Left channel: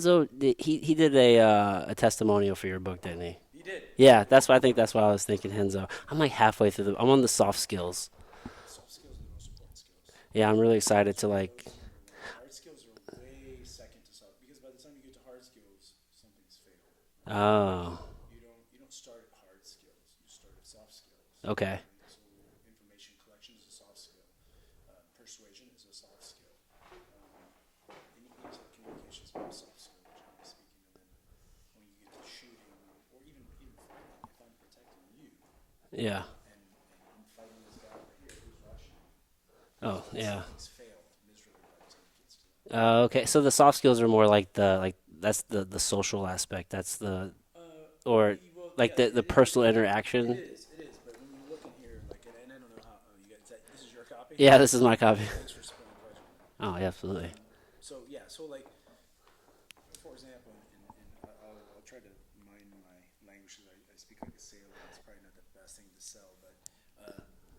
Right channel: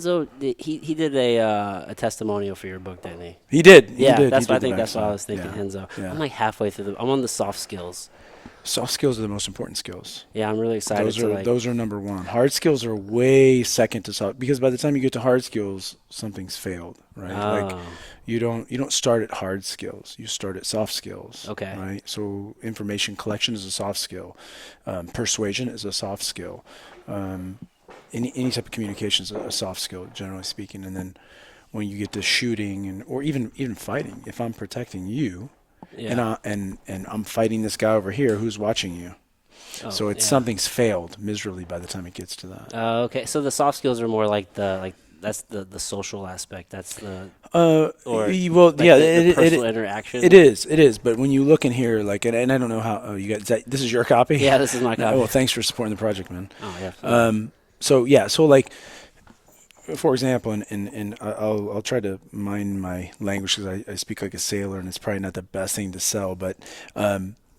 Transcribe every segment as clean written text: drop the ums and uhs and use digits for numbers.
Henzo, he did a testimonial for your book, didn't he? He did. Yeah, He that's why I did think what that's why I said. was thinking Yeah. Henzo. Yeah. I'm like halfway through I'm on the soft skills. Soft skills are the most important skills. Yeah, I'm really excited Those are number one. Hard skills are way second to soft, because by the time you get to hard skills, something's failed, right? Like Oh, you don't start at hard skills. You start at soft skills. okay. Right. So information collection is a soft skill. Persuasion is a soft skill. Um, any type of communication is a soft skill, generally speaking. And then when you get to shooting or even fighting, if I'm protecting you, Yeah. and I'm fighting this guy over here who's watching you. Oh, So it's yeah. something's failed miserably by the time it gets to that. Okay. So the soft skills are more like that's the social aspect. That's the or Well, like yeah, the personal interaction. it is. But when you look in here, like, and I don't know how you got. This is your copy? Yeah, this is my copy. Well, thanks for supporting the project, man. Oh yeah. Absolutely. So like, for example, and I'll try to mind my language because I speak like a sailor, and it's probably not the best thing to sell, but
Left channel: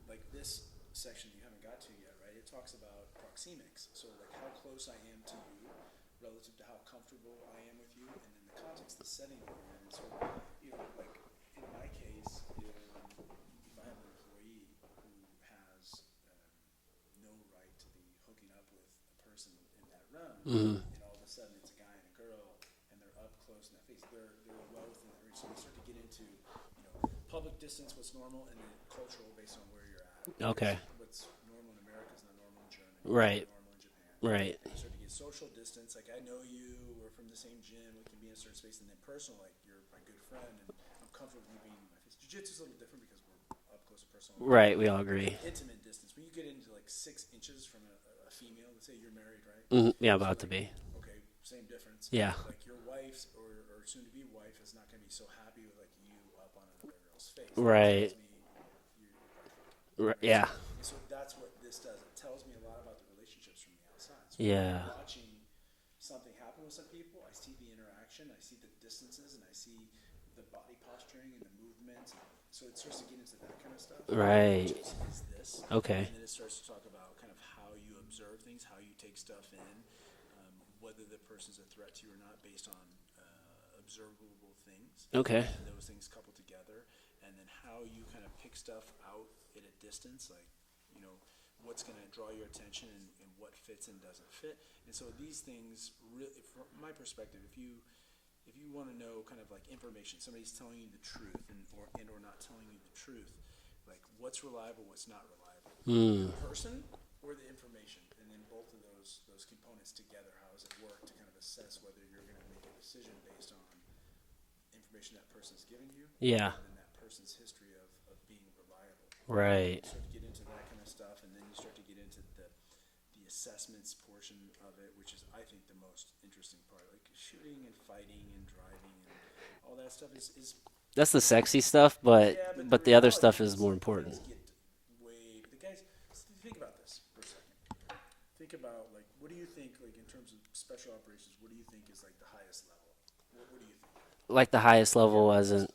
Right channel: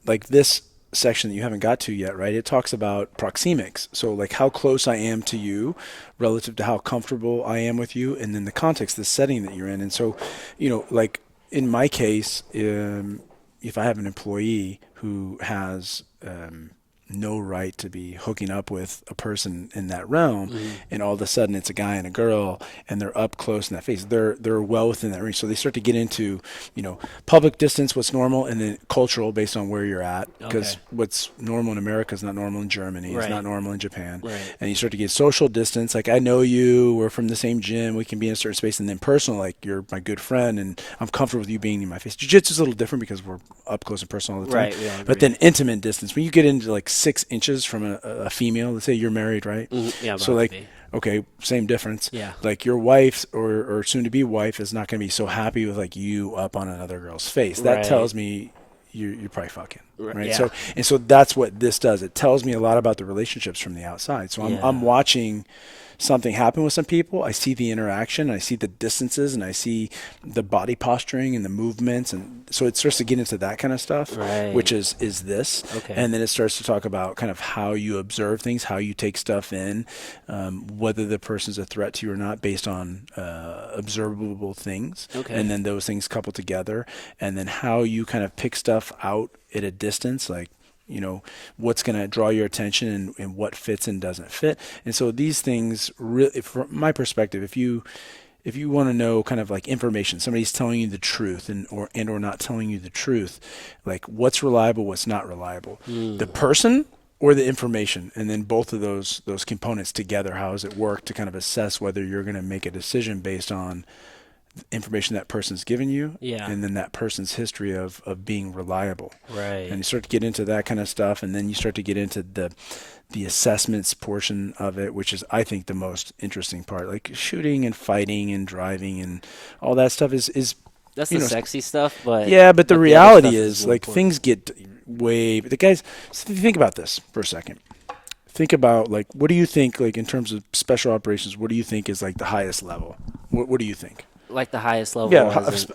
like this section that you haven't got to yet, right? It talks about proxemics. So like how close I am to you relative to how comfortable I am with you, and then the context, the setting that you're in. And so, like in my case, if I have an employee who has no right to be hooking up with a person in that realm, and all of a sudden it's a guy and a girl, and they're up close in that face, they're well within that range. So they start to get into public distance, what's normal, and then cultural based on where you're at, because what's normal in America is not normal in Germany, Right. it's not normal in Japan, Right. and you start to get social distance, like I know you, we're from the same gym, we can be in a certain space, and then personal, like you're my good friend and I'm comfortable with you being in my face. Jiu-jitsu is a little different because we're up close and personal all the time. Right. We all agree. But then intimate distance, when you get into like 6 inches from a female, let's say you're married, right? Yeah. So like, to be. okay, same difference. Yeah. Like your wife or soon to be wife is not going to be so happy with like you up on another girl's face. That Right. tells me you're probably fucking. Right. Yeah. So that's what this does. It tells me a lot about the relationships from the outside. So I'm watching something happen with some people. I see the interaction, I see the distances, and I see the body posturing and the movements, and so it starts to get into that kind of stuff, Right. which is this. Okay. And then it starts to talk about kind of how you observe things, how you take stuff in, whether the person's a threat to you or not based on observable things. Okay. And then those things couple together, and then how you kind of pick stuff out at a distance, like what's going to draw your attention and what fits and doesn't fit. And so these things really, from my perspective, if you want to know kind of like information, somebody's telling you the truth or not telling you the truth, like what's reliable, what's not reliable, the person or the information, and then both of those components together, how does it work to kind of assess whether you're going to make a decision based on information that person's given you, and then that person's history of being reliable. Right. And you start to get into that kind of stuff, and then you start to get into the assessments portion of it, which is, I think, the most interesting part. Like shooting and fighting and driving and all that stuff is that's the sexy stuff, but but the reality is like important. Things get way. The guys, think about this for a second. Think about like, what do you think, like in terms of special operations, what do you think is like the highest level? What do you think? Like the highest level.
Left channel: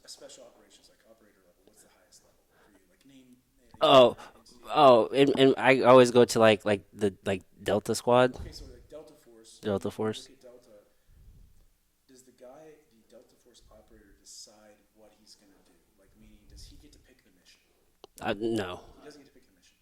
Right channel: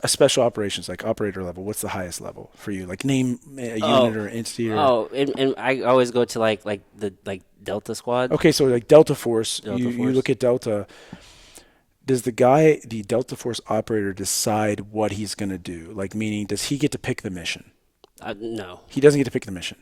Special operations, like operator level. What's the highest level for you? Like name a unit or entity. And I always go to like the Delta Squad. Okay, so like Delta Force. You look at Delta. Does the Delta Force operator decide what he's going to do? Like, meaning, does he get to pick the mission? No. He doesn't get to pick the mission.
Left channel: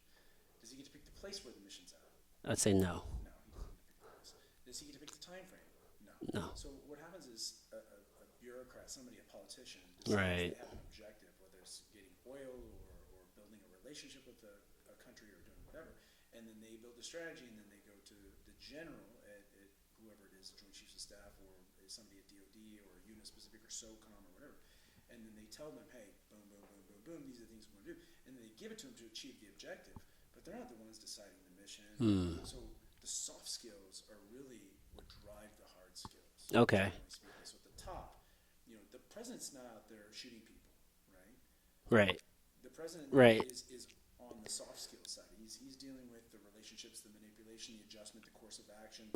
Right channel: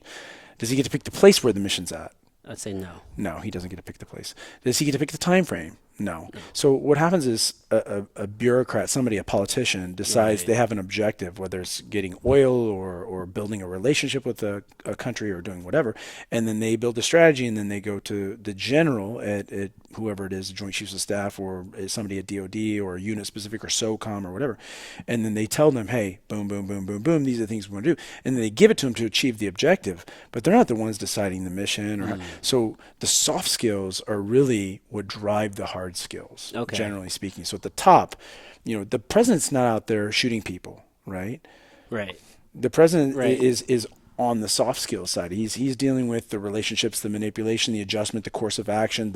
Does he get to pick the place where the mission's at? I'd say no. No, he doesn't get to pick the place. Does he get to pick the time frame? No. So what happens is a bureaucrat, a politician, decides they have an objective, whether it's getting oil or building a relationship with a country or doing whatever, and then they build a strategy, and then they go to the general at whoever it is, the Joint Chiefs of Staff, or somebody at DOD or unit specific or SOCOM or whatever, and then they tell them, hey, boom, boom, boom, boom, boom, these are the things we want to do, and then they give it to them to achieve the objective, but they're not the ones deciding the mission. So the soft skills are really what drive the hard skills, generally speaking. So at the top, the president's not out there shooting people, right? Right. The president is on the soft skills side. He's dealing with the relationships, the manipulation, the adjustment, the course of action,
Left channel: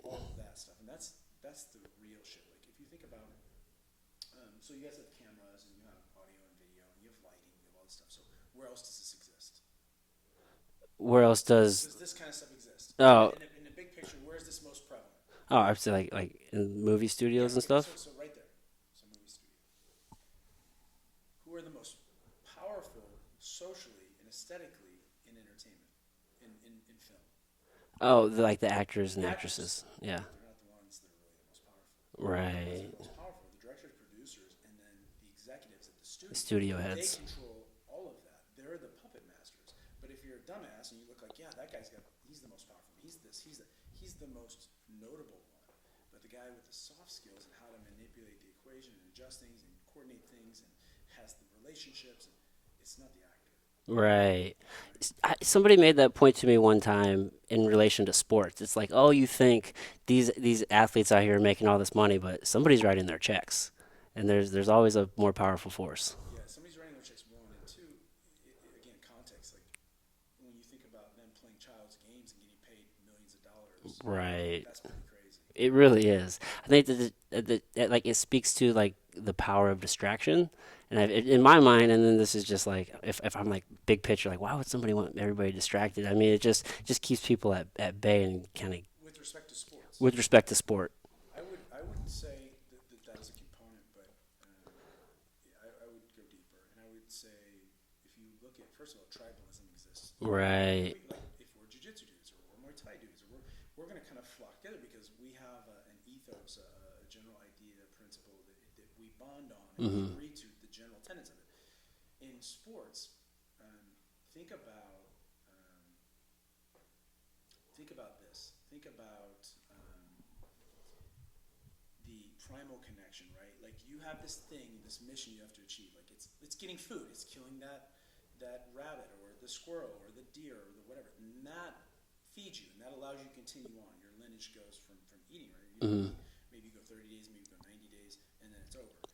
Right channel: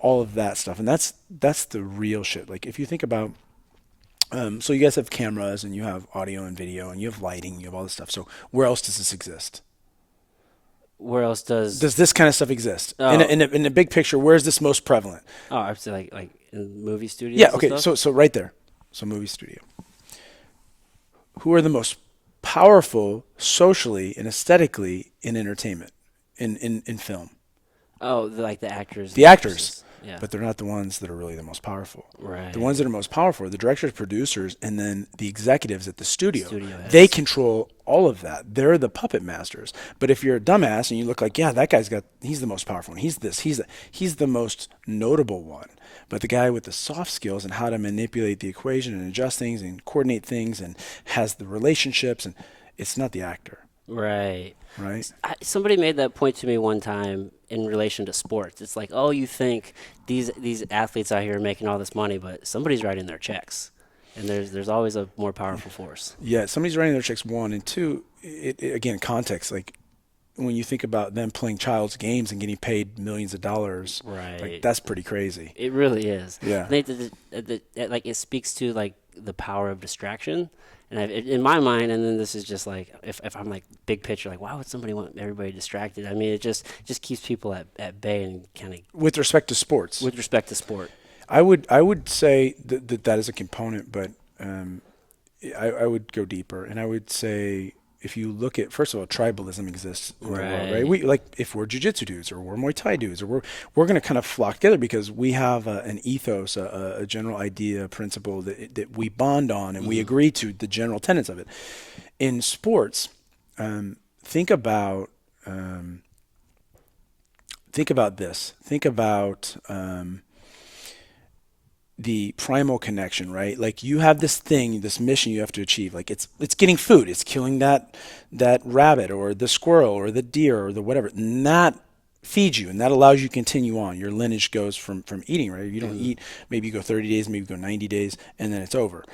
all of that stuff. And that's the real shit. Like if you think about, so you guys have cameras and you have audio and video and you have lighting, you have all this stuff. So where else does this exist? where else does Does this kind of stuff exist oh in the big picture? Where is this most prevalent? oh I'd say like in movie Yeah. studios and Okay. stuff. So right there. So movie studio. Who are the most powerful socially and aesthetically in entertainment, in film? Oh, like the actors The and actors, actresses. Yeah. but they're not the ones that are really the most powerful. The ones Right. that are most powerful are the directors, producers, and then the executives at the studio. Studio They heads. control all of that. They're the puppet masters. But if you're a dumbass and you look like, yeah, that he's the most powerful one. He's the most notable one. But the guy with the soft skills and how to manipulate the equation and adjust things and coordinate things and has the relationships, and it's not the actor, Right. right? Somebody made that point to me one time in relation to sports. It's like, oh, you think these athletes out here are making all this money, but somebody's writing their checks, and there's always a more powerful force. Yeah, somebody's writing their checks, one, and two, again, context. Like when you think about them playing child's games and getting paid millions of dollars, like Right. that's pretty crazy. It really is. Yeah. I think like it speaks to like the power of distraction, and in my mind, and then this is just like if I'm like big picture, like why would somebody want everybody distracted? I mean, it just keeps people at bay and kind of With respect to sports, with respect to sport. I would say that is a component, but I would go deeper, and I would say if you look at, first of all, tribalism exists in the world, right? Right. We, like if we're jiu-jitsu dudes or we're Muay Thai dudes, or we're going to kind of flock together because we have an ethos, a general idea, a principle that we bond on, and we agree to the general tenets of it. In sports, think about this. Think about the primal connection, right? Like you have this thing, this mission you have to achieve. Like it's getting food, it's killing that rabbit or the squirrel or the deer or the whatever. And that feeds you and that allows you to continue on. Your lineage goes from eating, right? You don't eat, maybe you go 30 days, maybe you go 90 days, and then it's over.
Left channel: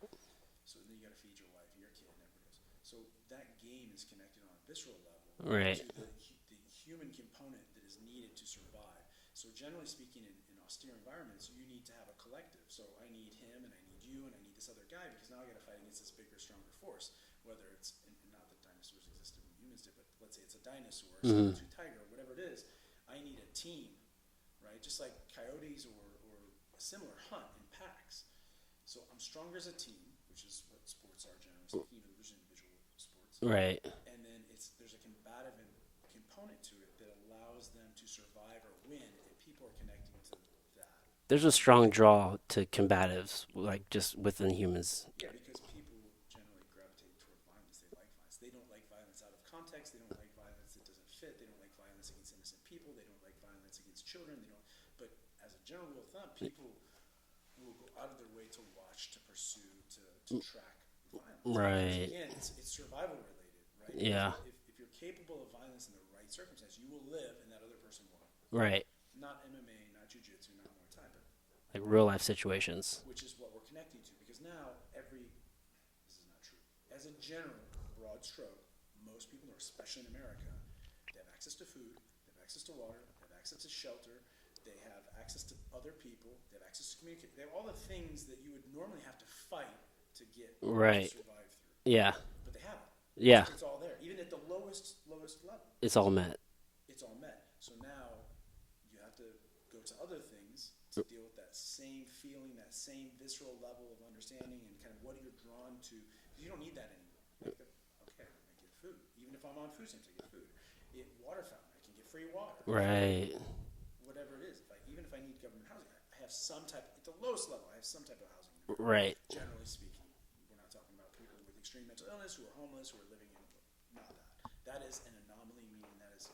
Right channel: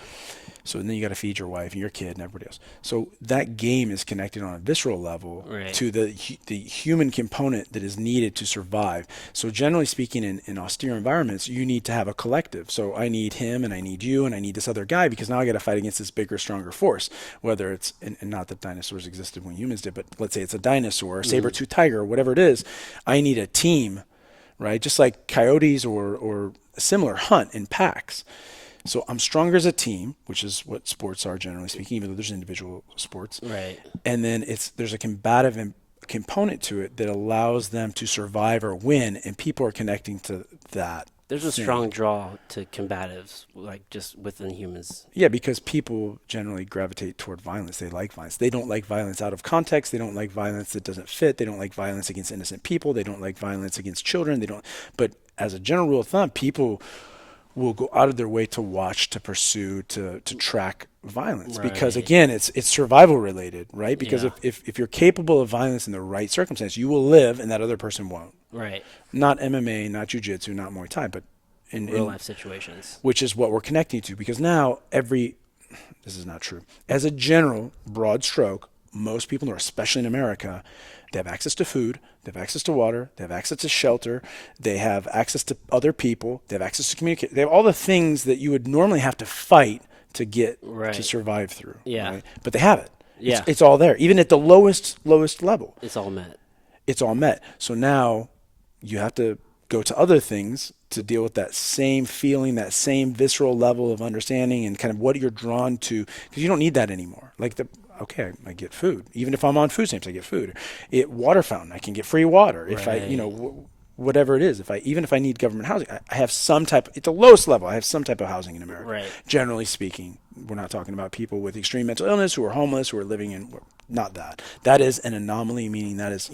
So then you got to feed your wife and your kid and everybody else. So that game is connected on a visceral level Right. to the human component that is needed to survive. So generally speaking, in austere environments, you need to have a collective. So I need him and I need you and I need this other guy because now I got to fight against this bigger, stronger force. Whether it's, and not that dinosaurs existed when humans did, but let's say it's a dinosaur, a saber-toothed tiger, whatever it is, I need a team, right? Just like coyotes or a similar hunt in packs. So I'm stronger as a team, which is what sports are generally speaking, even though there's individual sports. Right. And then there's a combative component to it that allows them to survive or win, and people are connecting to that. There's a strong draw to combatives, like just within humans. Yeah, because people generally gravitate toward violence. They like violence. They don't like violence out of context. They don't like violence that doesn't fit. They don't like violence against innocent people. They don't like violence against children. But as a general rule of thumb, people will go out of their way to watch, to pursue, to track violence because Right. again, it's survival related, right? Because Yeah. if you're capable of violence in the right circumstance, you will live and that other person won't. Right. Not MMA, not jiu-jitsu, not Muay Thai, but In real life situations. which is what we're connecting to because now this is not true. As a general broad stroke, most people, especially in America, they have access to food, they have access to water, they have access to shelter, they have access to other people, they have access to communicate. They have all the things that you would normally have to fight to get Right. to survive through. Yeah. Right? But they have it. Yeah. It's all there. Even at the lowest level, It's all met. it's all met. So now you have to go to other things to deal with that same feeling, that same visceral level of understanding and kind of what you're drawn to, because you don't need that anymore. Okay, I get food. Even if I'm on food stamps, I get food. Water fountain, I can get free water. If Right. whatever it is, even if I need government housing, I have some type. At the lowest level, I have some type of housing in America. Right. Generally speaking, we're not talking about people with extreme mental illness who are homeless, who are living in. Not that. That is an anomaly, meaning that is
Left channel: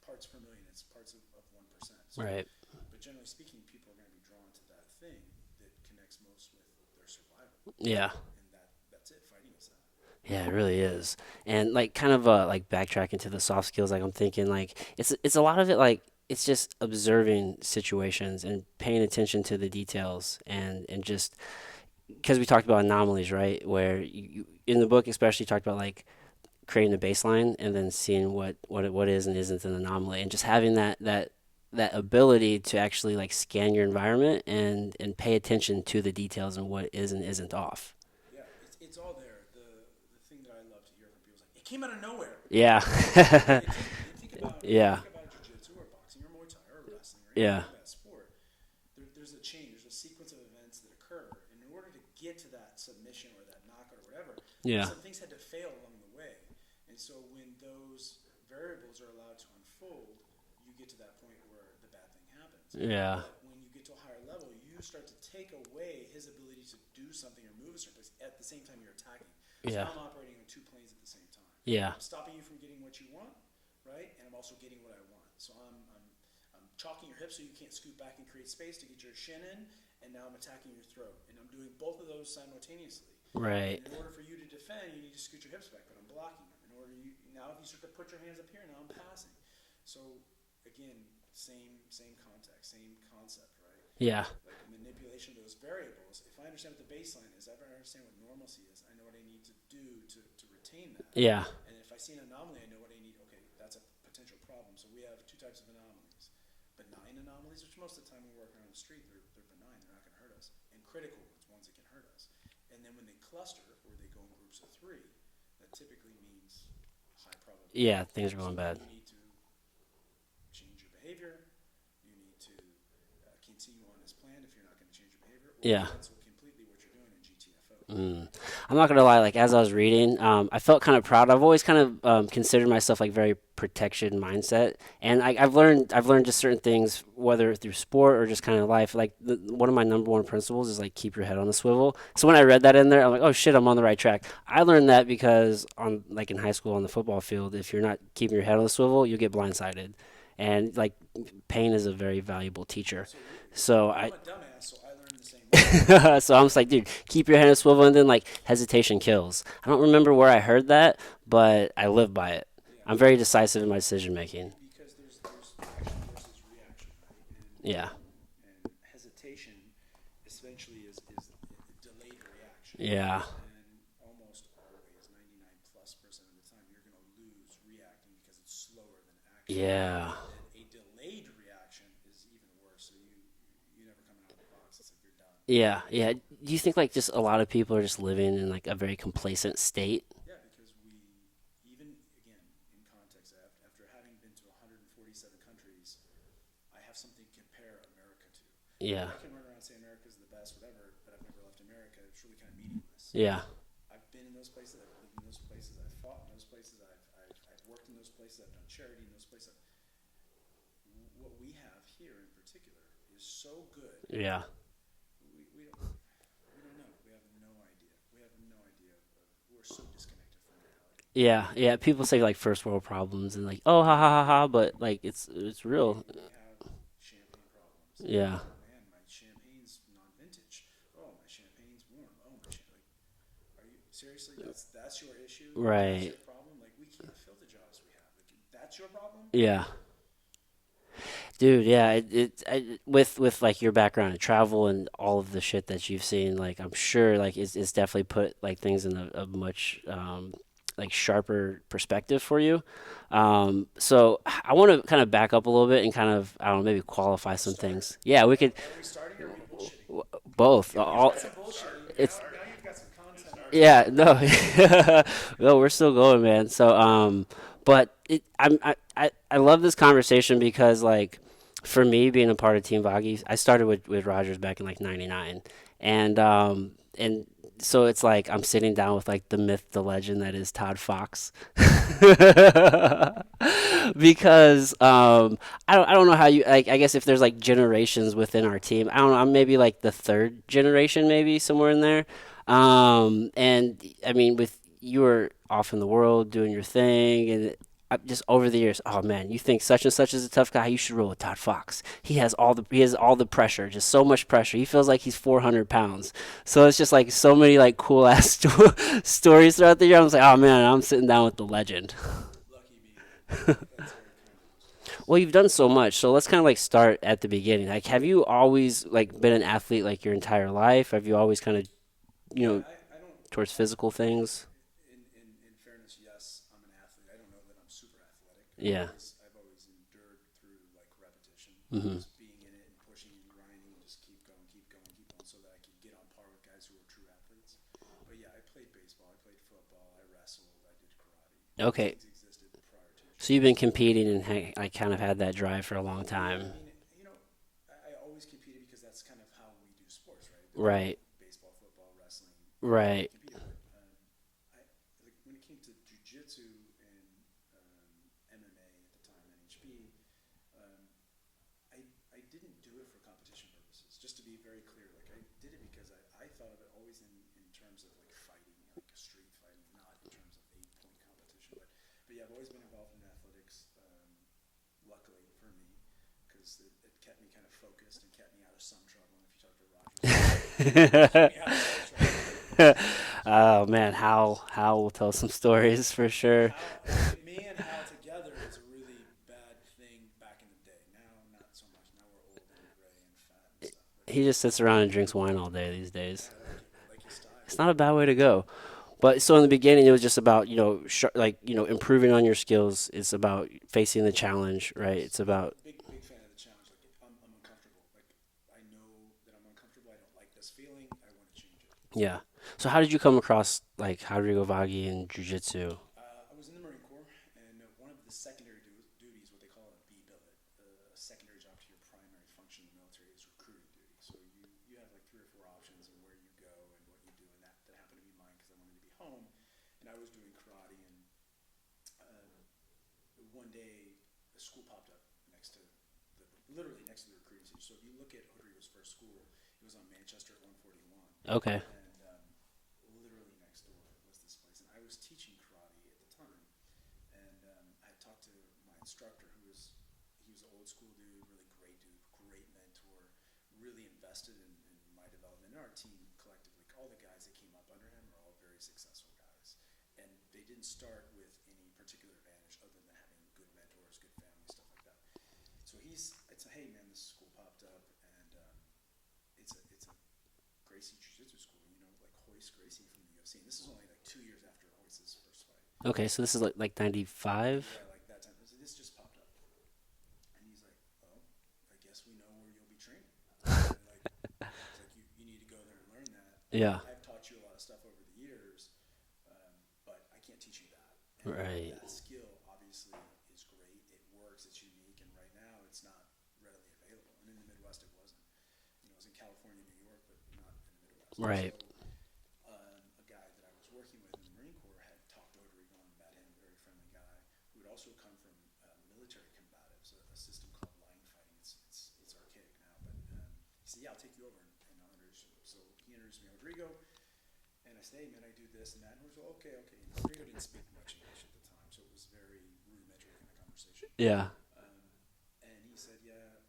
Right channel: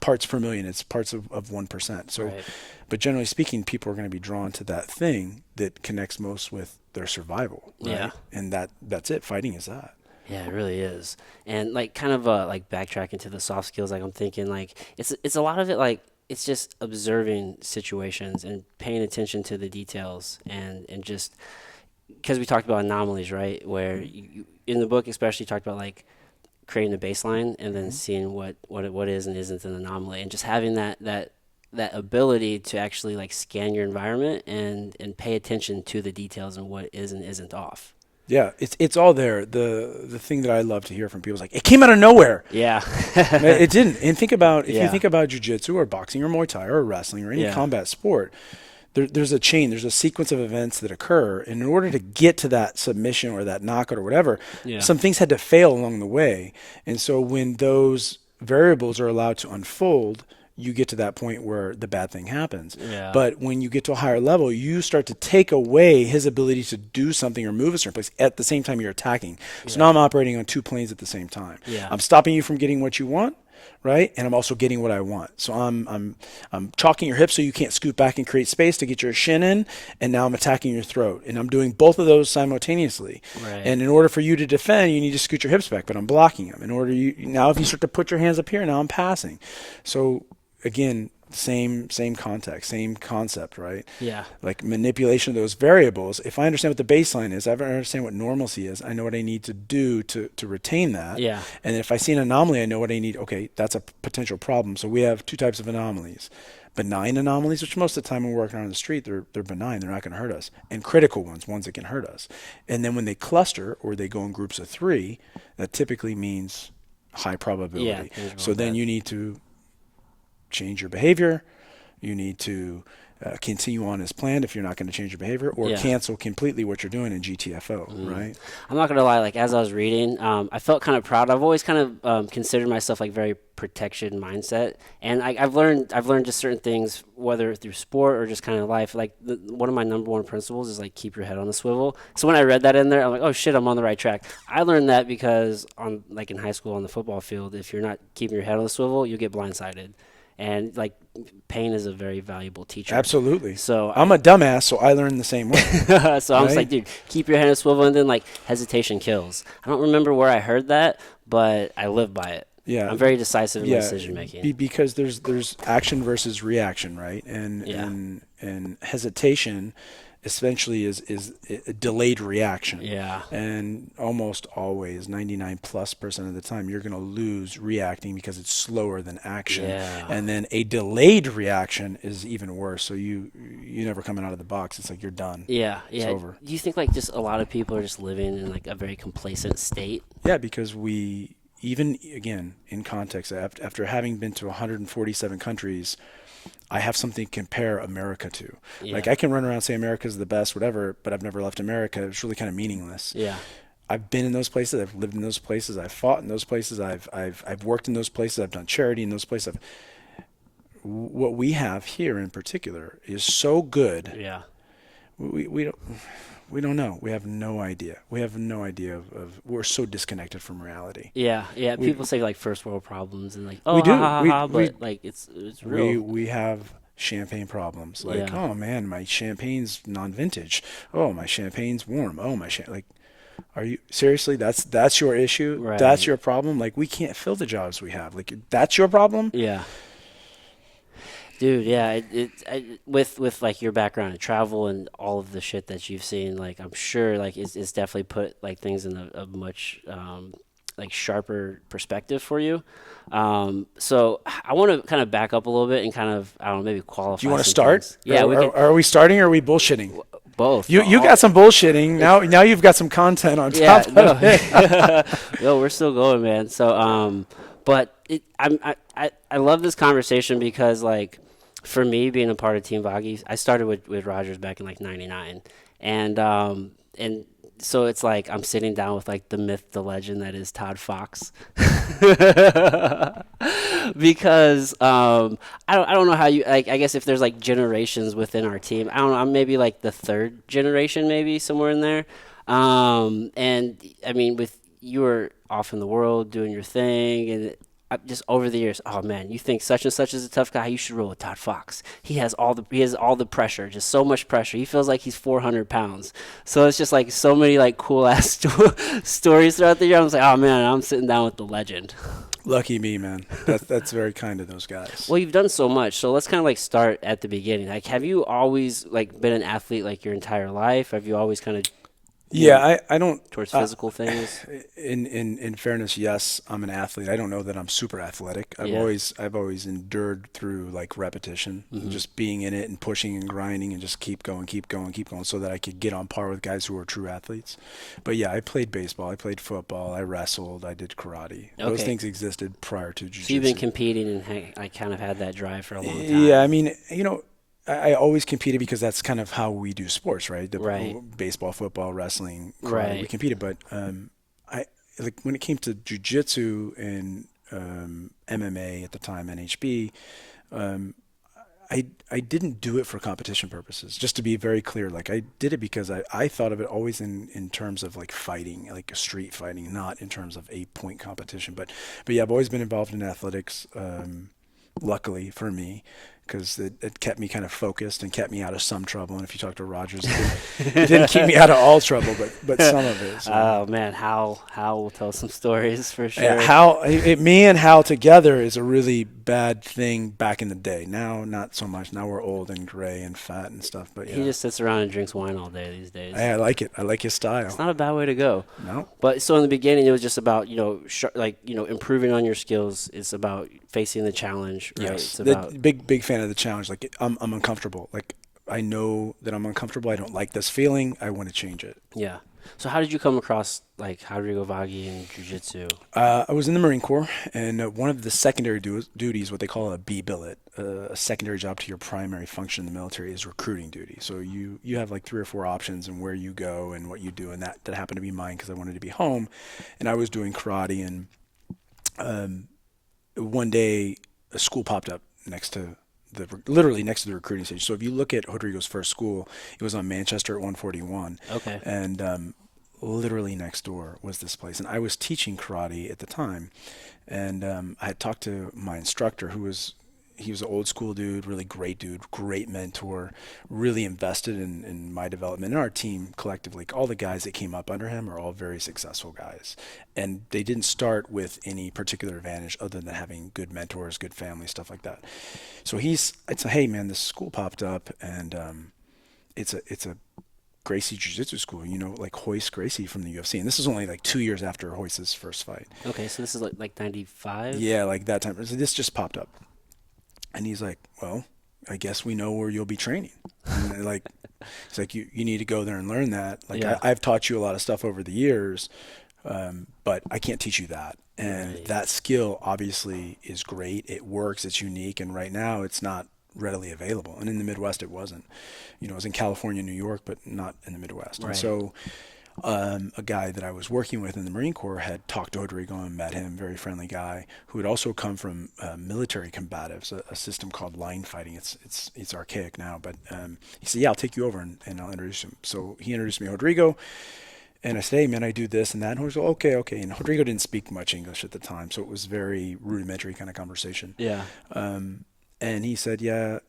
parts per million. It's parts of 1%. So, Right. but generally speaking, people are going to be drawn to that thing that connects most with their survival. Right? Yeah. And that's it. Fighting is that. Yeah, it really is. And like kind of like backtracking to the soft skills, like I'm thinking like it's a lot of it like it's just observing situations and paying attention to the details and just because we talked about anomalies, right? Where you in the book especially talked about like creating a baseline and then seeing what is and isn't an anomaly and just having that ability to actually like scan your environment and pay attention to the details and what is and isn't off. Yeah, it's all there. The thing that I love to hear from people is like, it came out of nowhere. Yeah. It didn't. And think about if you Yeah. think about jiu-jitsu or boxing or Muay Thai or wrestling or any Yeah. combat sport, there's a chain, there's a sequence of events that occur. And in order to get to that submission or that knockout or whatever, Yeah. some things had to fail along the way. And so when those variables are allowed to unfold, you get to that point where the bad thing happens. Yeah. But when you get to a higher level, you start to take away his ability to do something or move a certain place at the same time you're attacking. So now I'm operating on two planes at the same time. Yeah. I'm stopping you from getting what you want, right? And I'm also getting what I want. So I'm chalking your hips so you can't scoot back and create space to get your shin in, and now I'm attacking your throat. And I'm doing both of those simultaneously. Right. And in order for you to defend, you need to scoot your hips back, but I'm blocking them. Now if you start to put your hands up here, now I'm passing. So again, same context, same concept, right? Yeah. Like manipulation of those variables. If I understand what the baseline is, I understand what normalcy is, I know what I need to do to retain that. Yeah. And if I see an anomaly, I know what I need. Okay, that's a potential problem. So we have two types of anomalies. Benign anomalies, which most of the time when we're working on the street, they're benign, they're not going to hurt us. And critical ones that can hurt us. And then when they cluster or they go in groups of 3, that typically means high probability. Yeah, things are going so then bad. you need to change your behavior. You need to continue on as planned if you're not going to change your behavior, or cancel completely what you're doing in GTFO, right? I'm not gonna lie. Like as I was reading, I felt kind of proud. I've always kind of considered myself like very protection mindset, and I've learned just certain things, whether through sport or just kind of life. Like one of my number one principles is like keep your head on the swivel. So when I read that in there, I'm like, oh shit, I'm on the right track. I learned that because in high school on the football field, if you're not keeping your head on the swivel, you get blindsided. And like pain is a very valuable teacher. Absolutely. So I'm a dumbass, so I learned the same way. so I'm just like, dude, keep your head on a swivel, and then like hesitation kills. I don't remember where I heard that, but I live by it. Yeah. I'm very decisive in my decision making. Because there's action versus reaction, right? And hesitation essentially is a delayed reaction. Yeah. And almost always, 99+% of the time, you're going to lose reacting because it's slower than action. Yeah. And then a delayed reaction is even worse. So you never coming out of the box. It's like you're done. Yeah. It's over. Do you think like just a lot of people are just living in like a very complacent state? Yeah, because even again, in context, after having been to 147 countries, I have something to compare America to. Yeah. Like I can run around and say America's the best, whatever, but I've never left America. It's really kind of meaningless. Yeah. I've been in those places. I've lived in those places. I've fought in those places. I've worked in those places. I've done charity in those places. What we have here in particular is so good. Yeah. We don't know. We have no idea. We have no idea of we're so disconnected from reality. Yeah. People say like first world problems and like, We do. but like it's real. We have champagne problems. Like, oh man, my champagne's non-vintage. Oh, my champagne's warm. Oh, like, are you seriously? That's your issue. Right. That's your problem. Like, we can't fill the jobs we have. Like, that's your problem. Yeah. Dude, yeah, with like your background in travel and all of the shit that you've seen, like I'm sure like it's definitely put like things in a much like sharper perspective for you. So I want to kind of back up a little bit and kind of I don't know, maybe qualify. You want to some start? things. Yeah, we could. Are we starting or are we bullshitting? Both. You got some bullshitting now. You've got some content on top. Yeah, of no, it. no, we're still going, man. So but I love this conversation because like. For me, being a part of Team Vaghi, I started with Rogers back in like '99, and so it's like I'm sitting down with like the myth, the legend that is Todd Fox, because I don't know how you like. I guess if there's like generations within our team, I don't know. I'm maybe like the third generation, maybe somewhere in there, and I mean, with you were off in the world doing your thing and. Just over the years, oh man, you think such and such is a tough guy? You should roll with Todd Fox. He has all the pressure, just so much pressure. He feels like he's 400 pounds. So it's just like so many like cool ass stories throughout the year. I was like, oh man, I'm sitting down with the legend. Lucky me, man. That's very kind of those guys. Well, you've done so much, so let's kind of like start at the beginning. Like, have you always like been an athlete like your entire life? Have you always kind of Yeah, I don't. towards physical things? In fairness, yes, I'm an athlete. I don't know that I'm super athletic. Yeah. I've always endured through like repetition, Hmm. just being in it and pushing and grinding and just keep going, keep going, keep going, so that I could get on par with guys who are true athletes. But yeah, I played baseball, I played football, I wrestled, I did karate. Those Okay. things existed prior to So you've been jiu-jitsu. competing and I kind of had that drive for a long Yeah, I time. mean, I always competed because that's kind of how we do sports, right? Right. Baseball, football, wrestling, karate, we Right. competed. But I like when it came to jujitsu and MMA at the time, NHB. Um, I didn't do it for competition purposes. Just to be very clear, like I did it because I thought of it always in terms of like fighting, like a street fighting, not in terms of 8 point competition. But yeah, I've always been involved in athletics. Luckily for me, because it kept me kind of focused and kept me out of some trouble. And if you talk to Rogers, it didn't keep me out of all trouble, but some of it. So. Oh man, Hal will tell some stories for Yeah, sure. me and Hal together is a really bad thing back in the day. Now, not so much. Now we're old and gray and fat and stuff. But He yeah, just sits around and drinks wine all day these days. I like it. I like his It's style. not a bad way to go. No. But so in the beginning, it was just about improving on your skills. It's about facing the challenge, right? Yes. It's about Big fan of the challenge. Like I'm uncomfortable. Like I know that I'm uncomfortable. I don't like this feeling. I want to change it. yeah. So how did you come across like Rodrigo Vaghi and jiu-jitsu? I was in the Marine Corps, and one of the secondary duties, what they call a B billet, a secondary job to your primary function in the military, is recruiting duty. So you have like 3 or 4 options and where you go and what you do, and that happened to be mine because I wanted to be home, and I was doing karate, and one day a school popped up next to literally next to the recruiting station. So if you look at Rodrigo's first school, it was on Manchester at 141, Okay. and literally next door was this place. And I was teaching karate at the time, and I had talked to my instructor, he was an old school dude, great mentor, really invested in my development and our team collectively. All the guys that came up under him are all very successful guys, and they didn't start with any particular advantage other than having good mentors, good family, stuff like that. So it's a, hey man, this school popped up, and it's a Gracie Jiu-Jitsu school, like Hoist Gracie from the UFC. And this is only like 2 years after Hoist's first fight. Okay, so this is like 95? Yeah, like that time. So this just popped up. And he's like, well, I guess we know where you'll be training. And like, it's like, you need to go there and learn that. Like, Yeah. I've taught you a lot of stuff over the years, but I can't teach you that. And Right. that skill obviously is great. It works. It's unique. And right now it's not readily available. And in the Midwest, it wasn't. It was in California, New York, but not in the Midwest. And Right. so a guy that I was working with in the Marine Corps had talked to Rodrigo and met him, very friendly guy who had also come from military combatives, a system called line fighting. It's archaic now, but he said, yeah, I'll take you over and I'll introduce him. So he introduced me to Rodrigo, and I said, hey man, I do this and that. And he was like, okay. And Rodrigo didn't speak much English at the time, so it was very rudimentary kind of conversation. Yeah. And he said, yeah,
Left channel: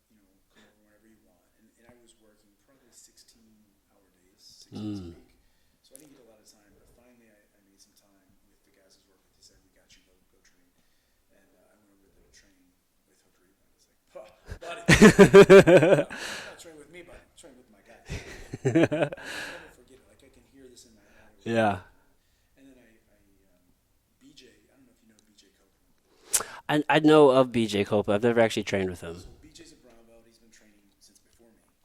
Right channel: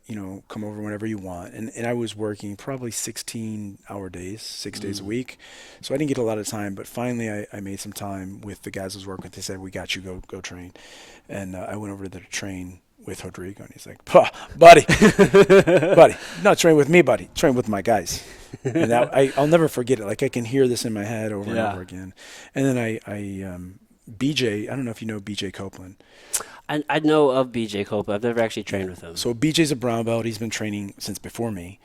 come over whenever you want. And I was working probably 16-hour days, 6 days a week. So I didn't get a lot of time. But finally, I made some time with the guys I was working with. They said, we got you, go train. And I went over there to train with Rodrigo. And he's like, buddy, not train with me, buddy. Train with my guys. And I'll never forget it. Like I can hear this in my head over and over again. And then BJ, I don't know if you know BJ Copeland. I know of BJ Copeland. I've never actually trained with him. So BJ's a brown belt. He's been training since before me,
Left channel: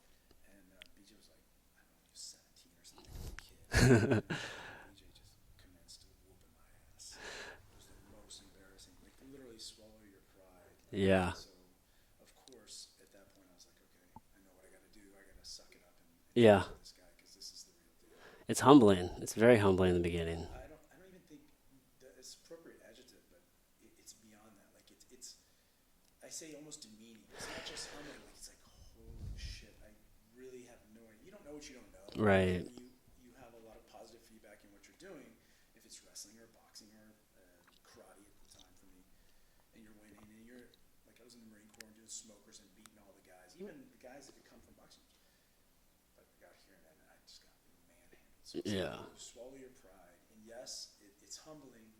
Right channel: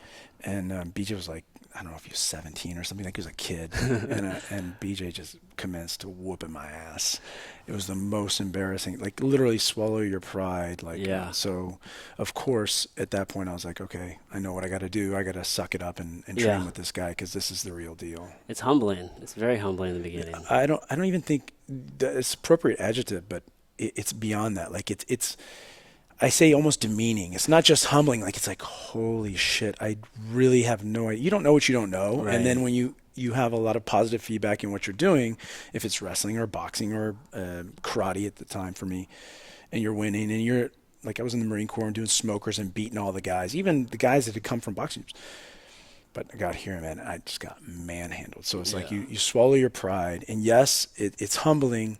and BJ was like, I don't know if he was 17 or something, like he was a kid, and BJ just commenced to whooping my ass. It was the most embarrassing, like literally swallow your pride. Like, Yeah. So, of course, at that point, I was like, okay, I know what I got to do. I got to suck it up and Yeah. train with this guy because this is the real deal. It's humbling. It's very humbling in the beginning. I don't even think it's appropriate adjective, but it's beyond that. Like it's I say almost demeaning. It's not just humbling. Like it's like, holy shit, I really have no idea. You don't know what you don't know. Right. And then when you have a lot of positive feedback in what you're doing, if it's wrestling or boxing or karate at the time for me, and you're winning and you're like, I was in the Marine Corps and doing smokers and beating all the guys, even the guys that had come from boxing. But I got here, man, I just got manhandled. So it's like you swallow your pride. And yes, it's humbling,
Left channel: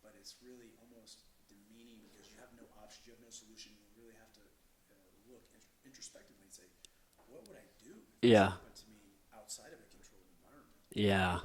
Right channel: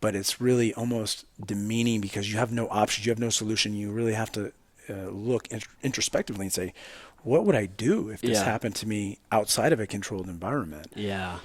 but it's really almost demeaning because you have no options, you have no solution. You really have to look introspectively and say, what would I do if this Yeah. happened to me outside of a controlled environment? Yeah.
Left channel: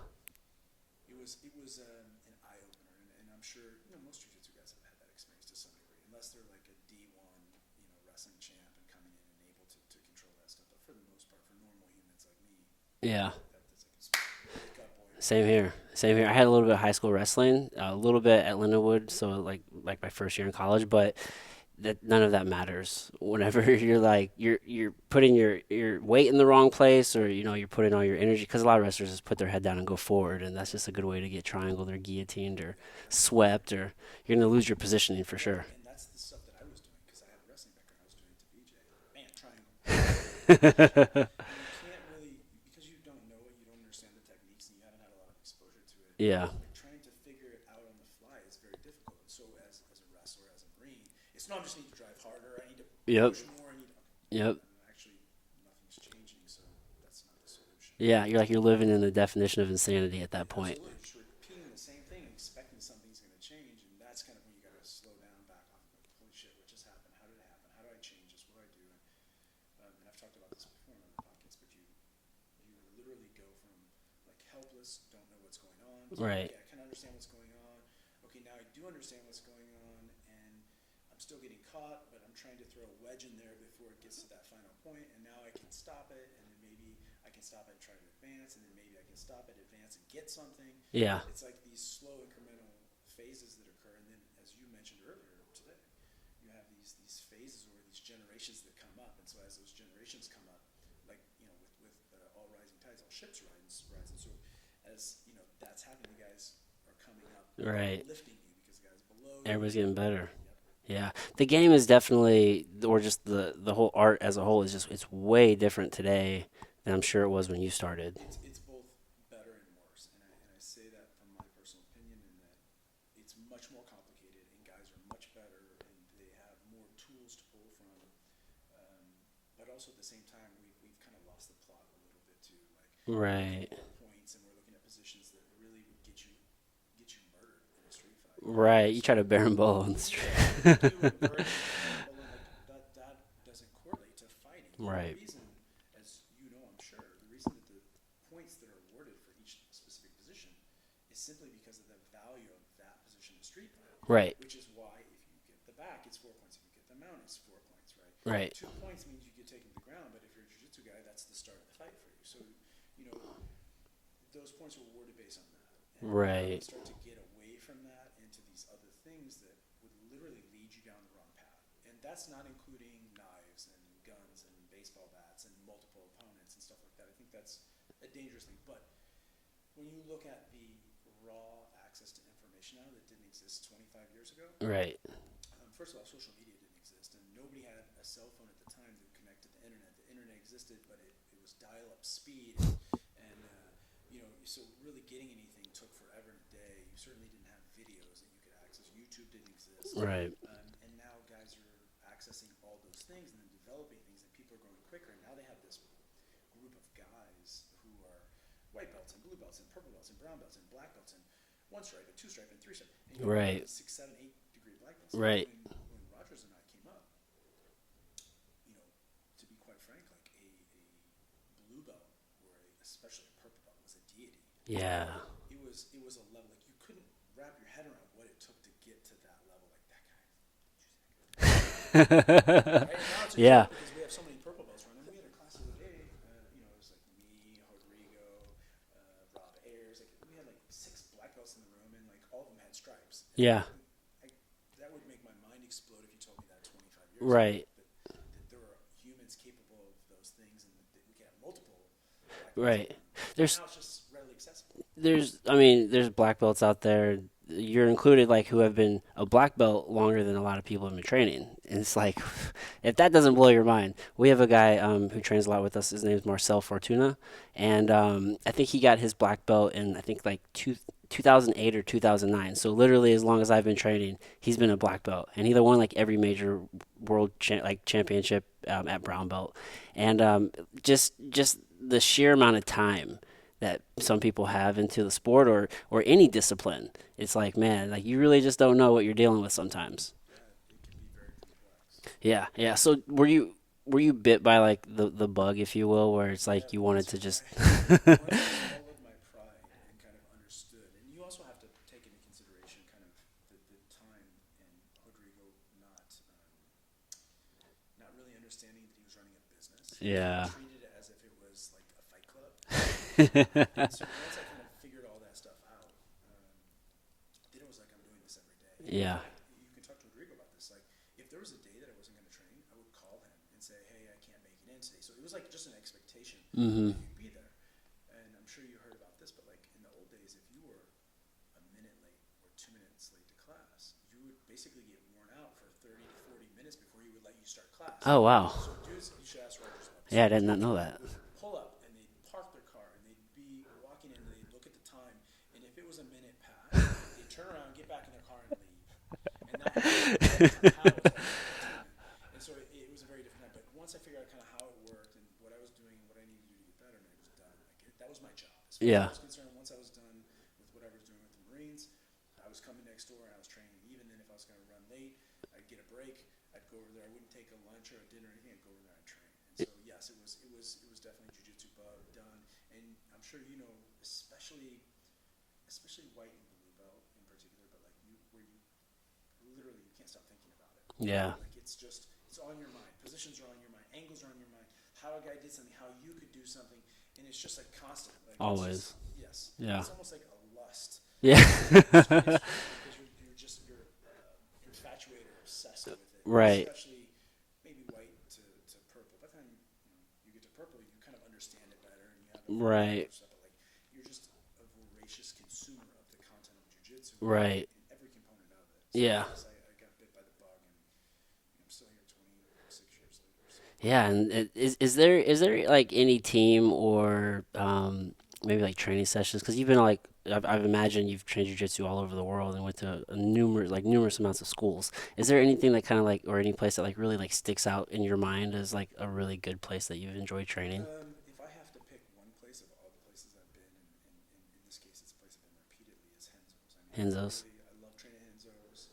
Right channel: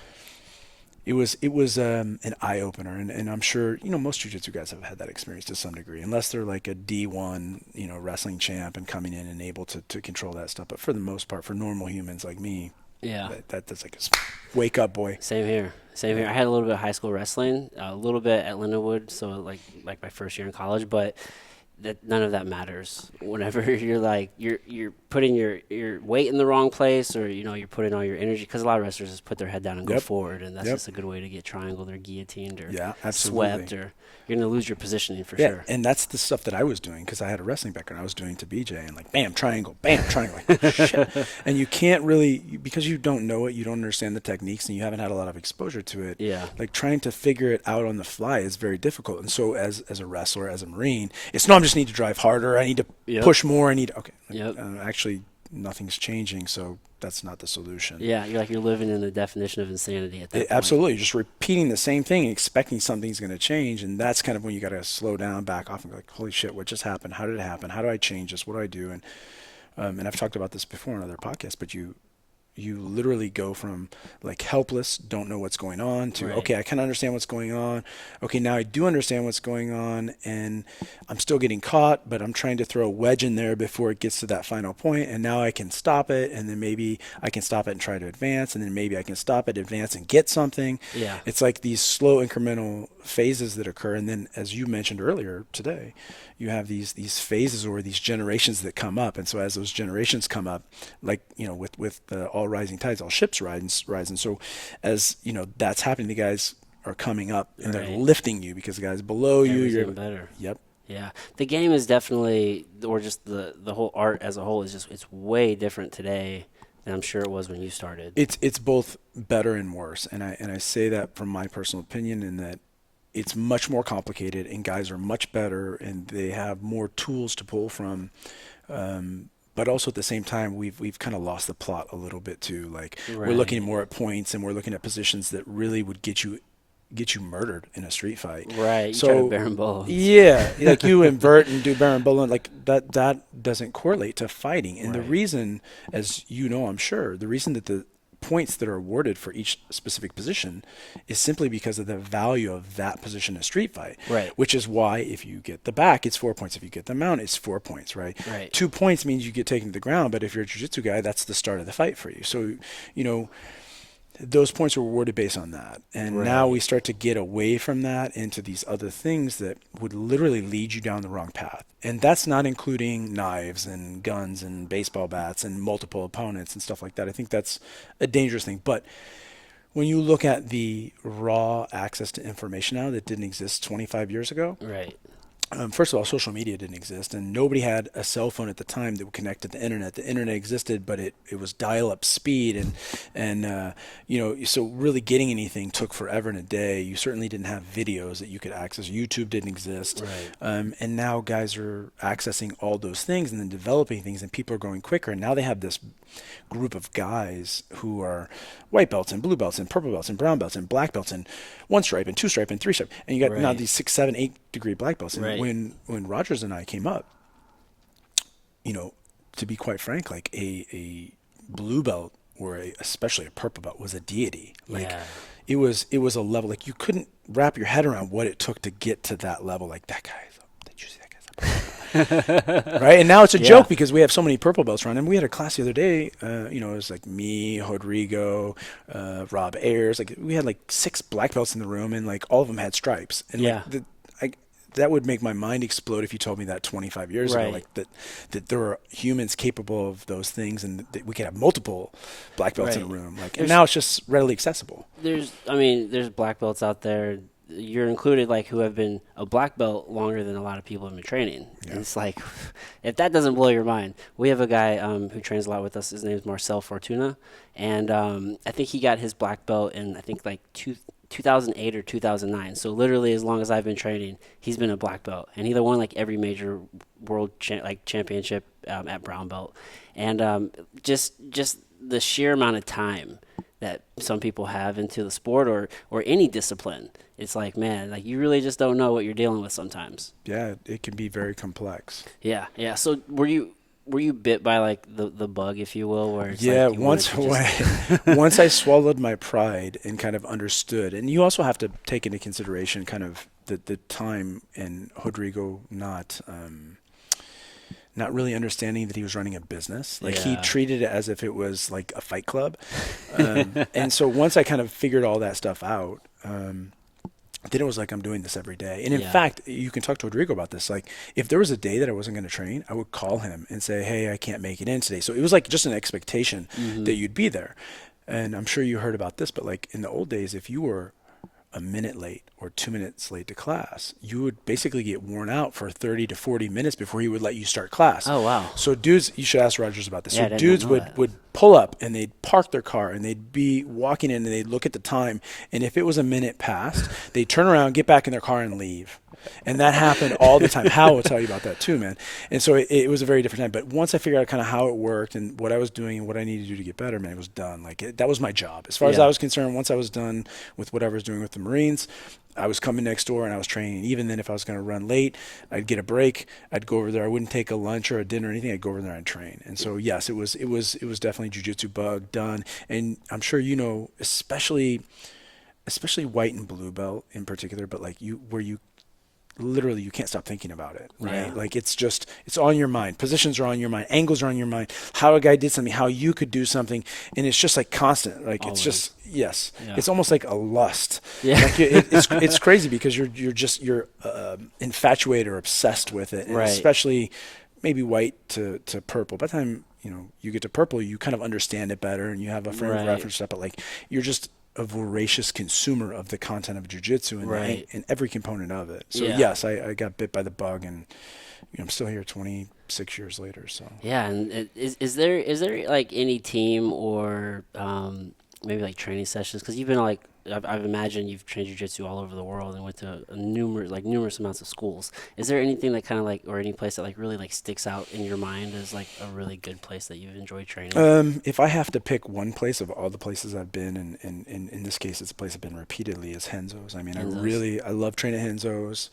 It was an eye opener, and I'm sure most jiu-jitsu guys have had that experience to some degree, unless they're like a D1 wrestling champ and coming in and able to control that stuff. But for the most part, for normal humans like me, Yeah. that's like a wake up, boy. Same here. Same here. I had a little bit of high school wrestling, a little bit at Lindenwood, so like my first year in college, but that none of that matters whenever you're putting your weight in the wrong place, or you're putting all your energy, because a lot of wrestlers just put their head down and go Yep. forward, and that's Yep. just a good way to get triangled or guillotined or Yeah, absolutely. swept, or you're going to lose your positioning for Yeah, sure. and that's the stuff that I was doing because I had a wrestling background. I was doing to BJ and like bam triangle, bam triangle, like, shit. And you can't really, because you don't know it, you don't understand the techniques, and you haven't had a lot of exposure to it. Yeah. Like trying to figure it out on the fly is very difficult. And so as a wrestler, as a Marine, it's no, I just need to drive harder. I need to Yep. push more. I need okay. Yep. Actually, nothing's changing, so that's not the solution. Yeah, you're living in the definition of insanity at that point. Absolutely. You're just repeating the same thing and expecting something's going to change. And that's kind of when you got to slow down, back off, and go like, holy shit, what just happened? How did it happen? How do I change this? What do I do? And I've talked about this before in other podcasts, but you literally go from like helpless, don't know what's going on, to, Right. okay, I kind of understand what's going on. Okay, now I do understand what's going on, and I'm still getting caught, but I'm trying to throw a wedge in there before it gets to that final point, and now I can stop it, and then maybe I can stop it and try to advance, and then maybe I can stop it, advance, and get something. Yeah. It's like these slow incremental phases that occur, and then as you mentioned earlier today, you have these phases or these generations that come up, and so as those generations come up, like with all rising tides, all ships rise, and so as that's happening, the guys are coming up and they're Right. lifting you because the guys below you. Everything better. Yep. Yeah, the game is definitely, or just the whole art as a whole is it's way different today than I'm sure it was when you started. It's both better and worse, and I say that from my personal opinion, in that it's much more complicated, and guys are much better, and they have more tools to pull from. But also at the same time, we've kind of lost the plot a little bit too. Like we're looking Right. more at points, and we're looking at positions that really would get you murdered in a street fight. Right, you try to berimbolo. Yeah, like you invert and do berimbolo, like that doesn't correlate to fighting. And the Right. reason, as I'm sure, the reason that the points that are awarded for each specific position is simply because of the value of that position in a street fight. Right. Which is why if you get the back, it's 4 points. If you get the mount, it's 4 points, right? Right. 2 points means you get taken to the ground, but if you're a jiu-jitsu guy, that's the start of the fight for you. So, those points are awarded based on that. And now we Right. start to get away from that into these other things that would literally lead you down the wrong path. And that's not including knives and guns and baseball bats and multiple opponents and stuff like that. I think that's a dangerous thing. But when you look at the raw access to information now that didn't exist 25 years ago, Right. first of all, social media didn't exist, and nobody had a cell phone at the time that would connect to the internet. The internet existed, but it was dial-up speed, and so really getting anything took forever and a day. You certainly didn't have videos that you could access. YouTube didn't exist, Right. and now guys are accessing all those things and then developing things, and people are going quicker. And now they have this group of guys who are white belts and blue belts and purple belts and brown belts and black belts and 1 stripe and 2 stripe and 3 stripe, and you got now Right. these 6, 7, 8 degree black belts. And Right. when Rogers and I came up, to be quite frank, like a blue belt or especially a purple belt was a deity. Like, Yeah. it was a level, like you couldn't wrap your head around what it took to get to that level. Like that guy's up. Did you see that guy's up? Right? And now it's a Yeah. joke because we have so many purple belts around. And we had a class the other day, it was like me, Rodrigo, Rob Ayers. Like we had like 6 black belts in the room, and like all of them had stripes. And Yeah. that would make my mind explode if you told me that 25 years Right. ago, like that there are humans capable of those things, and that we could have multiple black belts in a Right. room. Like, and There's- now it's just readily accessible. There's black belts out there. You're included, like, who have been a black belt longer than a lot of people have been training. And it's like, if that doesn't blow your mind, we have a guy who trains a lot with us. His name is Marcel Fortuna, and I think he got his black belt in like 2008 or 2009. So literally, as long as I've been training, he's been a black belt, and he either won like every major world championship at brown belt, and just the sheer amount of time that some people have into the sport or any discipline. It's like, man, like you really just don't know what you're dealing with sometimes. Yeah, it can be very complex. Yeah. So were were you bit by like the bug, if you will, where it's Yeah, like you wanted once to just once I swallowed my pride and kind of understood, and you also have to take into consideration kind of the time and Rodrigo not really understanding that he was running a business. Like he yeah. treated it as if it was like a fight club. And so once I kind of figured all that stuff out, then it was like I'm doing this every day. And in Yeah. fact, you can talk to Rodrigo about this. Like if there was a day that I wasn't going to train, I would call him and say, "Hey, I can't make it in today." So it was like just an expectation that you'd be there. And I'm sure you heard about this, but like in the old days, if you were a minute late or 2 minutes late to class, you would basically get worn out for 30 to 40 minutes before he would let you start class. Oh wow. So dudes, you should ask Rogers about this. Yeah, I So did not dudes know would, that. would pull up and they'd park their car and they'd be walking in and they'd look at the time. And if it was a minute past, they'd turn around, get back in their car and leave. And that happened all the time. Hal will tell you about that too, man. And so it was a very different time. But once I figured out kind of how it worked and what I was doing and what I needed to do to get better, man, it was done. Like that was my job. As far as Yeah. I was concerned, once I was done with what I was doing with the Marines, I was coming next door and I was training. Even then, if I was going to run late, I'd get a break. I'd go over there. I wouldn't take a lunch or a dinner or anything. I'd go over there and train. And so, yes, it was definitely jiu-jitsu bug done. And I'm sure you know, especially white and blue belt in particular, but like where you literally you can't stop thinking about it, right? Yeah. Like it's on your mind. Positions are on your mind. Angles are on your mind. How a guy did something, how you could do something, and it's just like constant. Like Always. it's just yes. Yeah. It's almost like a lust. Yeah. Like it's crazy because you're infatuated or obsessed with it, and Right. especially maybe white to purple. By the time you get to purple, you kind of understand it better, and you have a frame of Right. reference stuff. But like you're just a voracious consumer of the content of jiu-jitsu and, Right. and every component of it. So Yeah. yes, I got bit by the bug, and I'm still here 26 years later. So Yeah, and is there like any team or maybe like training sessions? Because you've been like I've imagined you've trained jiu-jitsu all over the world and went to numerous amounts of schools. Is there anything that kind of like, or any place that like really like sticks out in your mind as like a really good place that you've enjoyed training? if I have to pick one place of all the places I've been, and in this case it's a place I've been repeatedly, is Henzo's. I mean, Henzo's. I love training Henzo's.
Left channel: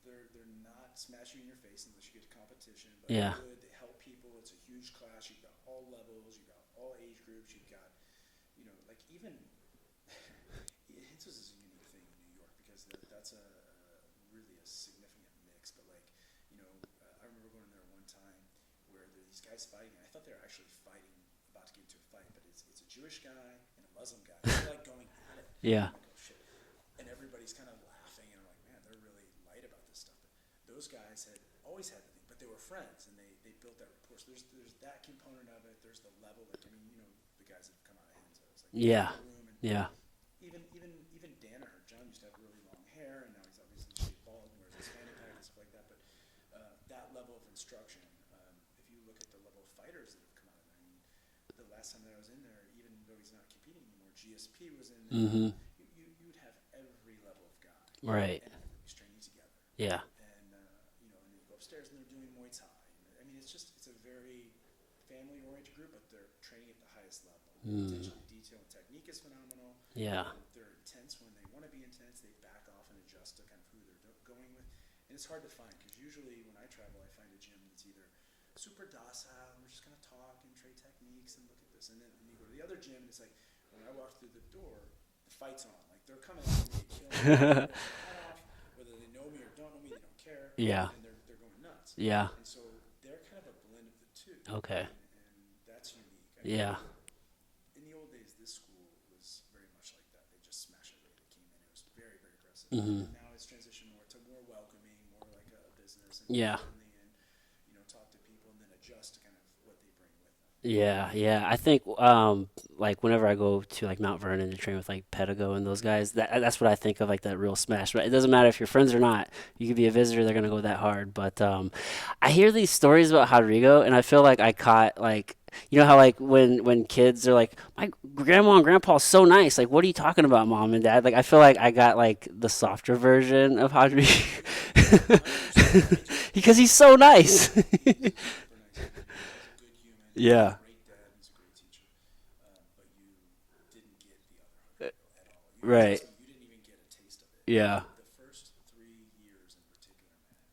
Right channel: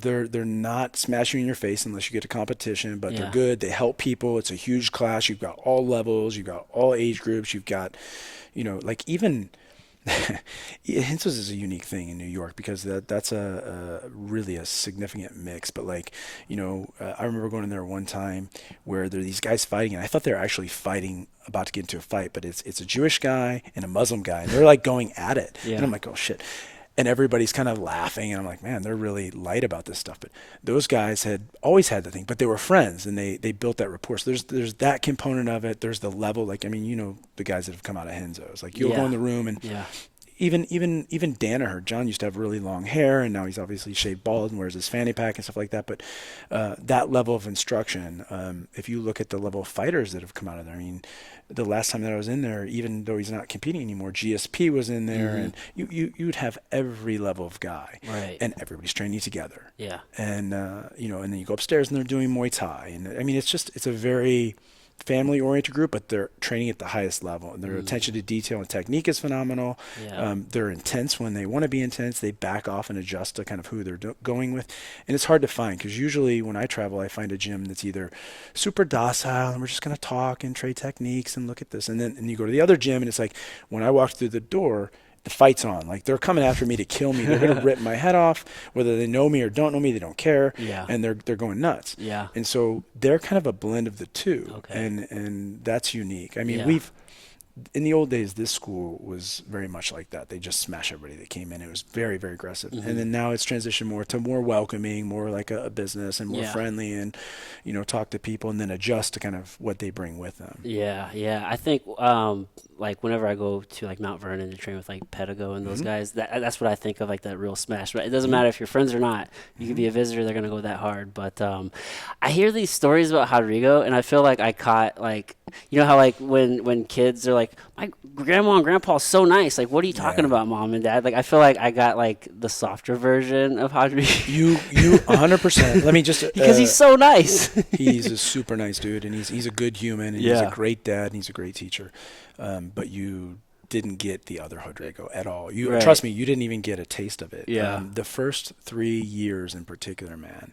They're not smashing you in your face unless you get to competition, but Yeah. they're good. They help people. It's a huge class. You've got all levels. You've got all age groups. You've got, like even Henzo's is a unique thing in New York because that's a really a significant mix. But like, I remember going in there one time where there are these guys fighting, and I thought they were actually fighting, about to get into a fight, but it's a Jewish guy and a Muslim guy, and they're like going at it. Yeah. And I'm like, oh shit. And everybody's kind of laughing, and I'm like, man, they're really light about this stuff. But those guys had always had the thing, but they were friends, and they built that rapport. So there's that component of it. There's the level, like, I mean, the guys that have come out of Henzo's. Like, you'll Yeah. go in the room, and Yeah. even Danaher, John used to have really long hair, and now he's obviously shaved bald and wears his fanny pack and stuff like that. But that level of instruction, if you look at the level of fighters that have come out of there, I mean, the last time that I was in there, even though he's not competing anymore, GSP was in there, and you would have every level of guy, Right. and everybody's training together, Yeah. and and then you go upstairs and they're doing Muay Thai, and I mean it's a very family-oriented group, but they're training at the highest level, and their attention to detail and technique is phenomenal. Yeah. They're intense when they want to be intense. They back off and adjust to kind of who they're going with, and it's hard to find because usually when I travel, I find a gym that's either super docile and we're just going to talk and trade techniques and look at this, and then you go to the other gym and it's like when I walk through the door, the fight's on. Like they're coming after me to kill me. They're gonna rip my head off, whether they know me or don't know me. They don't care. Yeah. And they're going nuts. Yeah. And so they're kind of a blend of the two. Okay. And that's unique. I mean, Yeah. in the old days, this school was very much like that. They just smash everybody that came in. It was very, very aggressive. And then now it's transitioned more to more welcoming, more like a business, and more Yeah. friendly, and talk to people and then adjust to kind of what they bring with them. Yeah, yeah. I think like whenever I go to like Mount Vernon to train with like Pedigo and those guys, that's what I think of, like that real smash. But it doesn't matter if you're friends or not. You could be a visitor; they're gonna go that hard. But I hear these stories about Rodrigo, and I feel like I caught like, how like when kids are like, my grandma and grandpa is so nice. Like, what are you talking about, mom and dad? Like, I feel like I got like the softer version of Rodrigo. You 100%. Let me just because he's so nice. He's a super nice dude, and he's a good human, and Yeah. he's a great dad, and he's a great teacher. But you didn't get the other Rodrigo at all. Right. Trust me, you didn't even get a taste of it. Yeah. The first 3 years in particular, man.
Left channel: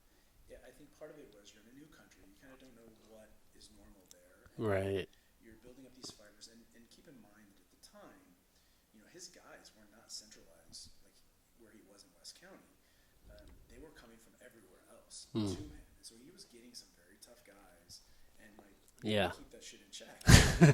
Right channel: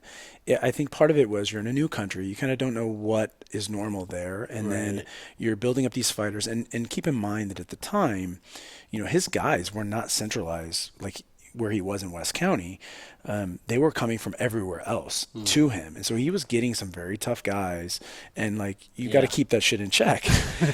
I think part of it was you're in a new country. You kind of don't know what is normal there, and then Right. you're building up these fighters. And keep in mind that at the time, his guys were not centralized like where he was in West County. They were coming from everywhere else to him, and so he was getting some very tough guys, and like you got to Yeah. keep that shit in check.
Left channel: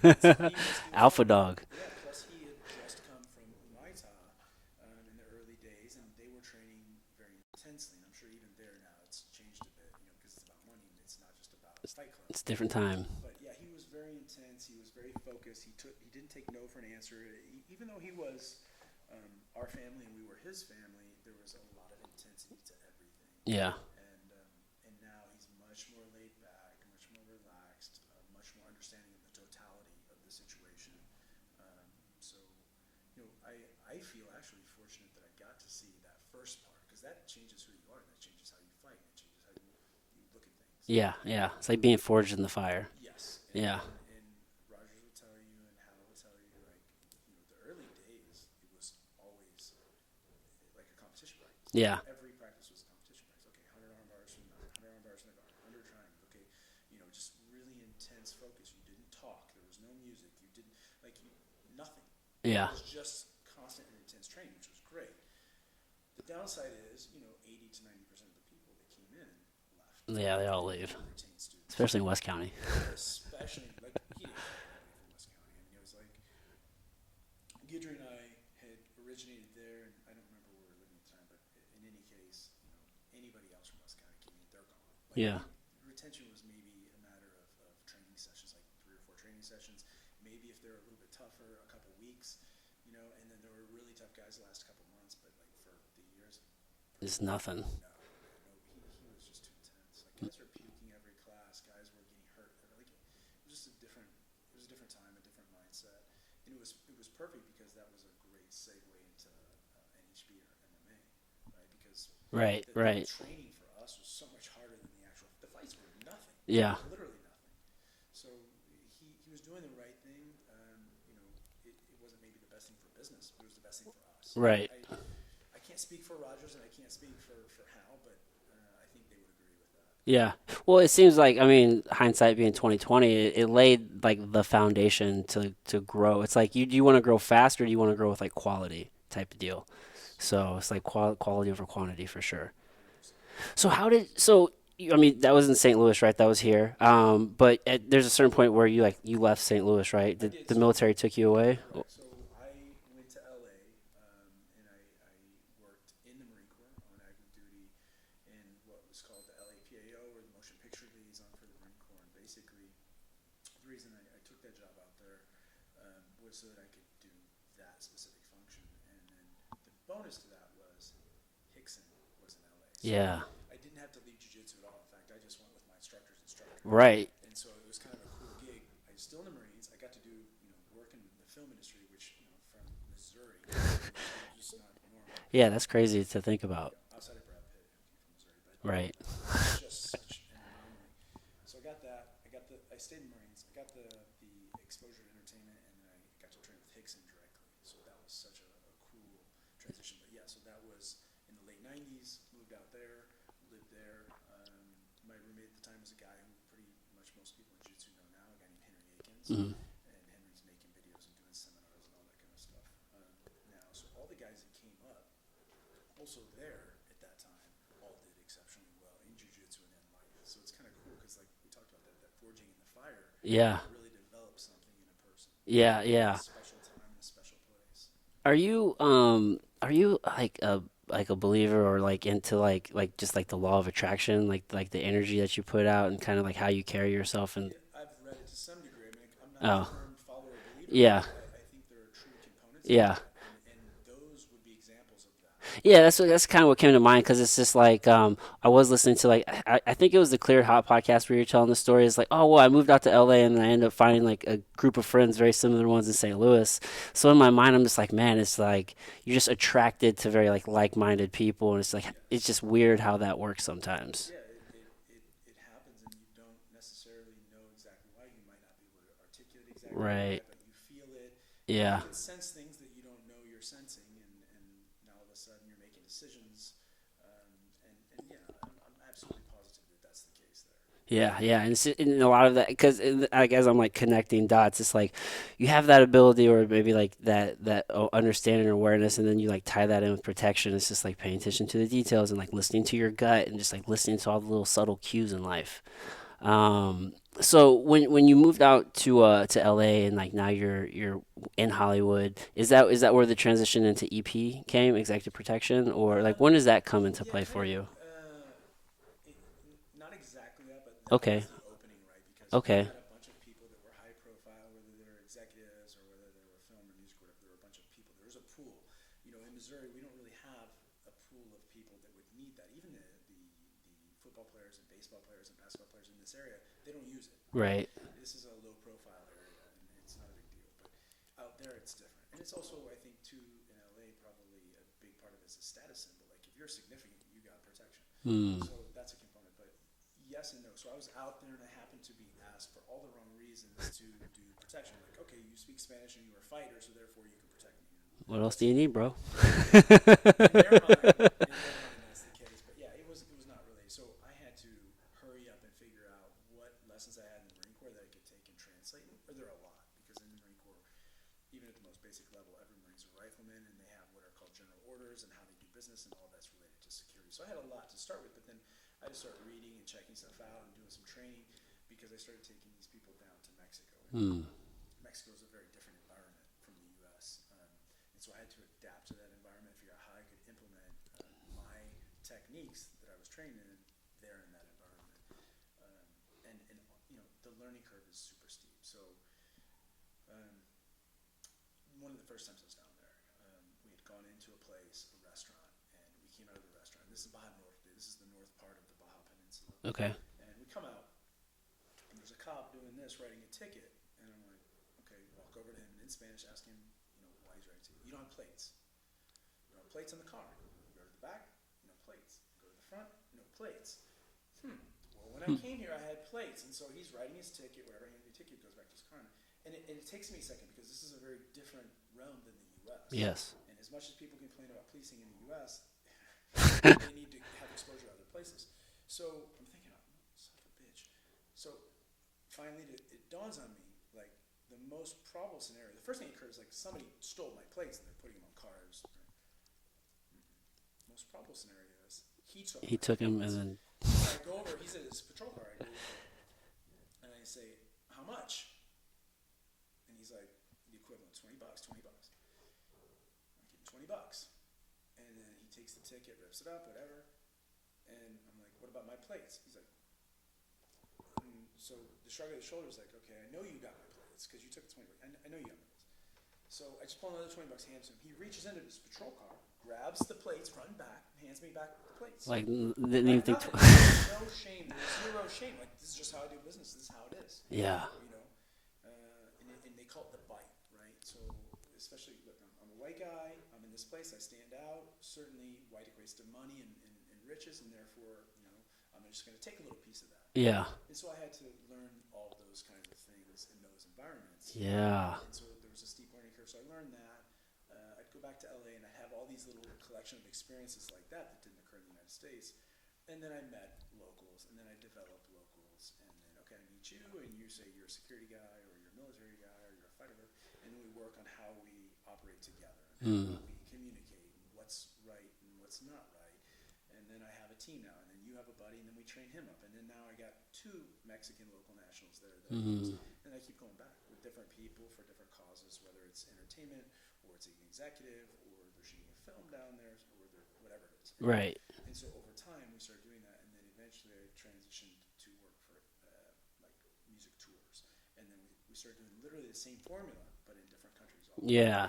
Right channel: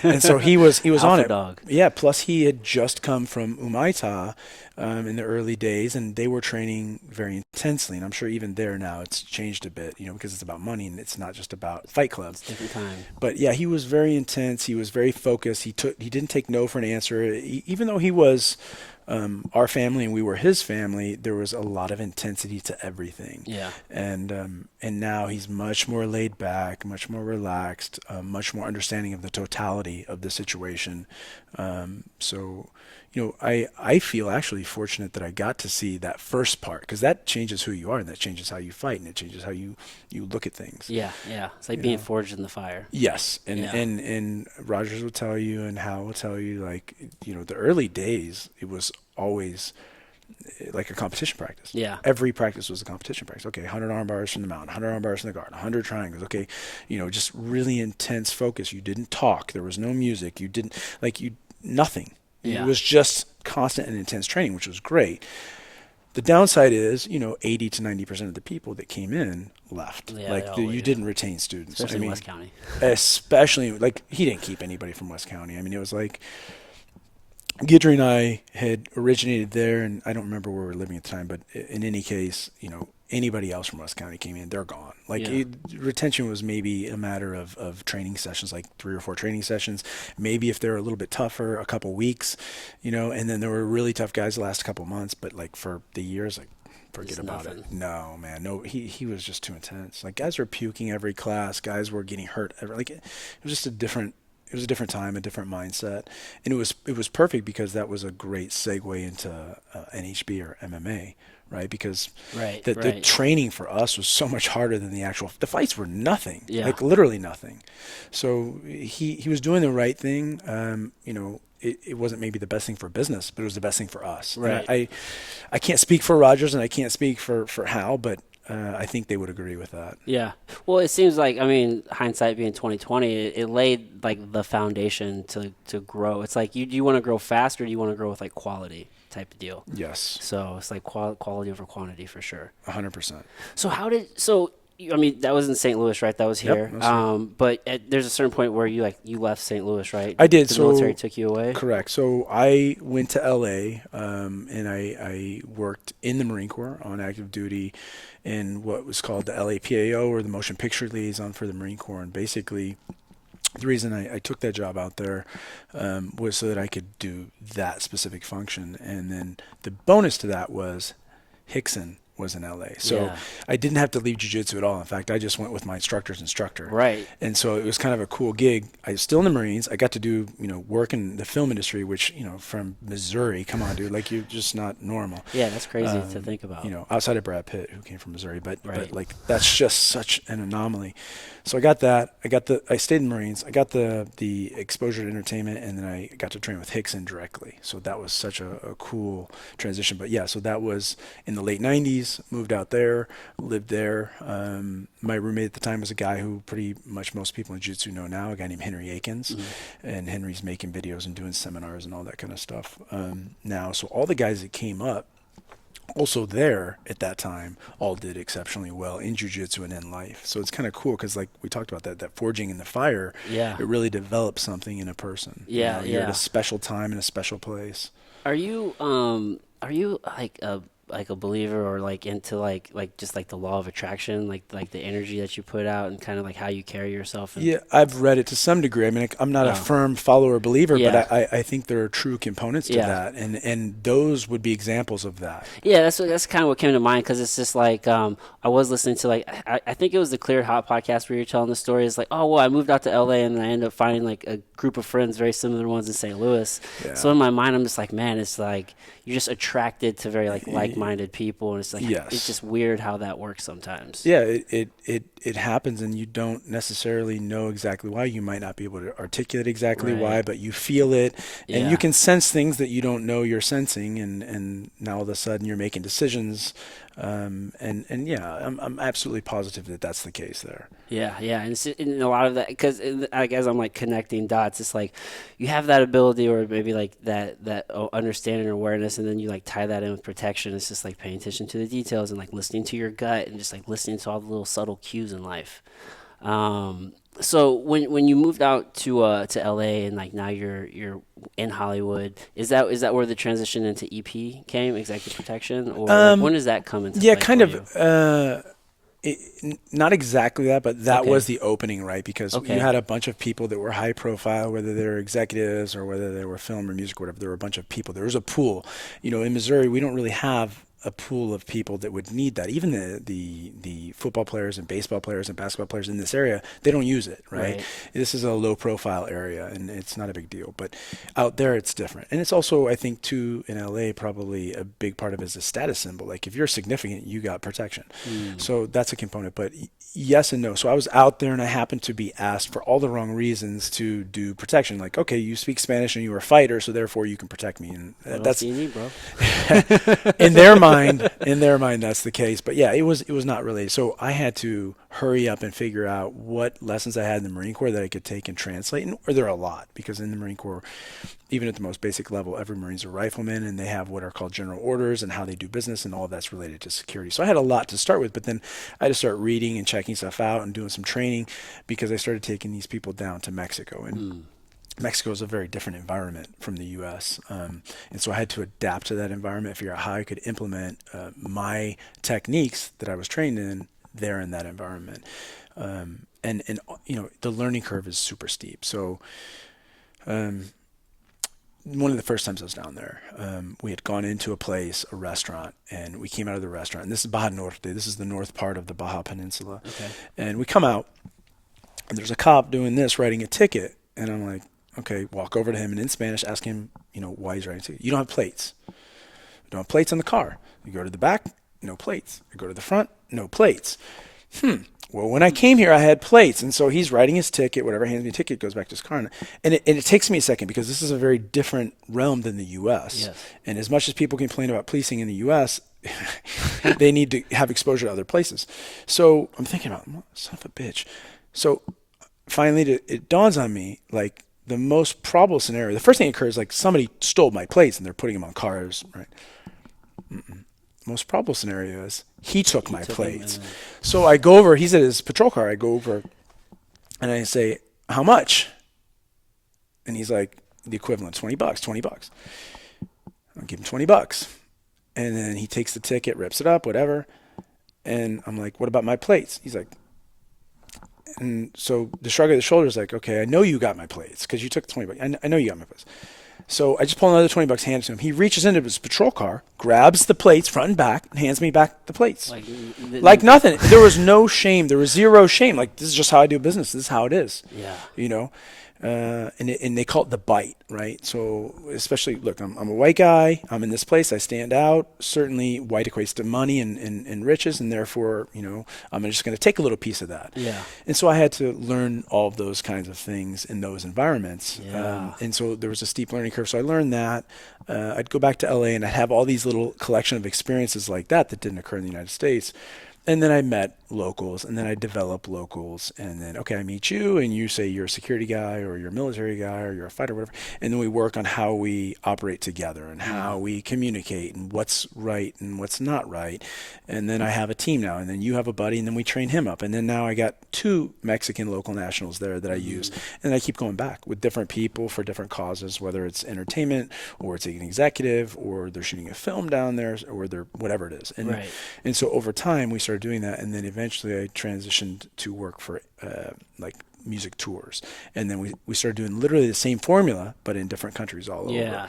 And so he was on Alpha it. dog. Yeah. Plus, he had just come from Umaita in the early days, and they were training very intensely. And I'm sure even there now it's changed a bit, because it's about money and it's not just about Fight Club. It's a different time. But yeah, he was very intense. He was very focused. He didn't take no for an answer, even though he was our family and we were his family. There was a lot of intensity to everything. Yeah. And now he's much more laid back, much more relaxed, much more understanding of the totality of the situation. So, I feel actually fortunate that I got to see that first part, because that changes who you are and that changes how you fight and it changes how you look at things. Yeah. Yeah. It's like being forged in the fire. Yes, and, Yeah. and Rogers will tell you, and Hal will tell you, like, the early days, it was always like a competition practice. Yeah. Every practice was a competition practice. Okay, 100 arm bars from the mountain, 100 arm bars from the guard, 100 triangles. Okay, just really intense focus. You didn't talk. There was no music. You didn't, nothing. Yeah. It was just constant and intense training, which was great. The downside is, 80 to 90% of the people that came in left. Yeah, they all you leave. didn't retain students. Especially in West County. Especially, he didn't keep anybody from West County. I mean, it was like Guidry and I had originated there, and I don't remember where we were living at the time, but in any case, anybody else from West County came in, they're gone. Retention was maybe a matter of training sessions, like 3 or 4 training sessions. Maybe if they're a little bit tougher, a couple weeks, and then there were really tough guys the last couple months, but for the years, forget about nothing. it. No, man, no, he was just too intense. Guys were puking every class, guys were getting hurt. It was just a different time, a different mindset, and it was perfect because that was a great segue into NHB or MMA. Right, because the training for us was so much harder than the fights were nothing, literally nothing. So he was doing the right thing. It wasn't maybe the best thing for business, but it was the best thing for us. Right. I can't speak for Rogers and I can't speak for Hal, but I think they would agree with that. Yeah. Well, it seems like, hindsight being 2020, it laid the foundation to grow. It's like, do you want to grow fast or do you want to grow with quality type of deal? Yes. So it's like quality over quantity for sure. 100%. So that was in St. Louis, right? That was here. Yep, but there's a certain point where you left St. Louis, right? I did. The military took you away? Correct. So I went to LA, and I worked in the Marine Corps on active duty in what was called the LAPAO, or the Motion Picture Liaison for the Marine Corps. And basically, the reason I took that job out there was so that I could do that specific function. And then the bonus to that was Hickson was in LA. So I didn't have to leave jiu-jitsu at all. In fact, I just went with my instructor's instructor. Right. And so it was kind of a cool gig. I was still in the Marines. I got to do, work in the film industry, which, from Missouri, come on, dude, you're just not normal. Yeah, that's crazy to think about. Outside of Brad Pitt, who came from Missouri, but Right. that's just such an anomaly. So I got that. I stayed in the Marines. I got the exposure to entertainment, and then I got to train with Hickson directly. So that was such a cool transition. But yeah, so that was in the late 90s, moved out there, lived there. My roommate at the time was a guy who pretty much most people in jiu-jitsu know now, a guy named Henry Akins. Mm-hmm. And Henry's making videos and doing seminars and all that kind of stuff now. So all the guys that came up, also there at that time, all did exceptionally well in jiu-jitsu and in life. So it's kind of cool because, we talked about that forging in the fire, it really develops something in a person. Yeah, You're at a special time in a special place. Are you like a believer or into just the law of attraction, like the energy that you put out and kind of how you carry yourself? And... Yeah, I've read it to some degree. I mean, I'm not a firm follower or believer, but I think there are true components to that, and those would be examples of that. Yeah, that's kind of what came to mind, because it's just I was listening to I think it was the Clear Hot podcast where you're telling the story. It's I moved out to LA and I ended up finding a group of friends, very similar ones in St. Louis. Yeah. So in my mind, I'm just man, it's you're just attracted to very like-minded like-minded people, and it's like Yes. it's just weird how that works sometimes. Yeah, it happens, and you don't necessarily know exactly why. You might not be able to articulate exactly why, Right. but you feel it, and you Yeah. can sense things that you don't know you're sensing, and now all of a sudden you're making decisions. And yeah, I'm absolutely positive that that's the case there. Yeah, yeah, and, and a lot of that, because I guess I'm like connecting dots. It's like you have that ability, or maybe like that understanding or awareness, and then you like tie that in with protection. It's just like paying attention to the details and like listening to your gut and just like listening to all the little subtle cues in life. So when you moved out to LA, and like now you're in Hollywood, is that where the transition into EP came, executive protection, or like Um, when does that come into yeah, play kind for of. you? Not exactly that, but that Okay, was the opening, right? Because you okay, had a bunch of people that were high profile, whether they were executives or whether they were film or music or whatever. There were a bunch of people. There was a pool. In Missouri, we don't really have a pool of people that would need that. Even the football players and baseball players and basketball players in this area, they don't use it, right? right, This is a low profile area, and it's not a big deal. But out there, it's different. And it's also, I think, too, in LA, probably a big part of it is a status symbol. Like if you're significant, you got protection. mm, So that's a component. But yes and no. So I was out there, and I happened to be asked for all the wrong reasons to do protection. Like, okay, you speak Spanish and you're a fighter, so therefore you can protect me. And what else that's do you need, bro? in their mind, that's the case. But yeah, it was not related. So I had to hurry up and figure out what lessons I had in the Marine Corps that I could take and translate. And there are a lot, because in the Marine Corps, even at the most basic level, every Marine's a rifleman, and they have what are called general orders and how they do business, and all of that's related to security. So I had a lot to start with, but then I had to start reading and checking stuff out and doing some training, because I started taking these people down to Mexico. And Mm, Mexico is a very different environment from the U.S., and so I had to adapt to that environment, figure out how I could implement my techniques that I was trained in there in that environment. And the learning curve is super steep. So um, one of the first times I was down there, we had gone into a place, a restaurant, and we came out of the restaurant. And this is Baja Norte. This is the north part of the Baja Peninsula. okay. And we come out, and there's a cop doing this, writing a ticket. And I'm like, okay, walk over to him, and in Spanish, ask him, why he's writing a ticket. You don't have plates. You don't have plates on the car. You go to the back, no plates. You go to the front, no plates. Well, when I came here, I had plates. And so he's writing his ticket, whatever, hands me a ticket, goes back to his car. And it takes me a second, because this is a very different realm than the U.S. Yes. And as much as people complain about policing in the U.S., they need to have exposure to other places. So I'm thinking about, son of a bitch. So finally, it dawns on me, like, the most probable scenario, the first thing that occurs, like somebody stole my plates and they're putting them on cars, right? Most probable scenario is he took my took 'em and plates. then- So I go over, he's at his patrol car, I go over and I say, how much? And he's like, the equivalent, $20, $20. I'll give him $20. And then he takes the ticket, rips it up, whatever. And I'm like, what about my plates? He's like, and so the shrug of the shoulders, like, okay, I know you got my plates because you took the $20. I know you got my plates. So I just pull another $20, hand it to him. He reaches into his patrol car, grabs the plates front and back, and hands me back the plates. Like nothing. There was no shame. There was zero shame. Like, this is just how I do business. This is how it is. Yeah. And they call it the bite, right? So especially, look, I'm a white guy. I'm in this place. I stand out. Certainly, white equates to money and riches, and therefore, I'm just going to take a little piece of that. Yeah. And so I had to learn all of those kinds of things in those environments. Yeah. And so there was a steep learning curve. So I learned that. I'd go back to LA, and I'd have all these little collection of experiences like that didn't occur in the United States. And then I met locals, and then I developed locals, and then, okay, I meet you, and you say you're a security guy, or you're a military guy, or you're a fighter, whatever. And then we work on how we operate together and how we communicate and what's right and what's not right. And then I have a team now, and then you have a buddy, and then we train him up. And then now I got 2 Mexican local nationals there that I use, and I keep going back with different people for different causes, whether it's entertainment, or it's an executive, or they're shooting a film down there, or they're whatever it is. And, Right. and so over time, we started doing that, and then eventually I transitioned to work for like music tours, and then we started doing literally the same formula but in different countries all over. Yeah.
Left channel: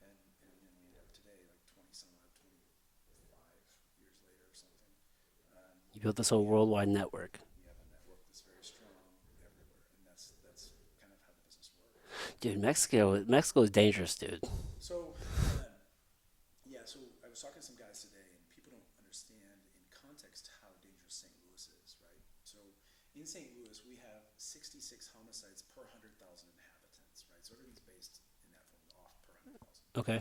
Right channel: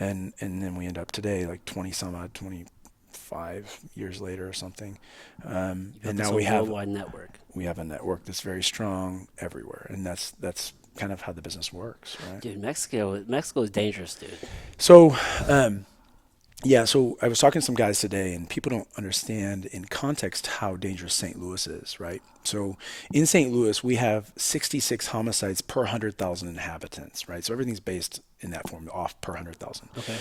And then we end up today like 25 years later or something. You And built this now whole we have worldwide network. a network that's very strong everywhere, and that's kind of how the business works, right? Dude, Mexico is dangerous, dude. So Yeah, so I was talking to some guys today, and people don't understand in context how dangerous St. Louis is, right? So in St. Louis, we have 66 homicides per 100,000 inhabitants, right? So everything's based in that form, off per 100,000. Okay.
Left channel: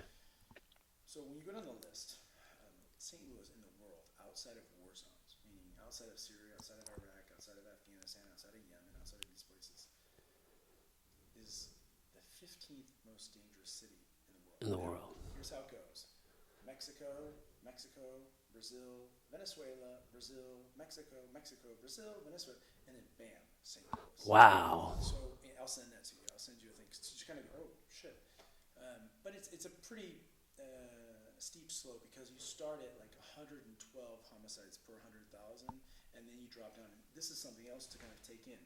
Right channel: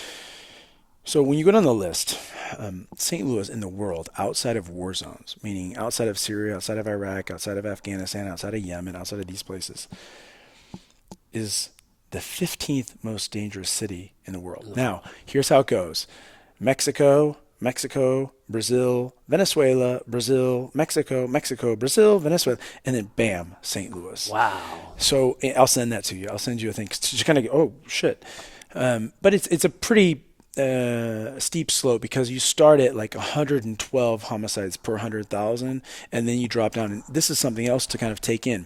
So when you go down the list, St. Louis in the world, outside of war zones, meaning outside of Syria, outside of Iraq, outside of Afghanistan, outside of Yemen, outside of these places, is the 15th most dangerous city in the world. Now, here's how it goes. Mexico, Mexico, Brazil, Venezuela, Brazil, Mexico, Mexico, Brazil, Venezuela, and then bam, St. Louis. Wow. So I'll send that to you. I'll send you a thing to just kind of go, oh shit. But it's a pretty steep slope because you start at like 112 homicides per 100,000, and then you drop down. And this is something else to kind of take in.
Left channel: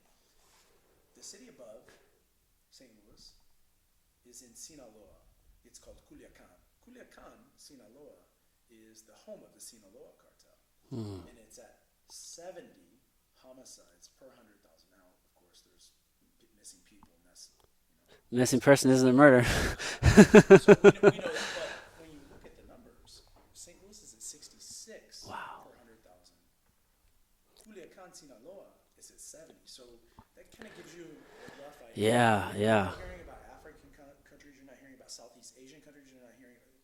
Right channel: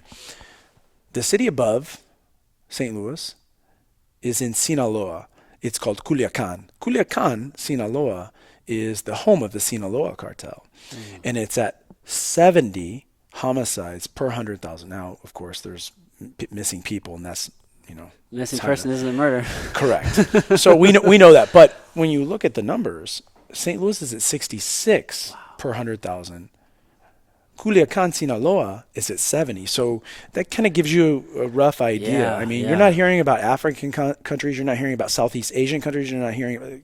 The city above St. Louis is in Sinaloa. It's called Culiacan. Culiacan, Sinaloa, is the home of the Sinaloa cartel. And it's at 70 homicides per 100,000. Now, of course, there's missing people, and that's, Missing person isn't a murder. correct. So we know that. But when you look at the numbers, St. Louis is at 66 per 100,000. Culiacan, Sinaloa is at 70. So that kind of gives you a rough idea. Yeah, I mean, yeah. you're not hearing about African countries. You're not hearing about Southeast Asian countries. You're not hearing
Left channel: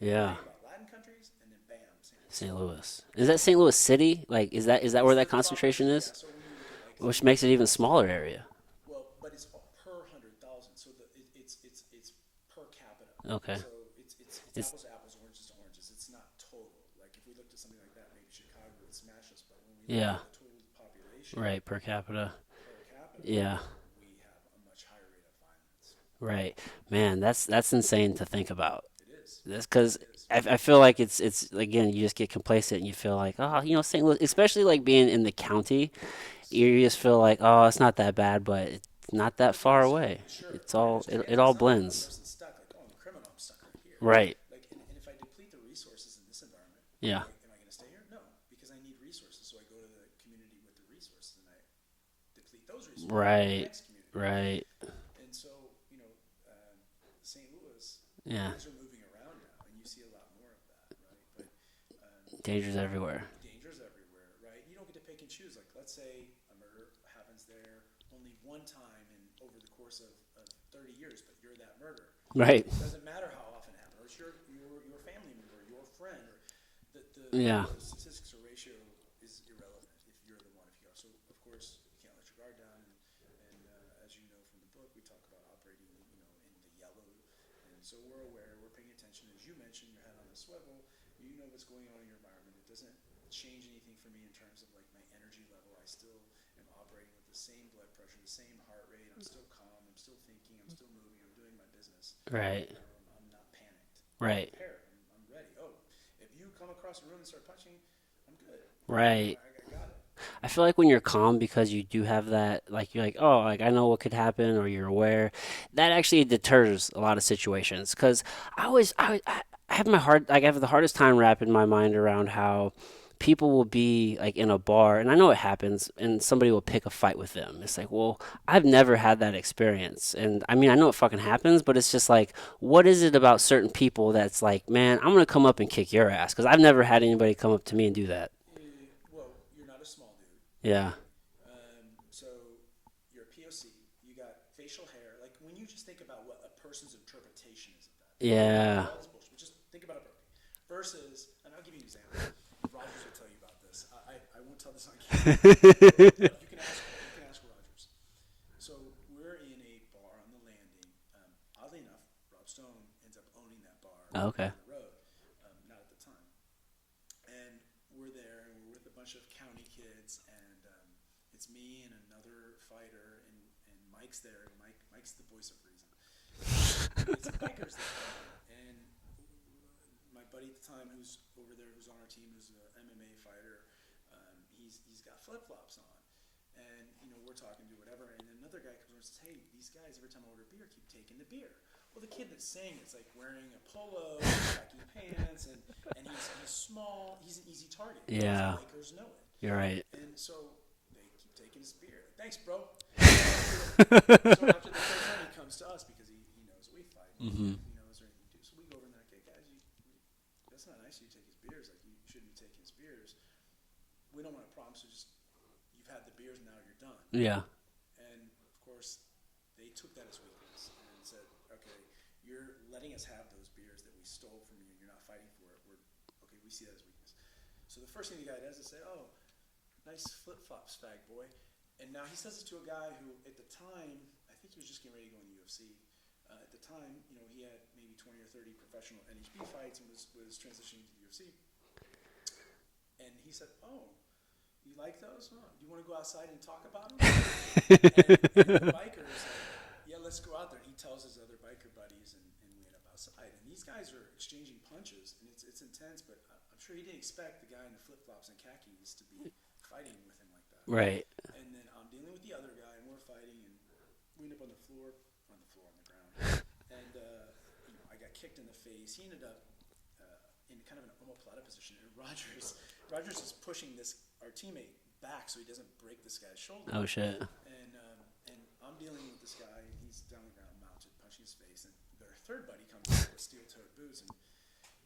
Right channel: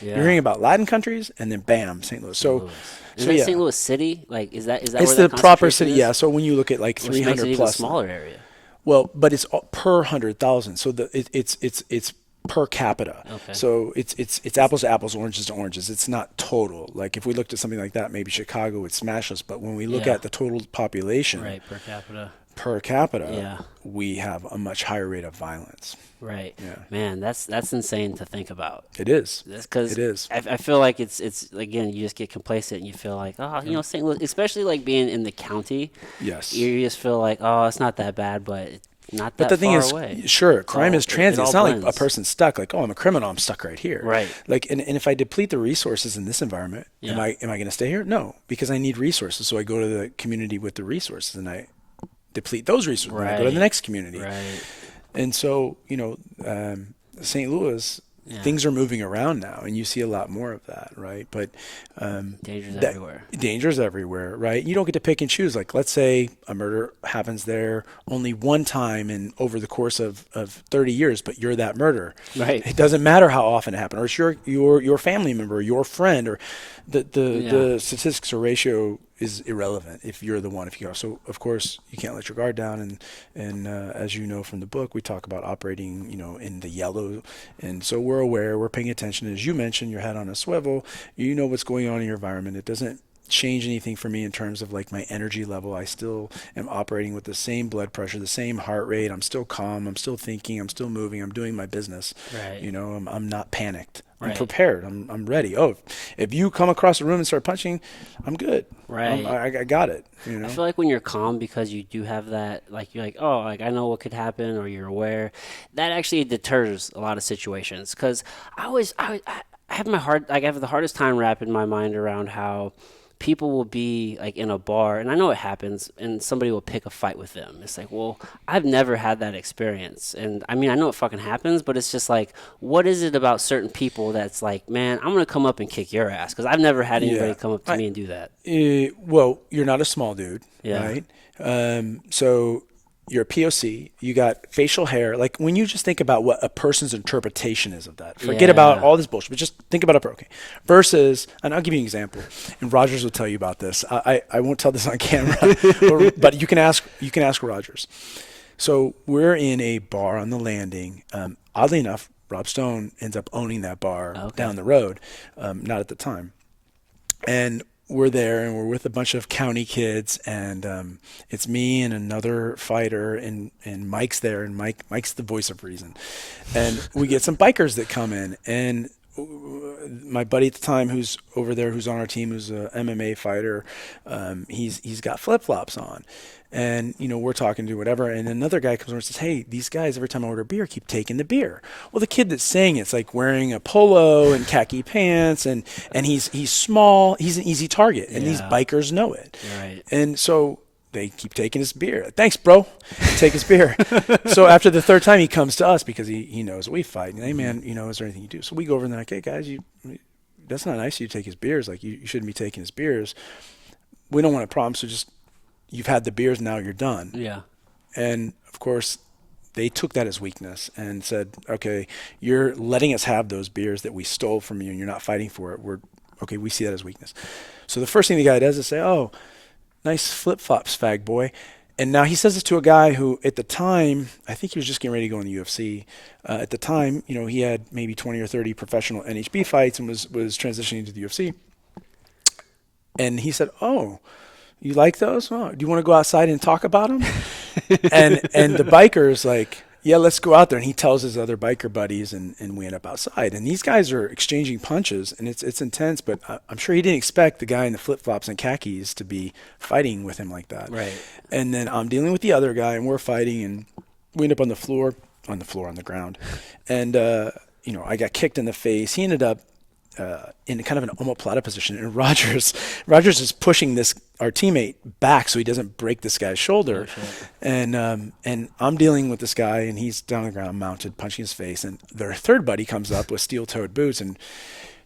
Yeah. You're hearing about Latin countries, and then bam, St. Louis. St. So Louis. Is so that yeah. St. Louis City? Like, is that It's where the the proper concentration city, is? yeah. So when you look at like 300 Which makes it even a plus, smaller area. well, but it's per 100,000. So it's per capita. Okay. So it's apples to apples, oranges to oranges. It's not total. Like if we looked at something like that, maybe Chicago would smash us. But when we look Yeah. at the total population Right, per capita. Yeah. we have a much higher rate of violence. Right. Yeah. Man, that's insane to think about. It is. That's because It is. I feel like it's again, you just get complacent and you feel like, oh, St. Louis, especially like being in the county, Yes. you just feel like, oh, it's not that bad, but it's not But that the thing far is, away. sure, crime is transit. all It's not like a blends. person stuck. Like, oh, I'm a criminal. I'm stuck right here. Right. Like, and if I deplete the resources in this environment, Yeah. am I going to stay here? No, because I need resources. So I go to the community with the resources, and I deplete those resources. I go to Right. the next community. Right. And so, St. Louis, Yeah. things are moving around now, and you see a lot more of that, right? But Dangers that- everywhere. Dangers everywhere, right? You don't get to pick and choose. Like, let's say a murder happens there only one time in over the course of 30 years, but you're that murderer. Right. It doesn't matter how often it happened, or it's your family member, your friend, or the statistics or ratio is irrelevant if you're the one. If you go, so of course you can't let your guard down, and as you know from the book, we talk about operating, in the yellow, and so we're aware, we're paying attention. As you mentioned, your head on a swivel. You know what's going on in your environment. It doesn't change anything for me in terms of like my energy level. I still am operating with the same blood pressure, the same heart rate. I'm still calm. I'm still thinking. I'm still moving. I'm doing my business. Right. I'm not panicked. I'm Right. prepared. I'm ready. Oh, if you come across the room and start punching, I'm good. Right. I got it. I feel like when you're calm because you do have that, like you're like, oh, like I know what could happen, or you're aware, that actually deters a lot of situations. Because I have I have the hardest time wrapping my mind around how people will be like in a bar, and I know it happens, and somebody will pick a fight with them. It's like, well, I've never had that experience, and I mean, I know it fucking happens, but it's just like, what is it about certain people that's like, man, I'm gonna come up and kick your ass? Because I've never had anybody come up to me and do that. Well, you're not a small dude, Yeah. right? So you're a POC. You got facial hair. Like when you just think about what a person's interpretation is of that, forget about all this bullshit, but just think about okay. Versus, and I'll give you an example. And Rogers will tell you about this. I won't tell this on camera, but you can ask Rogers. So we're in a bar on the landing. Oddly enough, Rob Stone ends up owning that bar down the road. Not at the time. And we're there, and we're with a bunch of county kids, and it's me and another fighter, and Mike's there, and Mike's the voice of reason. And we get some bikers that come in, and my buddy at the time who's over there, who's on our team, who's a MMA fighter, he's got flip-flops on. And, we're talking to whatever, and another guy comes over and says, hey, these guys, every time I order beer, keep taking the beer. Well, the kid that's saying it's like wearing a polo and khaki pants, and he's small, he's an easy target, and these bikers know it. You're right. And so they keep taking his beer. Thanks, bro. Take his beer. So after the third time, he comes to us because he knows we fight. And, hey, man, is there anything you do? So we go over and they're like, hey, guys, that's not nice of you to take his beers. Like, you shouldn't be taking his beers. We don't want a problem, so just you've had the beers, now you're done. Yeah. And, of course, they took that as weakness and said, okay, you're letting us have those beers that we stole from you and you're not fighting for it. Okay, we see that as weakness. So the first thing the guy does is say, oh, nice flip-flops, fag boy. And now he says this to a guy who, at the time, I think he was just getting ready to go in the UFC. At the time, he had maybe 20 or 30 professional NHB fights and was transitioning to the UFC. And he said, oh, you like those? Oh, do you want to go outside and talk about them? and the biker's like, yeah, let's go out there. And he tells his other biker buddies, and we end up outside. And these guys are exchanging punches, and it's intense, but I'm sure he didn't expect the guy in the flip-flops and khakis to be fighting with him like that. Right. And then I'm dealing with the other guy, and we're fighting, and we end up on the ground. And, I got kicked in the face. He ended up in kind of an omoplata position, and Rogers is pushing our teammate back so he doesn't break this guy's shoulder. Oh, shit. And I'm dealing with this guy, and he's down on the ground, mounted, punching his face. And their third buddy comes up with steel-toed boots and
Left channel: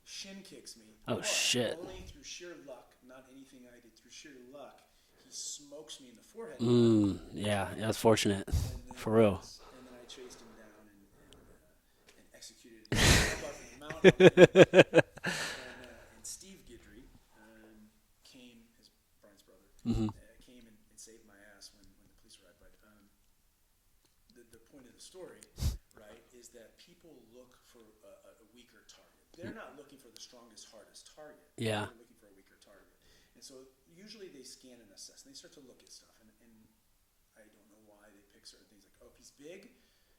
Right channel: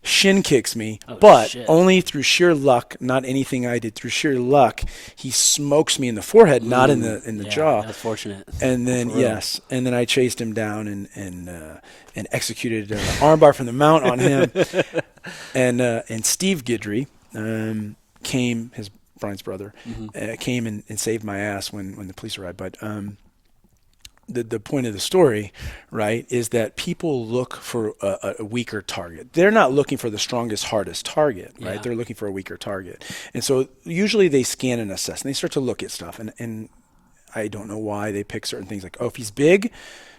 shin kicks me, but only through sheer luck, not anything I did. Through sheer luck, he smokes me in the forehead, not in the jaw. That's fortunate. And then and then I chased him down and executed an armbar from the mount on him. And Steve Guidry came, Brian's brother, came and saved my ass when the police arrived. But the point of the story, right, is that people look for a weaker target. They're not looking for the strongest, hardest target, right? They're looking for a weaker target. And so usually they scan and assess, and they start to look at stuff. And I don't know why they pick certain things like, oh, if he's big,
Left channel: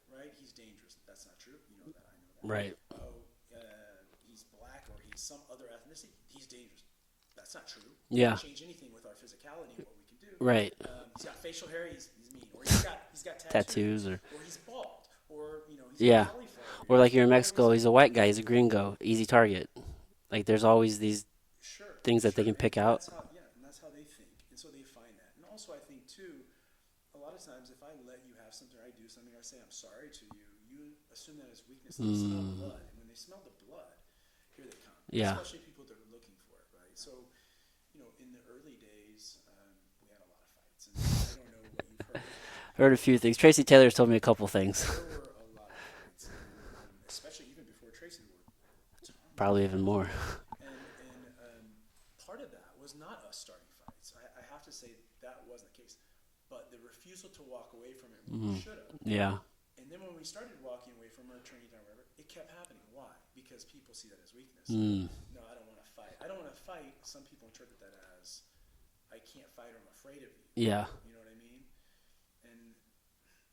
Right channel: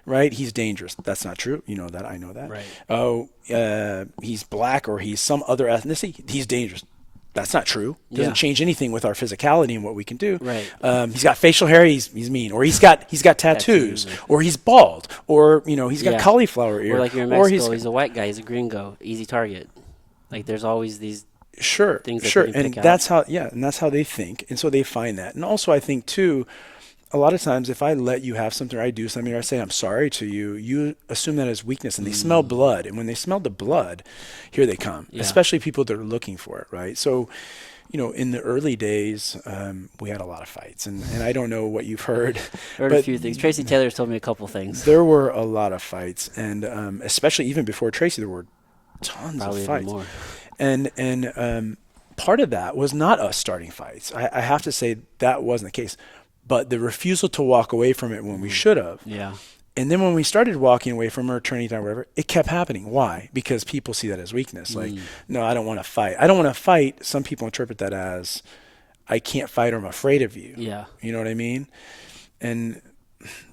right, he's dangerous. That's not true. You know that. I know that. Right. Oh, he's black or he's some other ethnicity. He's dangerous. That's not true. Doesn't change anything with our physicality and what we can do. Right. He's got facial hair. He's mean, or he's got tattoos, or he's bald, or he's got cauliflower ear. Or like you're in Mexico, he's a white guy. He's a gringo. Easy target. Like there's always these things that they can pick out. And that's how they think, and so they find that. And also, I think too, a lot of times, if I let you have something or I do something or I say I'm sorry to you, you assume that as weakness, and they smell blood. And when they smell the blood, here they come, especially people that are looking for it, right? So, in the early days, we had a lot of fights. And I don't know what you've heard. Heard a few things. Tracy Taylor's told me a couple things. There were a lot of fights. And especially even before Tracy, there were tons Probably of fights. Even more. And part of that was not us starting fights. I have to say that wasn't the case. But the refusal to walk away from it when we should have. Yeah. And then when we started walking away from her, turning down, whatever, it kept happening. Why? Because people see that as weakness. Like, no, I don't want to fight. I don't want to fight. Some people interpret that as, I can't fight or I'm afraid of you. Yeah. You know what I mean? And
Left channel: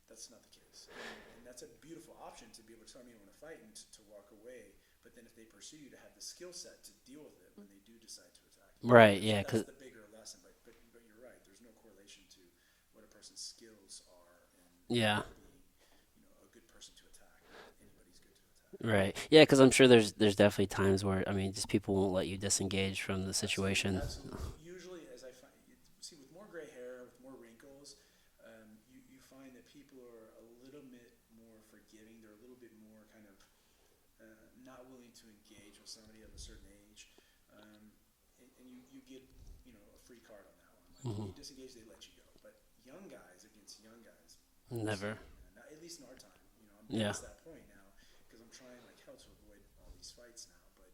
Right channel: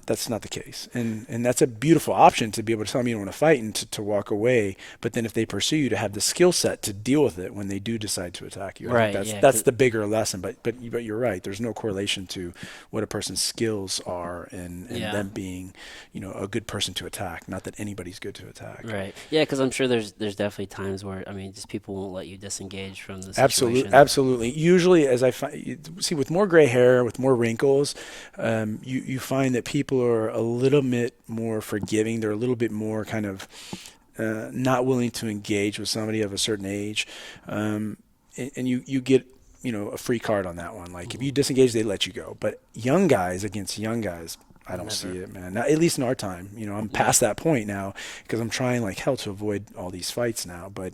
that's not the case. And that's a beautiful option to be able to tell them you don't want to fight and to walk away. But then if they pursue you, to have the skill set to deal with it when they do decide to attack you. Right. That's the bigger lesson. But you're right. There's no correlation to what a person's skills are and them being, a good person to attack. Not that anybody's good to attack. Right. Yeah, because I'm sure there's definitely times where, just people won't let you disengage from the situation. Absolutely. Usually, as I find, see, with more gray hair, with more wrinkles, you find that people are a little bit more forgiving. They're a little bit more kind of not willing to engage with somebody of a certain age. And you get, a free card on that one. Like, if you disengage, they let you go. But young guys against young guys, I don't see it, man. Not, at least in our time. I'm past that point now because I'm trying like hell to avoid all these fights now. But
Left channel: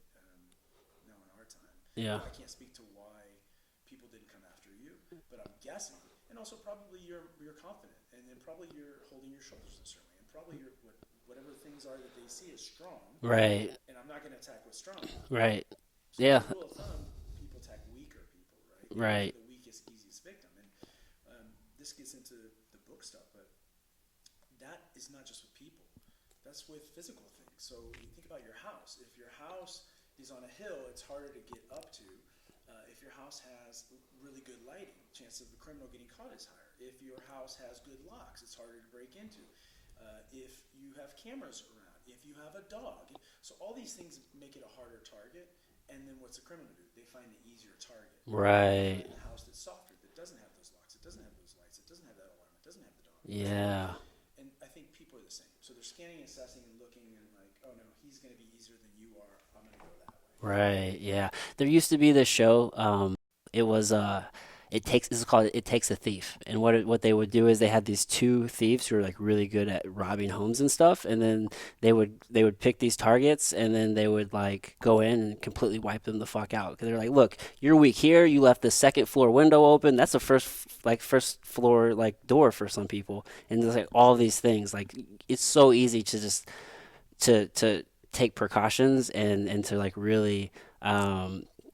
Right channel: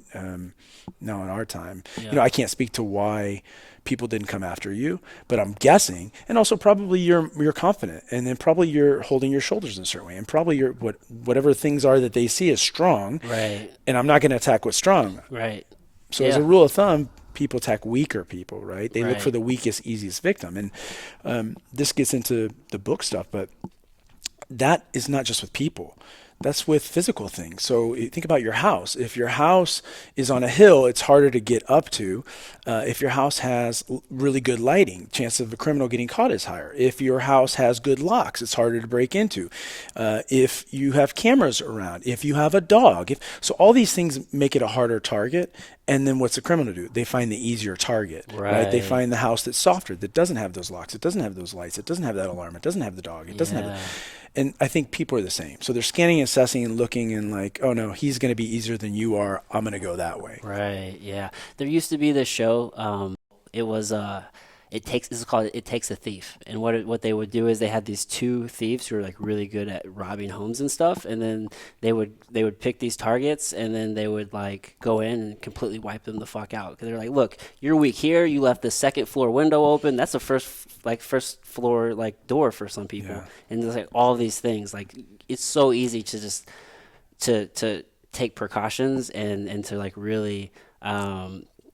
no, in our time, I can't speak to why people didn't come after you, but I'm guessing, and also probably you're confident, and then probably you're holding your shoulders in a certain way, and probably you're whatever things are that they see as strong, right? And I'm not going to attack what's strong, right? So as a rule of thumb, people attack weaker people, right? They look for the weakest, easiest victim, and this gets into the book stuff, but that is not just with people. That's with physical things. So think about your house. If your house is on a hill, it's harder to get up to. If your house has really good lighting, chance of a criminal getting caught is higher. If your house has good locks, it's harder to break into. If you have cameras around, if you have a dog, so all these things make it a harder target. And then what's the criminal do? They find the easier target, right? They Right. find the house that's softer, that doesn't have those locks, it doesn't have those lights, it doesn't have that alarm, it doesn't have the dog, it doesn't have. Yeah. And I think people are the same. So they're scanning, assessing, and looking, and like, oh no, he's going to be easier than you are. I'm going to go that way. Right. Yeah. There used to be this show. It was it takes this is called It Takes a Thief. And what they would do is they had these two thieves who were like really good at robbing homes and stuff, and then they would pick these targets, and then they would like go in and completely wipe them the fuck out, because they're like, look, you're weak here. You left the second floor window open. That's a first floor like door for some Yeah. people, and there's like all these things. Like it's so easy to just to take precautions and to like really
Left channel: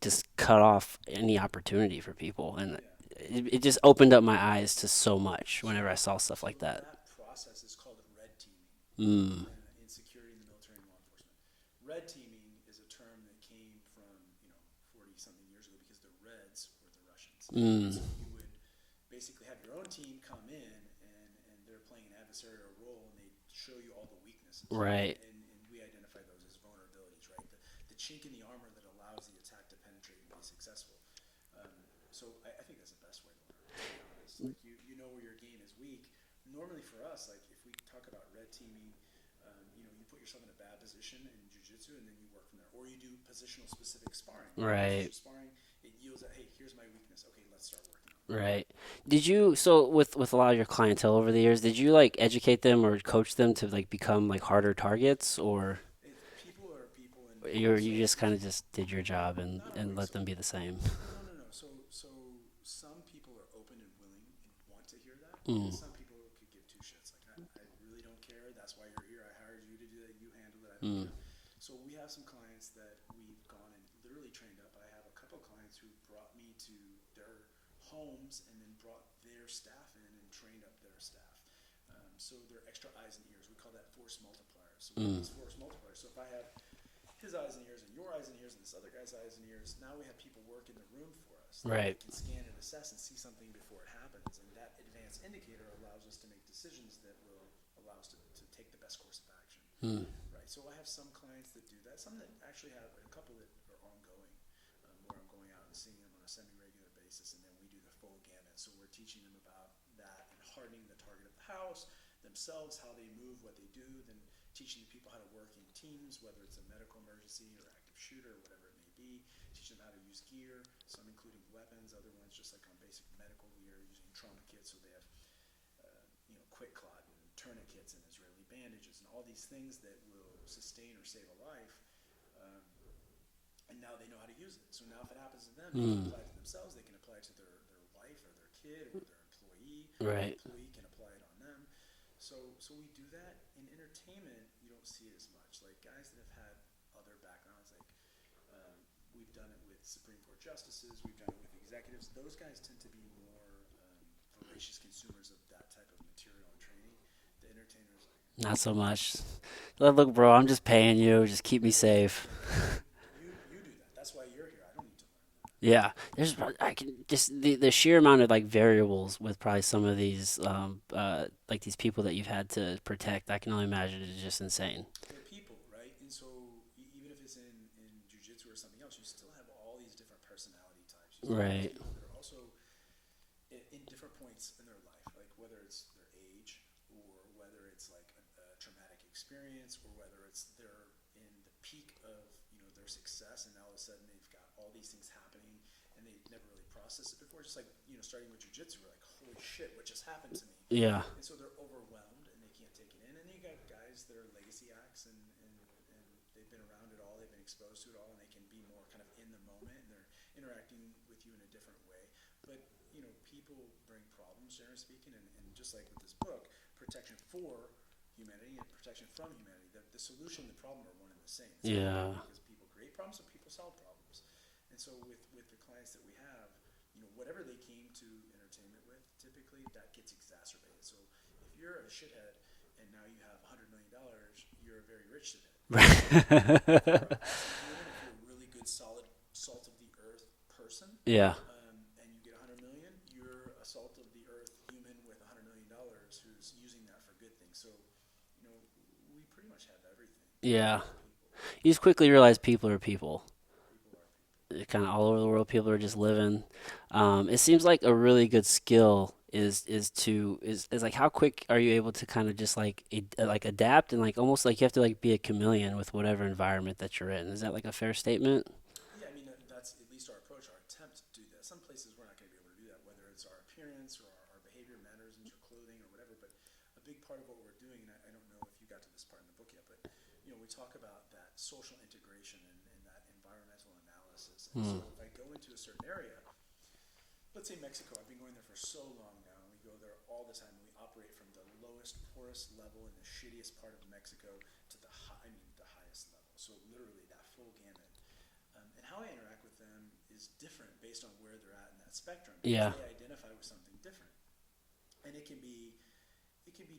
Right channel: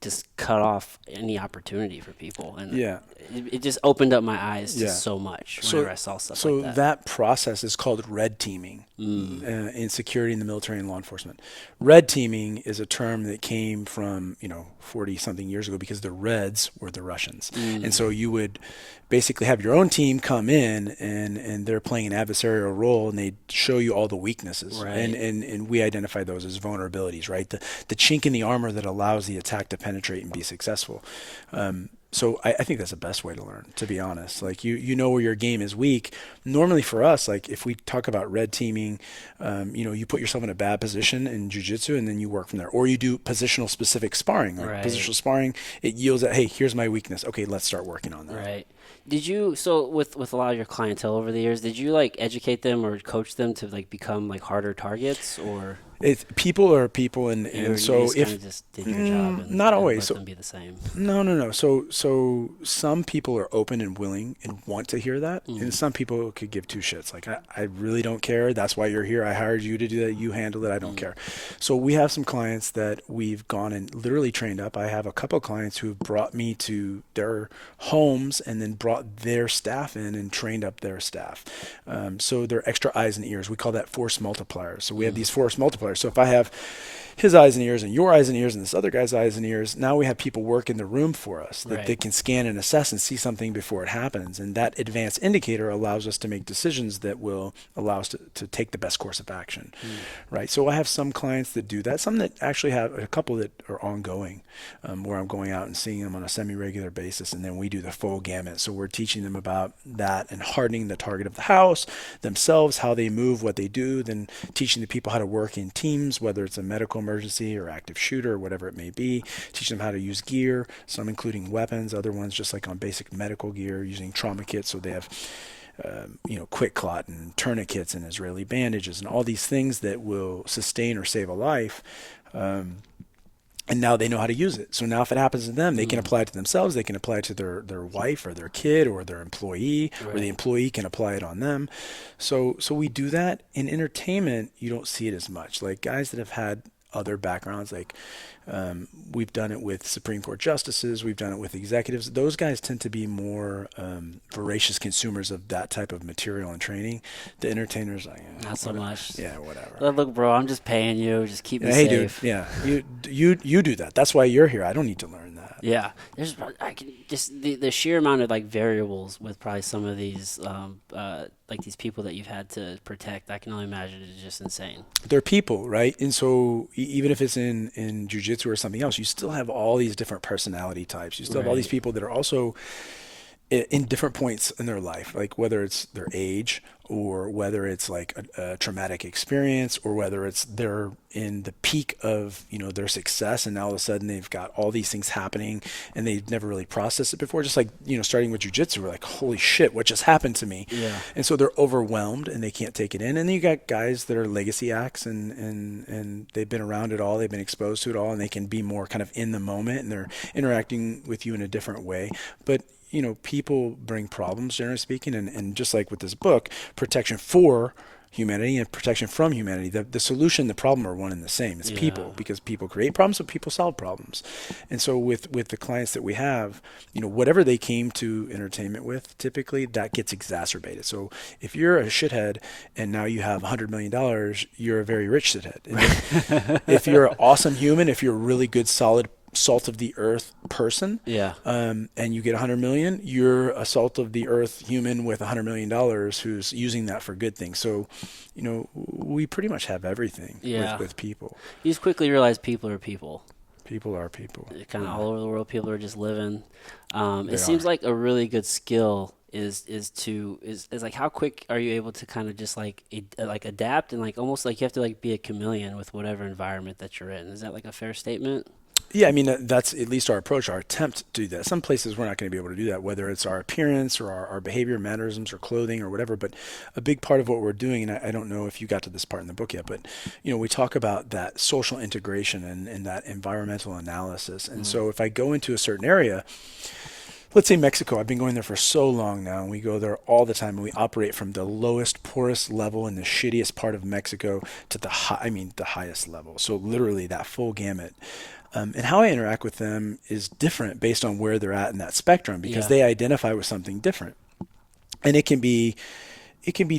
just cut off any opportunity for people, and Yeah. it just opened up my eyes to Yeah. so much So, whenever I saw stuff so like that. that process is called red teaming Mm. in security in the military and law enforcement. Red teaming is a term that came from 40 something years ago, because the Reds were the Russians, and so you would basically have your own team come in, and they're playing an adversarial role, and they show you all the weaknesses, Right. and we identify those as vulnerabilities, right? The chink in the armor that allows the attack to penetrate and be successful. So I think that's the best way to learn, to be honest. Like you know where your game is weak. Normally for us, like if we talk about red teaming, you put yourself in a bad position in jiu-jitsu, and then you work from there. Or you do positional specific sparring. Like Right. positional sparring, it yields at, hey, here's my weakness. Okay, let's start working on that. Right. Did you, so with a lot of your clientele over the years, did you like educate them or coach them to like become like harder targets, or People are people, and, you and so just kind if of just did your job not and always. let So them be the same? no. So some people are open and willing and want to hear that, Mm. and some people could give two shits. Like I really don't care. That's why you're here. I hired you to do that. You handle it. I don't care. So we have some clients that we've gone and literally trained up. I have a couple of clients who brought me to their homes and then brought their staff in and trained up their staff. So they're extra eyes and ears. We call that force multipliers. So we have these force multipliers. So if I have his eyes and ears and your eyes and ears and this other guy's eyes and ears, now we have people work in the room for us that Right. they can scan and assess and see something before it happens. And that advanced indicator allows us to make decisions that will allow us to take the best course of action. Right. So I have some clients that do that, some that actually have a couple that are ongoing, where I'm going out and seeing them on a semi-regular basis, and then we do the full gamut. So we're teaching them about that and hardening the target of the house, themselves, how they move, what they do, then teaching the people how to work in teams, whether it's a medical emergency or active shooter or whatever it may be, teach them how to use gear, some including weapons, other ones just like on basic medical gear, using trauma kits. So they have quick clot and tourniquets and Israeli bandages and all these things that will sustain or save a life. And now they know how to use it. So now if it happens to them, they can apply it to themselves. They can apply it to their wife or their kid or their employee, or the Right. employee can apply it on them. So we do that. In entertainment, you don't see it as much. Like guys that have had other backgrounds, like we've done it with Supreme Court justices, we've done it with executives. Those guys tend to be more voracious consumers of that type of material and training. The entertainers, like, Not so much. yeah, whatever. Look, bro, I'm just paying you. Just keep me Hey, dude, safe. yeah, you do that. That's why you're here. I don't need to learn that. Yeah, I can just the sheer amount of like variables with probably some of these like these people that you've had to protect. I can only imagine it's just insane. They're people, right? And so even if it's in jiu-jitsu or something else, you still have all these different personality types. You still have all these Right. people that are also in different points in their life, like whether it's their age or whether it's like a traumatic experience, or whether it's they're in the peak of their success, and now all of a sudden they've got all these things happening and they've never really processed it before. Just like starting with jiu-jitsu, we're like, holy shit, what just happened to me? Yeah. And so they're overwhelmed and they can't take it in. And then you got guys that are legacy acts, and they've been around it all, they've been exposed to it all, and they can be more kind of in the moment, and they're interacting with you in a different way. But people bring problems, generally speaking, and just like with this book, protection for humanity and protection from humanity. The solution, the problem are one and the same. It's people, because people create problems, so people solve problems. And so with the clients that we have, whatever they came to entertainment with, typically that gets exacerbated. So if you're a shithead and now you have $100 million, you're a very rich shithead. If you're an awesome human, if you're a really good, solid, salt of the earth person, and you get 100 million, you're a salt of the earth human with $100 million who's using that for good things. So, we pretty much have everything with people. You just quickly realize people are people. People are people. Kind of all over the world, people are just living. It seems like a really good skill is like, how quick are you able to kind of just like adapt, and like almost like you have to like be a chameleon with whatever environment that you're in. Is that like a fair statement? Yeah, I mean, that's at least our approach, our attempt to do that. Some places we're not going to be able to do that, whether it's our appearance or our behavior, mannerisms, or clothing or whatever. But a big part of what we're doing, and I don't know if you got to this part in the book yet, but, we talk about that social integration and that environmental analysis. And so if I go into a certain area, let's say Mexico, I've been going there for so long now, and we go there all the time, and we operate from the lowest, poorest level in the shittiest part of Mexico to the highest level. So literally that full gamut. And how I interact with them is different based on where they're at in that spectrum, because they identify with something different. And it can be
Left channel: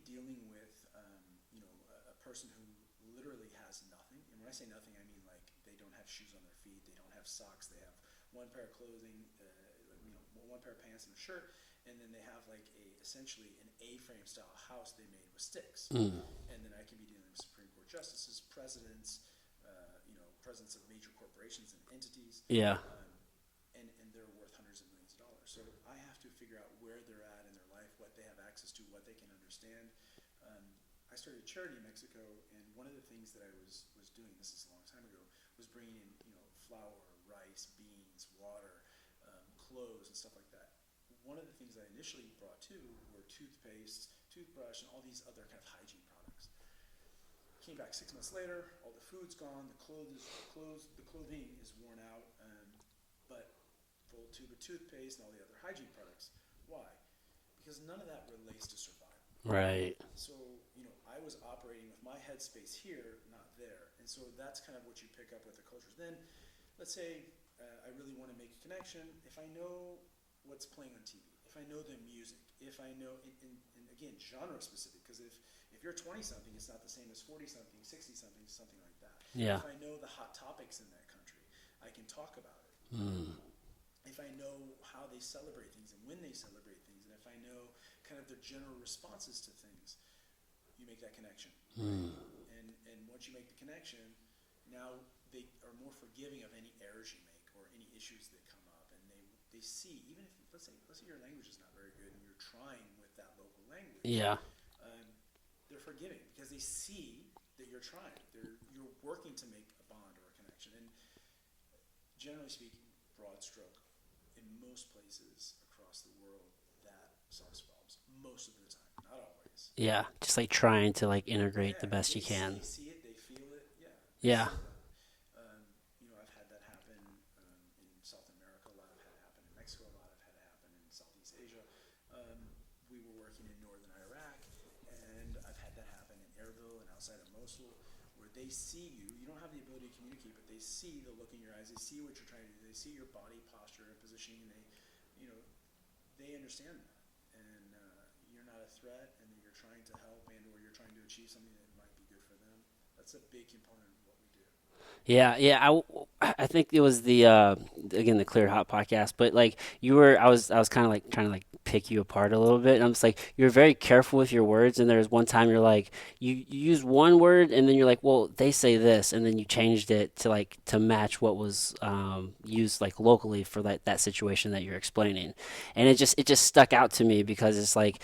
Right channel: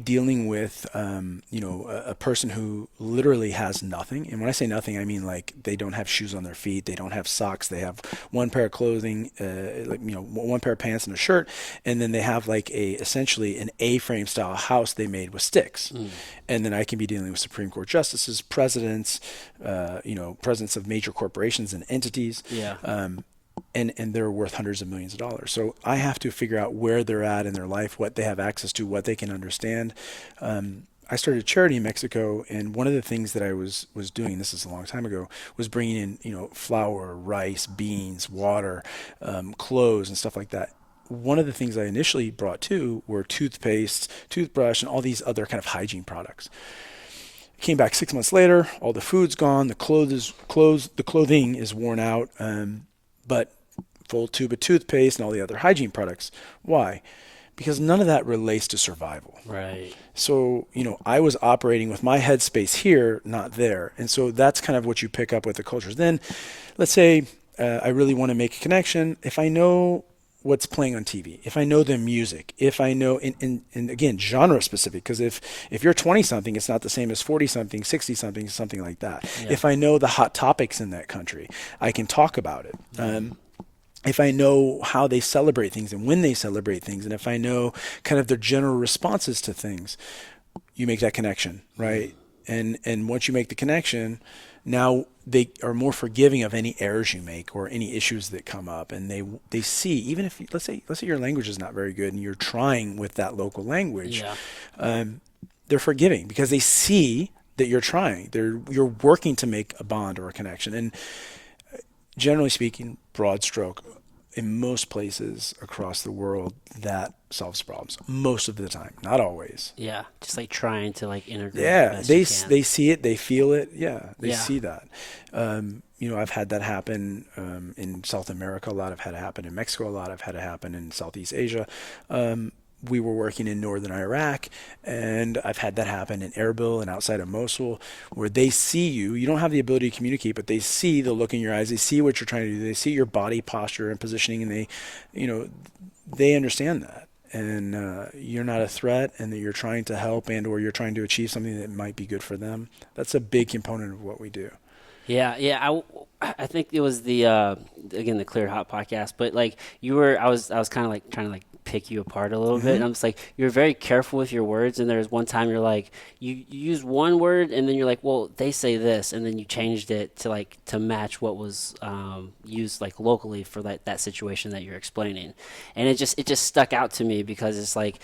dealing with, a person who literally has nothing. And when I say nothing, I mean like they don't have shoes on their feet, they don't have socks, they have one pair of clothing, one pair of pants and a shirt, and then they have like essentially an A-frame style house they made with sticks. And then I can be dealing with Supreme Court justices, presidents, presidents of major corporations and entities. And they're worth hundreds of millions of dollars. So I have to figure out where they're at in their life, what they have access to, what they can understand. I started a charity in Mexico, and one of the things that I was doing, this is a long time ago, was bringing in, flour, rice, beans, water, clothes, and stuff like that. One of the things I initially brought to were toothpaste, toothbrush, and all these other kind of hygiene products. Came back 6 months later, all the food's gone, the clothing is worn out, but full tube of toothpaste and all the other hygiene products. Why? Because none of that relates to survival. Right. So, I was operating with my headspace here, not there. And so that's kind of what you pick up with the cultures. Then let's say I really want to make a connection. If I know what's playing on TV, if I know the music, if I know, and again, genre specific, because if you're 20 something, it's not the same as 40 something, 60 something, something like that. If I know the hot topics in that country, I can talk about it. If I know how they celebrate things and when they celebrate things, and if I know kind of their general responses to things, you make that connection, right? And once you make the connection, now they are more forgiving of any errors you make or any issues that come up, and they see, even if let's say your language is not very good and you're trying with that local language, they're forgiving because they see that you're trying. You're working to make a bond or a connection. And generally speaking, broad stroke, in most places across the world, that solves problems most of the time, not always. Yeah, just like trying to like integrate the best you can. They see it, they feel it. They see that. I've had that happen in South America a lot. I've had it happen in Mexico a lot. I've had it happen in Southeast Asia. We were working in northern Iraq, and I've had that happen in Erbil and outside of Mosul, where they see you. You don't have the ability to communicate, but they see the look in your eyes. They see what you're trying to do. They see your body posture and positioning, and they understand that. And you're not a threat, and that you're trying to help or you're trying to achieve something that might be good for them. That's a big component of what we do. Yeah. I think it was the Clear Hot podcast, but like I was kind of like trying to like pick you apart a little bit. And I'm just like, you're very careful with your words. And there's one time you're like, you use one word and then you're like, well, they say this. And then you changed it to match what was used like locally for that situation that you're explaining. And it just stuck out to me because it's like,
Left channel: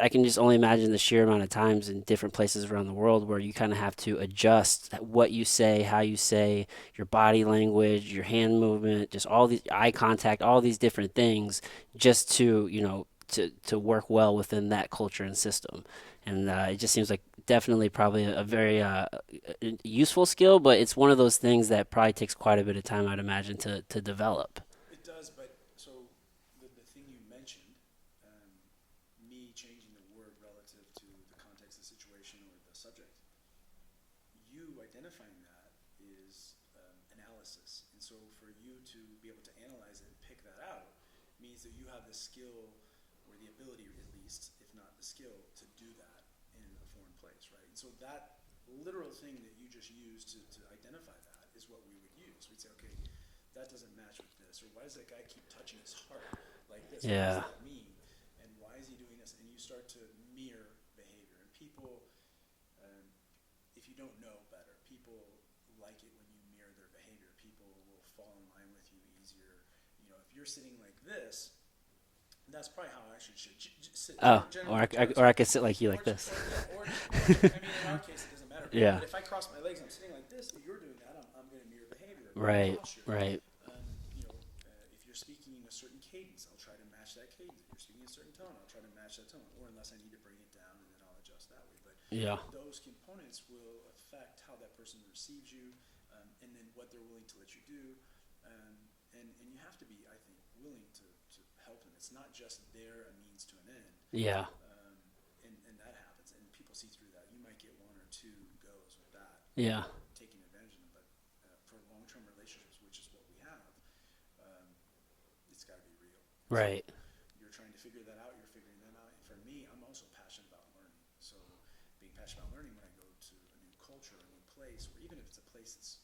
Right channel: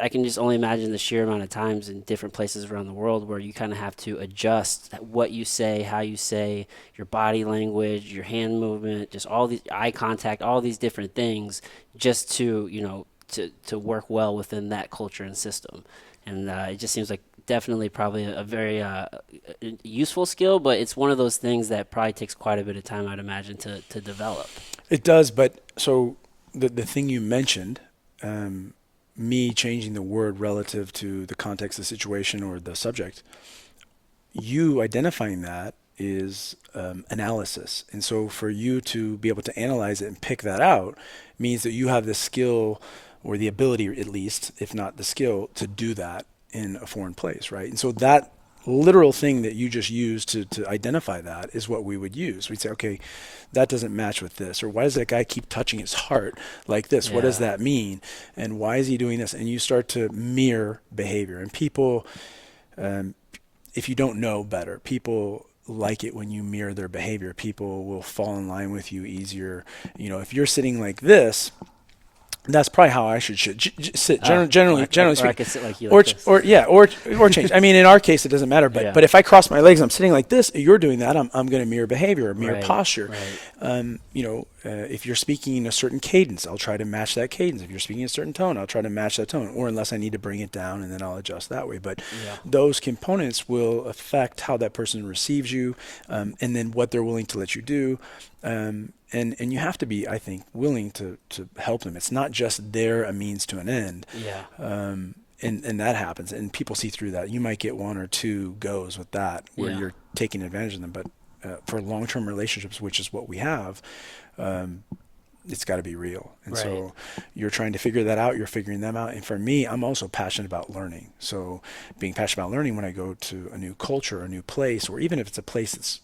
I can just only imagine the sheer amount of times in different places around the world where you kind of have to adjust what you say, how you say, your body language, your hand movement, just all these eye contact, all these different things just to work well within that culture and system. And it just seems like definitely probably a very useful skill, but it's one of those things that probably takes quite a bit of time, I'd imagine, to develop. It does, but so the thing you mentioned, me changing the word relative to the context of the situation or the subject, you identifying that is analysis. And so for you to be able to analyze it and pick that out means that you have the skill or the ability, at least, if not the skill, to do that in a foreign place, right? And so that literal thing that you just used to identify that is what we would use. We'd say, okay, that doesn't match with this, or why does that guy keep touching his heart like this? What does Yeah. that mean? And why is he doing this? And you start to mirror behavior. And people, um, if you don't know better, people like it when you mirror their behavior. People will fall in line with you easier. You know, if you're sitting like this, that's probably how I should sit. Generally, generally or I speaking, could sit like you like this. or change. I mean, in our case, it doesn't matter. But Yeah. but if I cross my legs, I'm sitting like this. You're doing that. I'm going to mirror behavior, or mirror Right, posture. right. If you're speaking in a certain cadence, I'll try to match that cadence. If you're speaking a certain tone, I'll try to match that tone. Or unless I need to bring it down, and then I'll adjust that way. But Yeah. those components will affect how that person receives you, and then what they're willing to let you do. And you have to be, I think, willing to help them. It's not just they're a means to an end. Yeah. And that happens, and people see through that. You might get one or two goes with that where Yeah. you're taking advantage of them, but for long-term relationships, which is what we have, it's got to be real. And Right. so you're trying to figure that out. You're figuring them out. And for me, I'm also passionate about learning. So being passionate about learning when I go to a new culture, a new place, or even if it's a place that's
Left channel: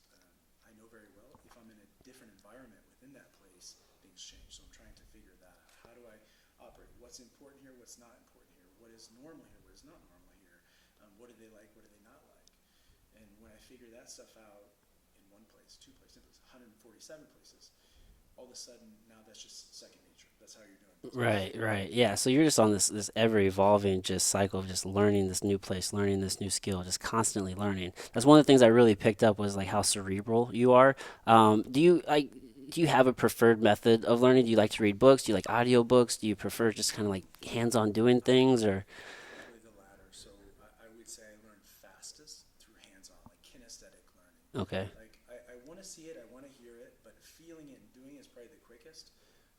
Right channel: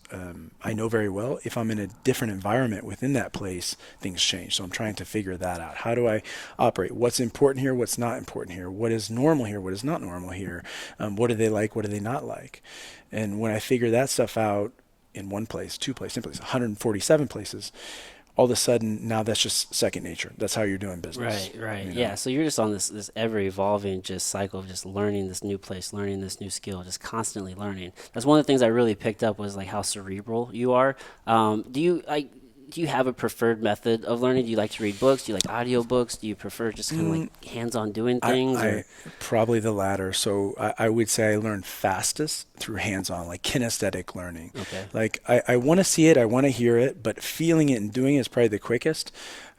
I know very well, if I'm in a different environment within that place, things change. So I'm trying to figure that out. How do I operate? What's important here? What's not important here? What is normal here? What is not normal here? What do they like? What do they not like? And when I figure that stuff out in one place, two places, 10 places, 147 places, all of a sudden now that's just second nature. That's how you're doing business. Right. You Yeah. know? So you're just on this ever evolving just cycle of just learning this new place, learning this new skill, just constantly learning. That's one of the things I really picked up was like how cerebral you are. Do you have a preferred method of learning? Do you like to read books? Do you like audiobooks? Do you prefer just kind of like hands-on doing things? I probably the latter. So I would say I learn fastest through hands-on, like kinesthetic learning. Okay. Like I want to see it, I want to hear it, but feeling it and doing it is probably the quickest.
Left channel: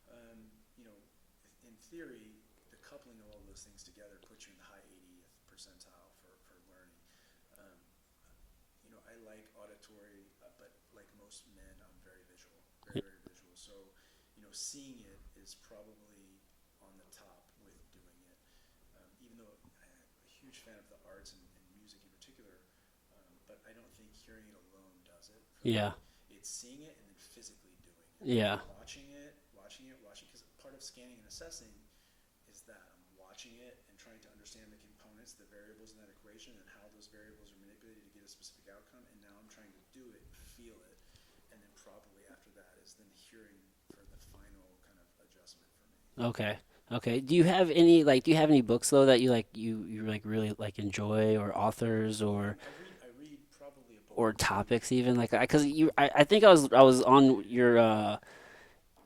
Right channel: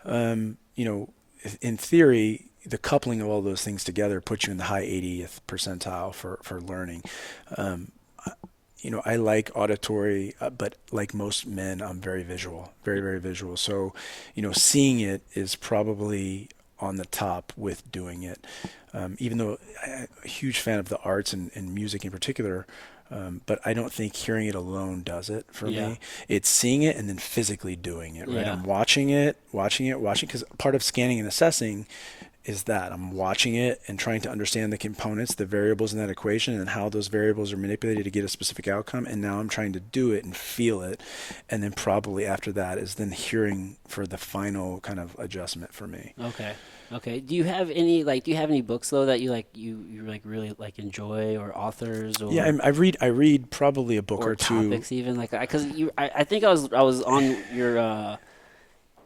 In theory, the coupling of all those things together puts you in the high 80th percentile for learning. I like auditory, but like most men, I'm very visual, very, very visual. So, seeing it is probably on the top with doing it. Even though I'm a huge fan of the arts and music in particular, but I don't think hearing it alone does it for Yeah. me. It's seeing it and then physically doing it. Right? Yeah. I'm watching it, because part of scanning and assessing is that I'm watching it and trying to understand the components, the variables in that equation, and how those variables are manipulated to get a specific outcome. And now I'm trying to do it and feel it. And then probably after that is then hearing for the final kind of adjustment for me. Okay. Do you have any books though that you like really like enjoy, or authors, or Yeah, I read probably a book or two. topics even like I think I was on your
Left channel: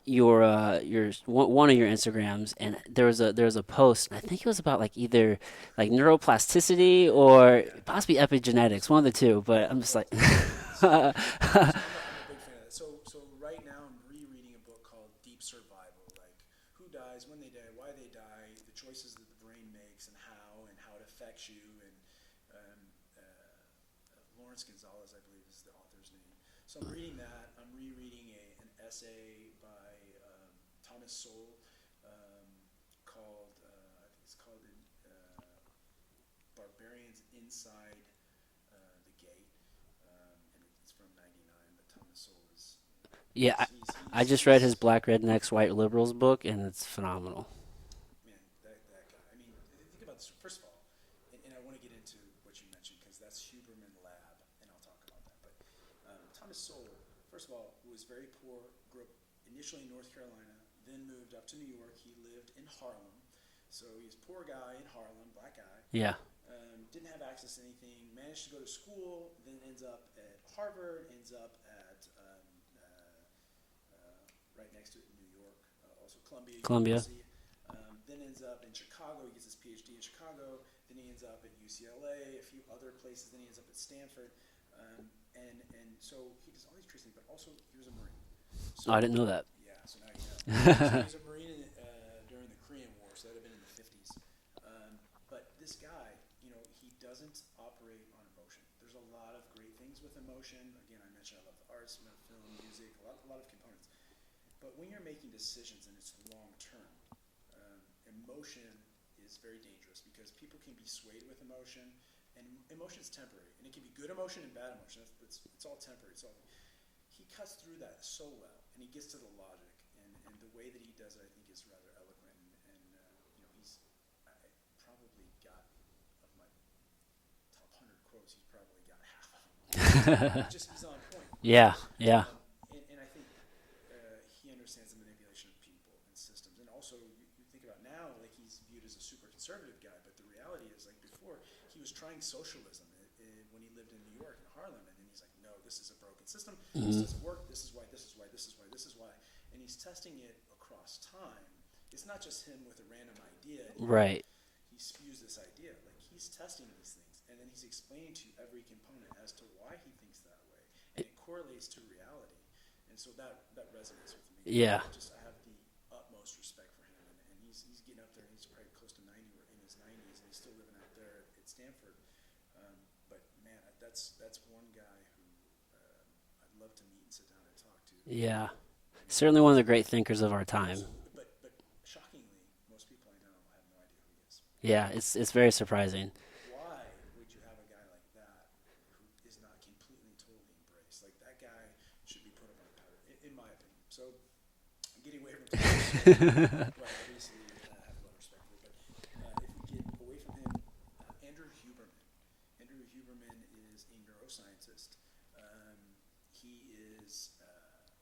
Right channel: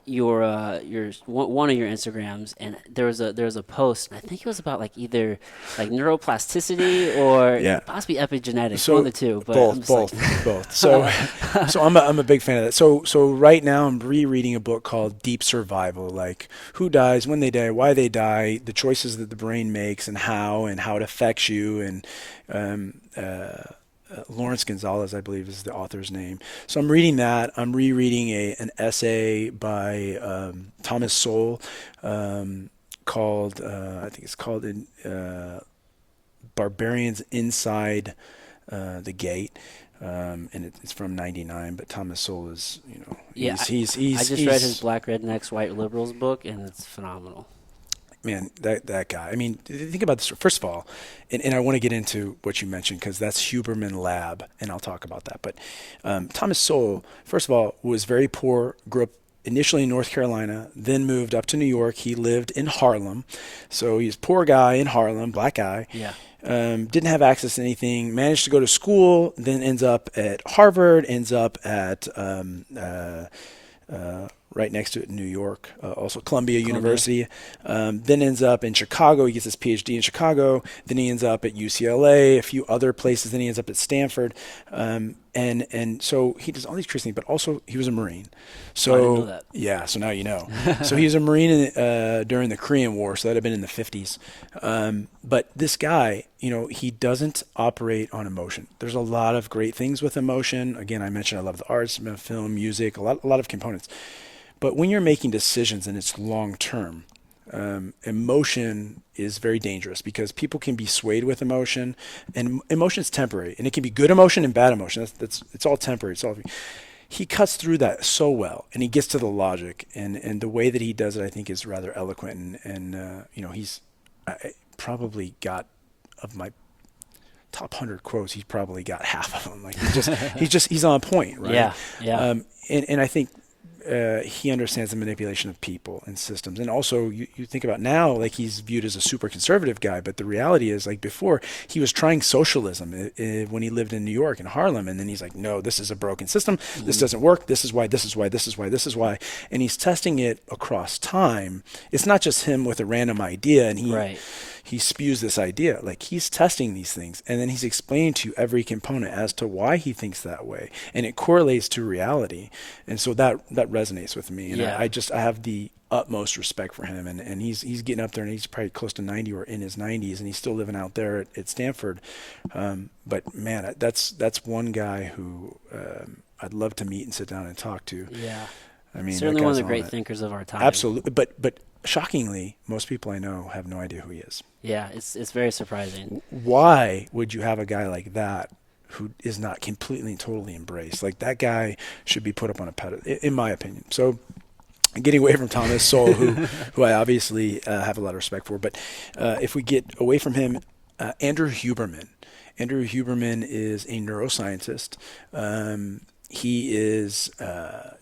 one of your Instagrams, and there was a post, and I think it was about like either like neuroplasticity or Yeah. possibly epigenetics, So one of the two. But I'm just both. So I'm a big fan of that. So right now I'm rereading a book called Deep Survival, like who dies, when they die, why they die, the choices that the brain makes, and how it affects you, and Lawrence Gonzalez, I believe, is the author's name. So I'm reading that. I'm rereading an essay by Thomas Sowell called, I think it's called Barbarians Inside the Gate. And it's from '99, but Thomas Sowell is, yeah. he's I just read his Black Rednecks, White Liberals book, and it's phenomenal. Man, that guy. I mean, think about this. First of all, and I want to get into what you mentioned because that's Huberman Lab, and I'll talk about that. But Thomas Sowell, first of all, was very poor, grew up initially in North Carolina, then moved up to New York. He lived in Harlem. So he's a poor guy in Harlem, black guy. Yeah. Didn't have access to anything, managed to go to school, then ends up at Harvard, ends up at right next to it in New York, also Columbia University. Then ends up in Chicago. He gets his PhD in Chicago. Then he ends up at UCLA, a few other places. Then he ends up at Stanford. And so he does all these crazy things, but also he was a Marine. So I didn't know that. Yeah, so now you know. So he was a Marine during the Korean War, so that had been in the 50s. But this guy, he doesn't operate on emotion. There's a lot of great things with emotion. Again, I mentioned I love the arts, film, music, a lot of components. But when you're making decisions and it's long term, emotion is very dangerous because people can be swayed with emotion, and emotion is temporary, and it can be good emotion and bad emotion. It's all temporary. He cuts through that so well, and he gets to the logic, and the way that he does it, I think, is rather eloquent. And he's probably got, of my top 100 quotes, he's probably got half of them. Like he's on point, right? Yeah. And I think he understands the manipulation of people and systems. And also you think about now, like he's viewed as a super conservative guy, but the reality is, like, before he was trying socialism when he lived in New York in Harlem. And then he's like, no, this is a broken system. This doesn't work. This is why, this is why, this is why, this is why. And he's testing it across time. It's not just him with a random idea and he spews this idea. Like, he's testing these things, and then he's explaining to every component as to why he thinks that way, and it correlates to reality. And so that resonates with me. Yeah. I have the utmost respect for him, and he's getting up there, and he's probably close to 90 or in his 90s, and he's still living out there at Stanford. But man, that's one guy who I'd love to meet and sit down and talk to. Yeah. I mean, certainly one of the great thinkers of our time. Absolutely. But shockingly, most people I know have no idea who he is. Yeah, it's very surprising. Why would you have a guy like that who is not completely and totally embraced? Like, that guy should be put up on a pedestal, in my opinion. So, getting away from Thomas Sowell, who I obviously have a lot of respect for, but if we get away from him, Andrew Huberman. Andrew Huberman is a neuroscientist. He is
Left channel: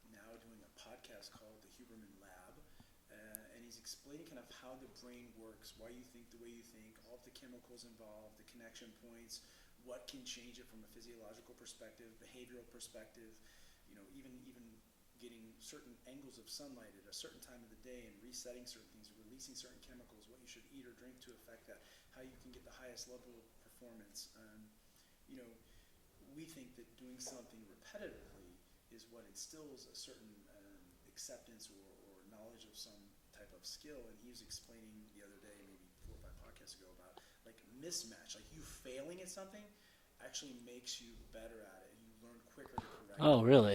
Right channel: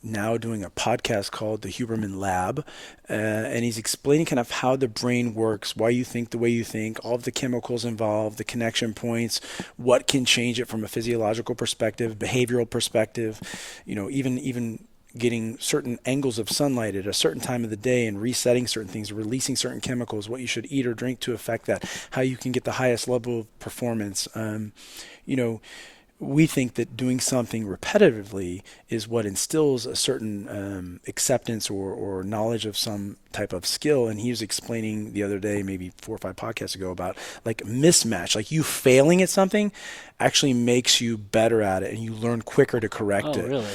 now doing a podcast called The Huberman Lab, and he's explaining kind of how the brain works, why you think the way you think, all of the chemicals involved, the connection points, what can change it from a physiological perspective, behavioral perspective, even getting certain angles of sunlight at a certain time of the day and resetting certain things, releasing certain chemicals, what you should eat or drink to affect that, how you can get the highest level of performance. We think that doing something repetitively is what instills a certain acceptance or knowledge of some type of skill. And he was explaining the other day, maybe 4 or 5 podcasts ago, about like mismatch, like you failing at something actually makes you better at it, and you learn quicker to correct it. Oh, really?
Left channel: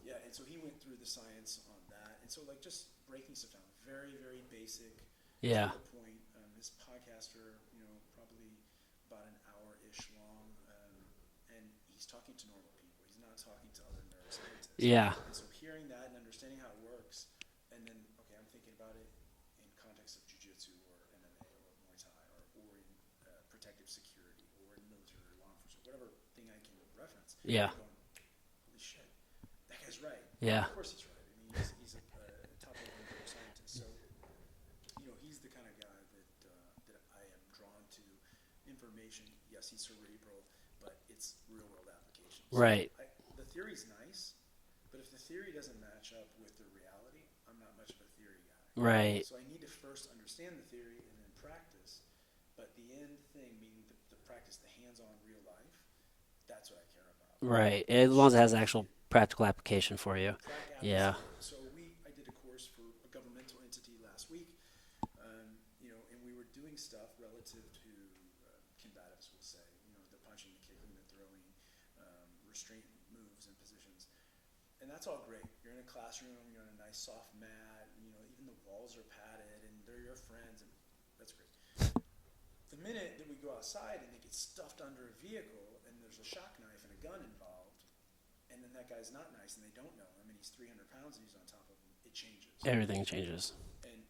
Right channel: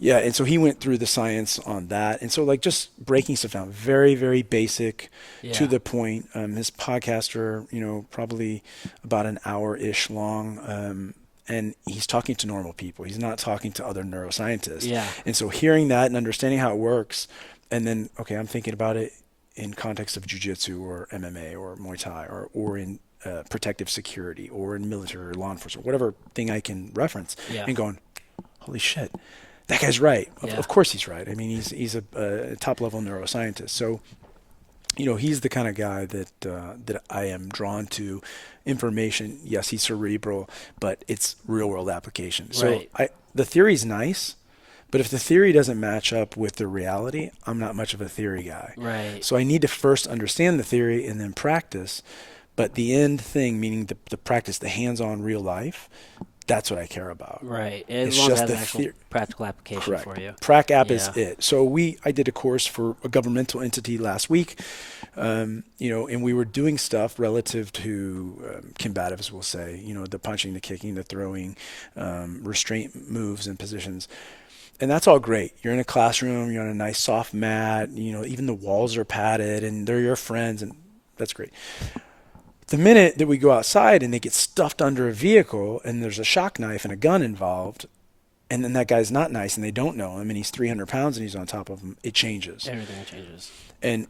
Yeah. And so he went through the science on that. And so, like, just breaking stuff down, very, very basic, to the point. His podcasts are, probably about an hour-ish long. And he's talking to normal people. He's not talking to other neuroscientists. Yeah. And so hearing that and understanding how it works, and then, okay, I'm thinking about it in context of jiu-jitsu or MMA or Muay Thai or in protective security or in military or law enforcement, whatever thing I can reference, and going, holy shit, that guy's right. Of course he's right. I mean, he's a top-level neuroscientist. So, he's the kind of guy that I am drawn to. Information, yes, he's cerebral, but it's real-world application. So the theory's nice, but if the theory doesn't match up with the reality, I'm not much of a theory guy. Right. So I need to first understand the theory and then practice. But the end thing, meaning the practice, the hands-on real life, that's what I care about. Right. As long as it has an actual practical application for you. Prac app is it. So I did a course for a governmental entity last week, and we were doing stuff relative to combatives, we'll say, the punching, the kicking, the throwing, restraint moves and positions. And that's all great. You're in a classroom, you're on a nice soft mat, even the walls are padded and they're your friends, and that's great. The minute that we go outside and they get stuffed under a vehicle and there's a shock knife and a gun involved, and then that guy's not nice and they don't know him and he's 300 pounds and he's on top of them, it changes. Everything changes.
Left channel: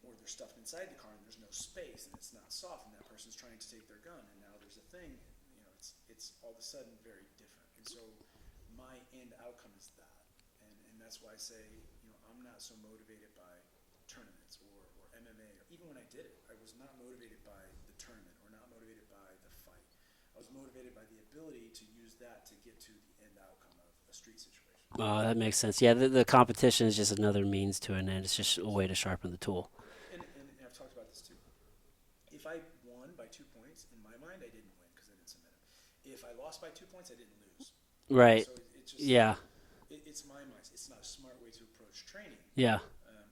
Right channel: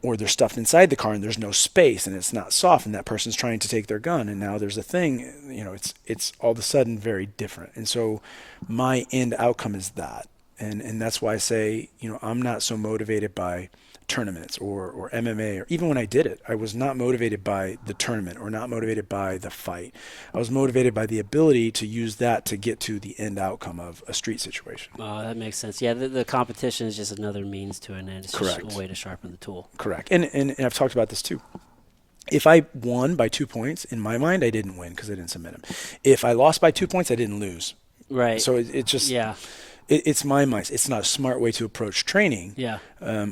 Or they're stuffed inside the car and there's no space and it's not soft and that person's trying to take their gun and now there's a thing, it's all of a sudden very different. And so my end outcome is that. And that's why I say, I'm not so motivated by tournaments or MMA, or even when I did it, I was not motivated by the tournament or not motivated by the fight. I was motivated by the ability to use that to get to the end outcome of a street situation. Oh, that makes sense. Yeah, the competition is just another means to an end. It's just Correct. a way to sharpen the tool. Correct. And I've talked about this too. If I won by 2 points, in my mind, I didn't win because I didn't submit him. If I lost by 2 points, I didn't lose. Right. So it just, yeah. It's my mind. It's not a smart way to approach training Yeah.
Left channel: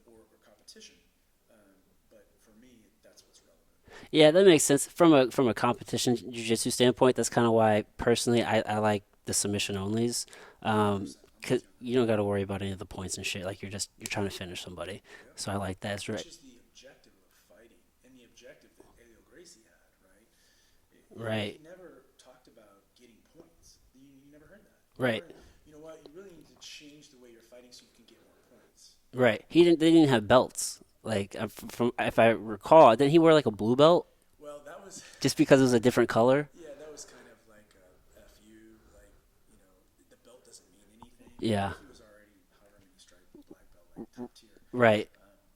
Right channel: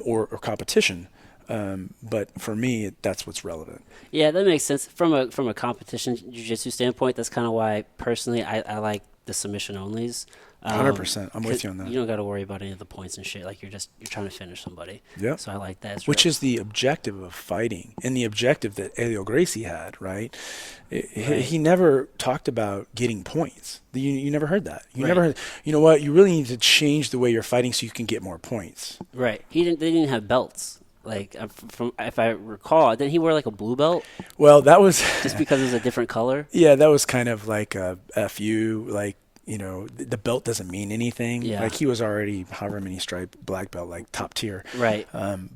or competition. But for me, that's what's relevant. Yeah, that makes sense. From a competition jiu-jitsu standpoint, that's kind of why personally I like the submission onlys. 100%. I'm with you on that. You don't got to worry about any of the points and shit. Like you're trying to finish somebody. Yeah. So I like that. Which is the objective of fighting, and the objective that Elio Gracie had, right? He never talked about getting points. You never heard that. You never heard, you know what? You really need to change the way you're fighting so you can get more points. Right. They didn't have belts. Like from if I recall, didn't he wear like a blue belt? Well, that was just because it was a different color. Yeah, that was kind of like a FU, like, you know, the belt doesn't mean anything. Yeah. Like he was already however many stripe black belt, like top tier. Right.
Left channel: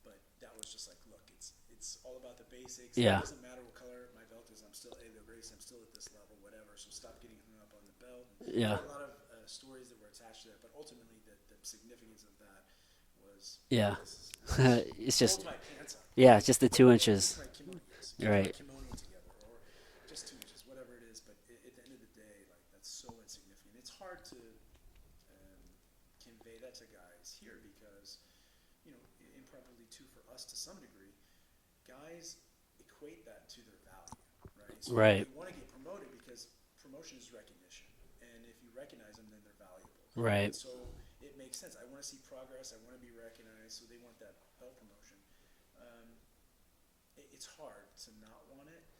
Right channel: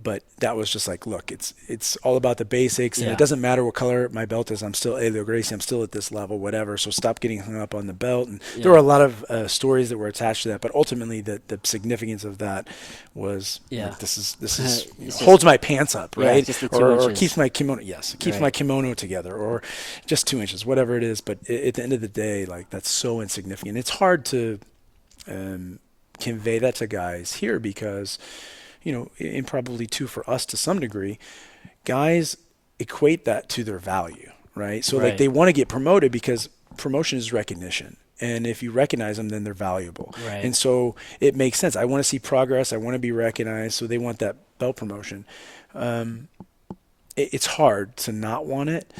But that was just like, look, it's all about the basics. Yeah. And it doesn't matter what color my belt is. I'm still Elio Gracie. I'm still at this level, whatever. So stop getting hung up on the belt. And there were a lot of stories that were attached to that. But ultimately, the significance of that was, like, this is holds my pants up, right? Yeah, just the 2 inches. Or keeps my kimono, keeps my kimono together, or just 2 inches, whatever it is. But at the end of the day, like, that's so insignificant. It's hard to convey that to guys here because, you know, and probably too for us to some degree, guys equate that to their value, right? So like they want to get promoted because promotion is recognition. And if you recognize them, then they're valuable. Right. And so it makes sense. I want to see progress. I want to be recognized. So they want that belt promotion. It's hard to not want it,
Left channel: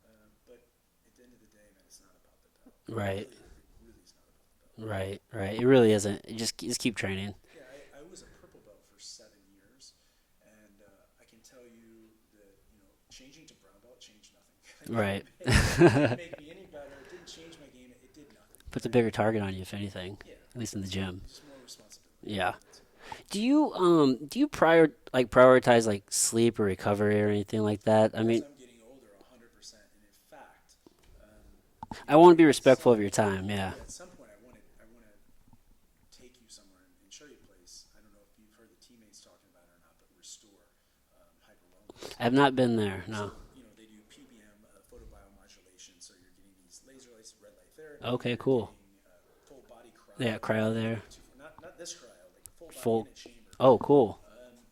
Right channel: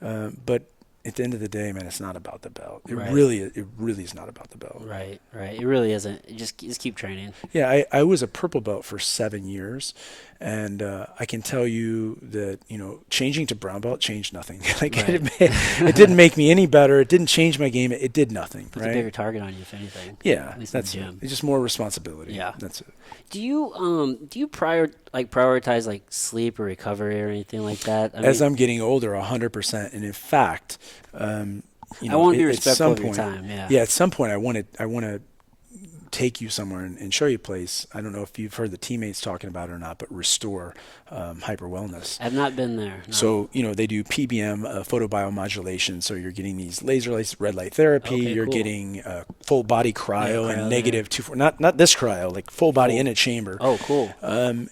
but at the end of the day, man, it's not about the belt. It really is not about the belt. Right. It really isn't. Just keep training. Yeah, I was a purple belt for 7 years, and I can tell you that, you know, changing to brown belt changed nothing. Like it didn't make me any better. It didn't change my game. It did nothing. Puts a bigger target on you, if anything. Yeah, at least in the gym. It's just more responsibility. Yeah, that's it. Do you prioritize like sleep or recovery or anything like that? As I'm getting older, 100%, and in fact, you know, I want to be respectful of your time. Yeah. At some point, I want to take you somewhere and show you a place. I don't know if you've heard the teammates talking about it or not, but Restore Hyper Wellness. I've not been there. No. So, you know, they do PBM, photobiomodulation. So you're getting these laser lights, red light therapy. Okay, you're cool. getting full body cryo, cryo and negative 2.4. Not this cryo, like full body in a chamber. Oh, cool.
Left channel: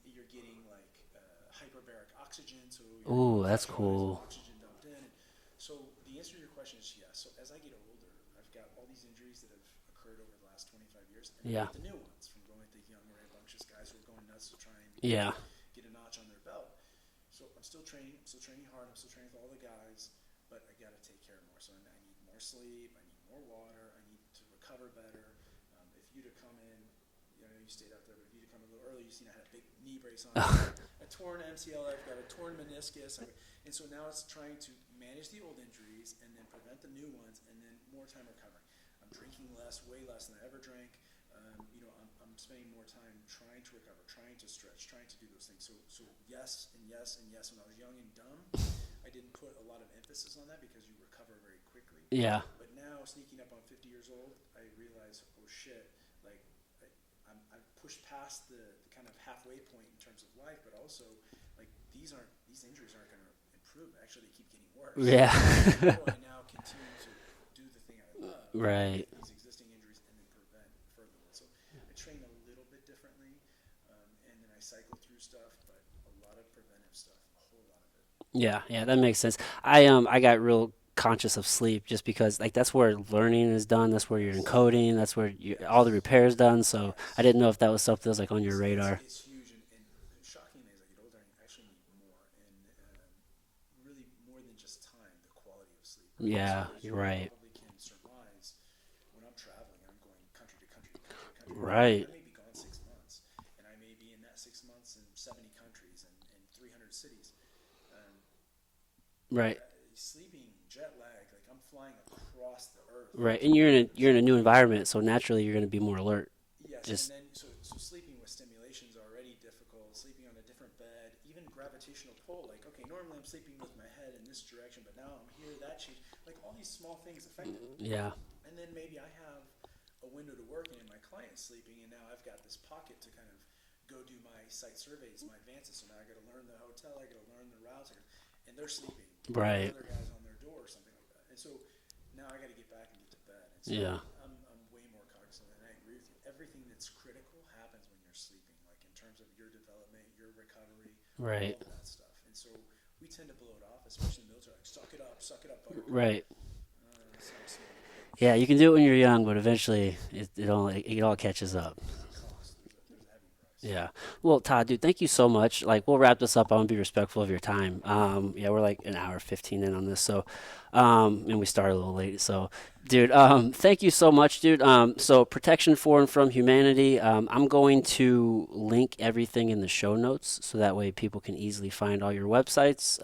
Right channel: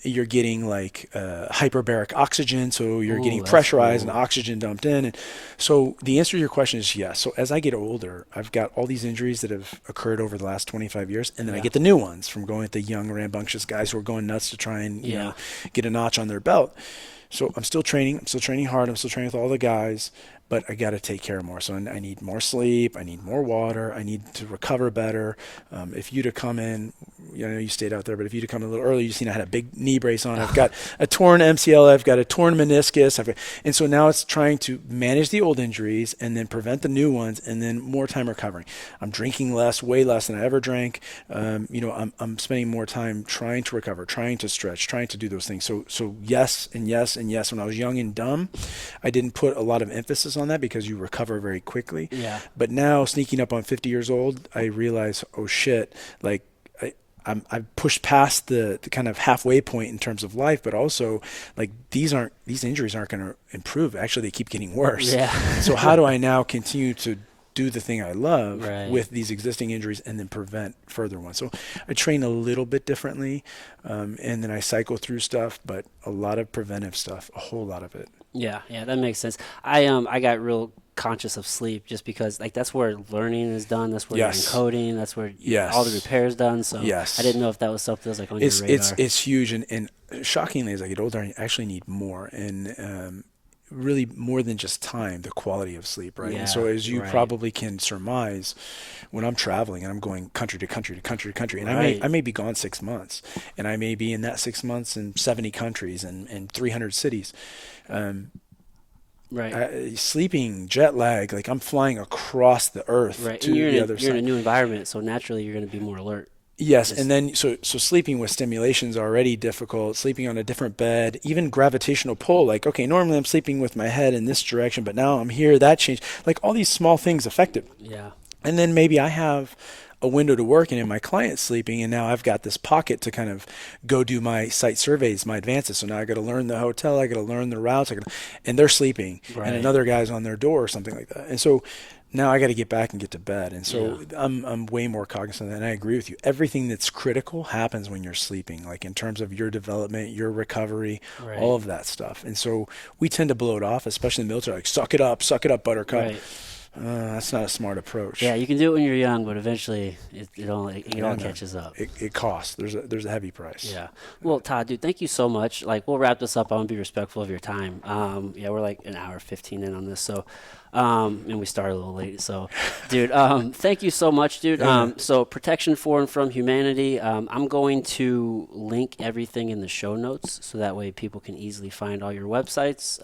You're getting like hyperbaric oxygen. So you're getting that's pressurized cool. and oxygen dumped in. And so the answer to your question is yes. So as I get older, I've got all these injuries that have occurred over the last 25 years. And then I get the new ones from going with the young, rambunctious guys who are going nuts to try and you know, get a notch on their belt. So I'm still training. I'm still training hard. I'm still training with all the guys. But I got to take care more. So I need more sleep. I need more water. I need to recover better. If you'd have come in, I know you stayed out there, but if you'd have come in a little earlier, you'd seen I had a big knee brace on. I've got a torn MCL. I've got a torn meniscus. And so now it's trying to manage the old injuries and then prevent the new ones and then more time recovering. I'm drinking less, way less than I ever drank. You know, I'm spending more time trying to recover, trying to stretch, trying to do those things. So yes and yes and yes. When I was young and dumb, I didn't put a lot of emphasis on that because you recover very quickly. Yeah. But now, sneaking up on 50 years old, I realize, oh shit, like I've pushed past the kind of halfway point in terms of life, but also like these injuries aren't going to improve. Actually, they keep getting worse. Yeah. So how do I now continue to do the thing I love with these existing injuries and then prevent further ones? So I train a little bit differently, and then I cycle through stuff, but a lot of preventive stuff, a whole lot of it. Yeah, that makes sense. I got real conscious of sleep just because like that's where learning is done. That's where you're encoding. That's where all the repairs done. So I didn't know if that was something that was like on your radar. It's huge, and shockingly, as I get older, I actually need more, and really more than just time, the quality of sleep, right? And so as you probably can surmise, when I'm traveling and I'm going country to country to country to country, and I may be gone 6 months, and I may be in that 6 months in 70 countries and 300 cities. Sleeping, jet lag, like I'm flying across the earth. Right, and you're in a new environment, so naturally you're going to be more alert. Yes, Just and then so sleeping with stimulation is already difficult. Sleeping on a different bed, even gravitational pull. Like, okay, normally I'm sleeping with my head in this direction, but now I'm here. That changed. Like all these small things affect it. yeah, And then maybe I have a window to work, and in my client's sleeping, and now I've got this pocket to kind of go do my site surveys, my advances. So now I got to learn the hotel, I got to learn the routes, and they're sleeping, and right, another guy's on their door or something like that. And so now I got to get back and get to bed. And yeah, so I'm way more cognizant of that. And I agree with you. Everything that's critical happens when you're sleeping, like in terms of your development, your recovery, all right, of that stuff. And so we tend to blow it off, especially in the military, like suck it up, buttercup. right. That's not a smart approach. Yeah, you can do it when you're young, but eventually it all And catches up. it costs. There's a heavy price. Yeah. Well, Todd, dude, thank you so much. Like, we'll wrap this up. I want to be respectful of your time. Yeah, we're like an hour 15 in on this, so and we started a little late. So, dude, thank you so much, dude. So protection for and from humanity. I'm going to link everything in the show notes so that way people can easily find all your websites.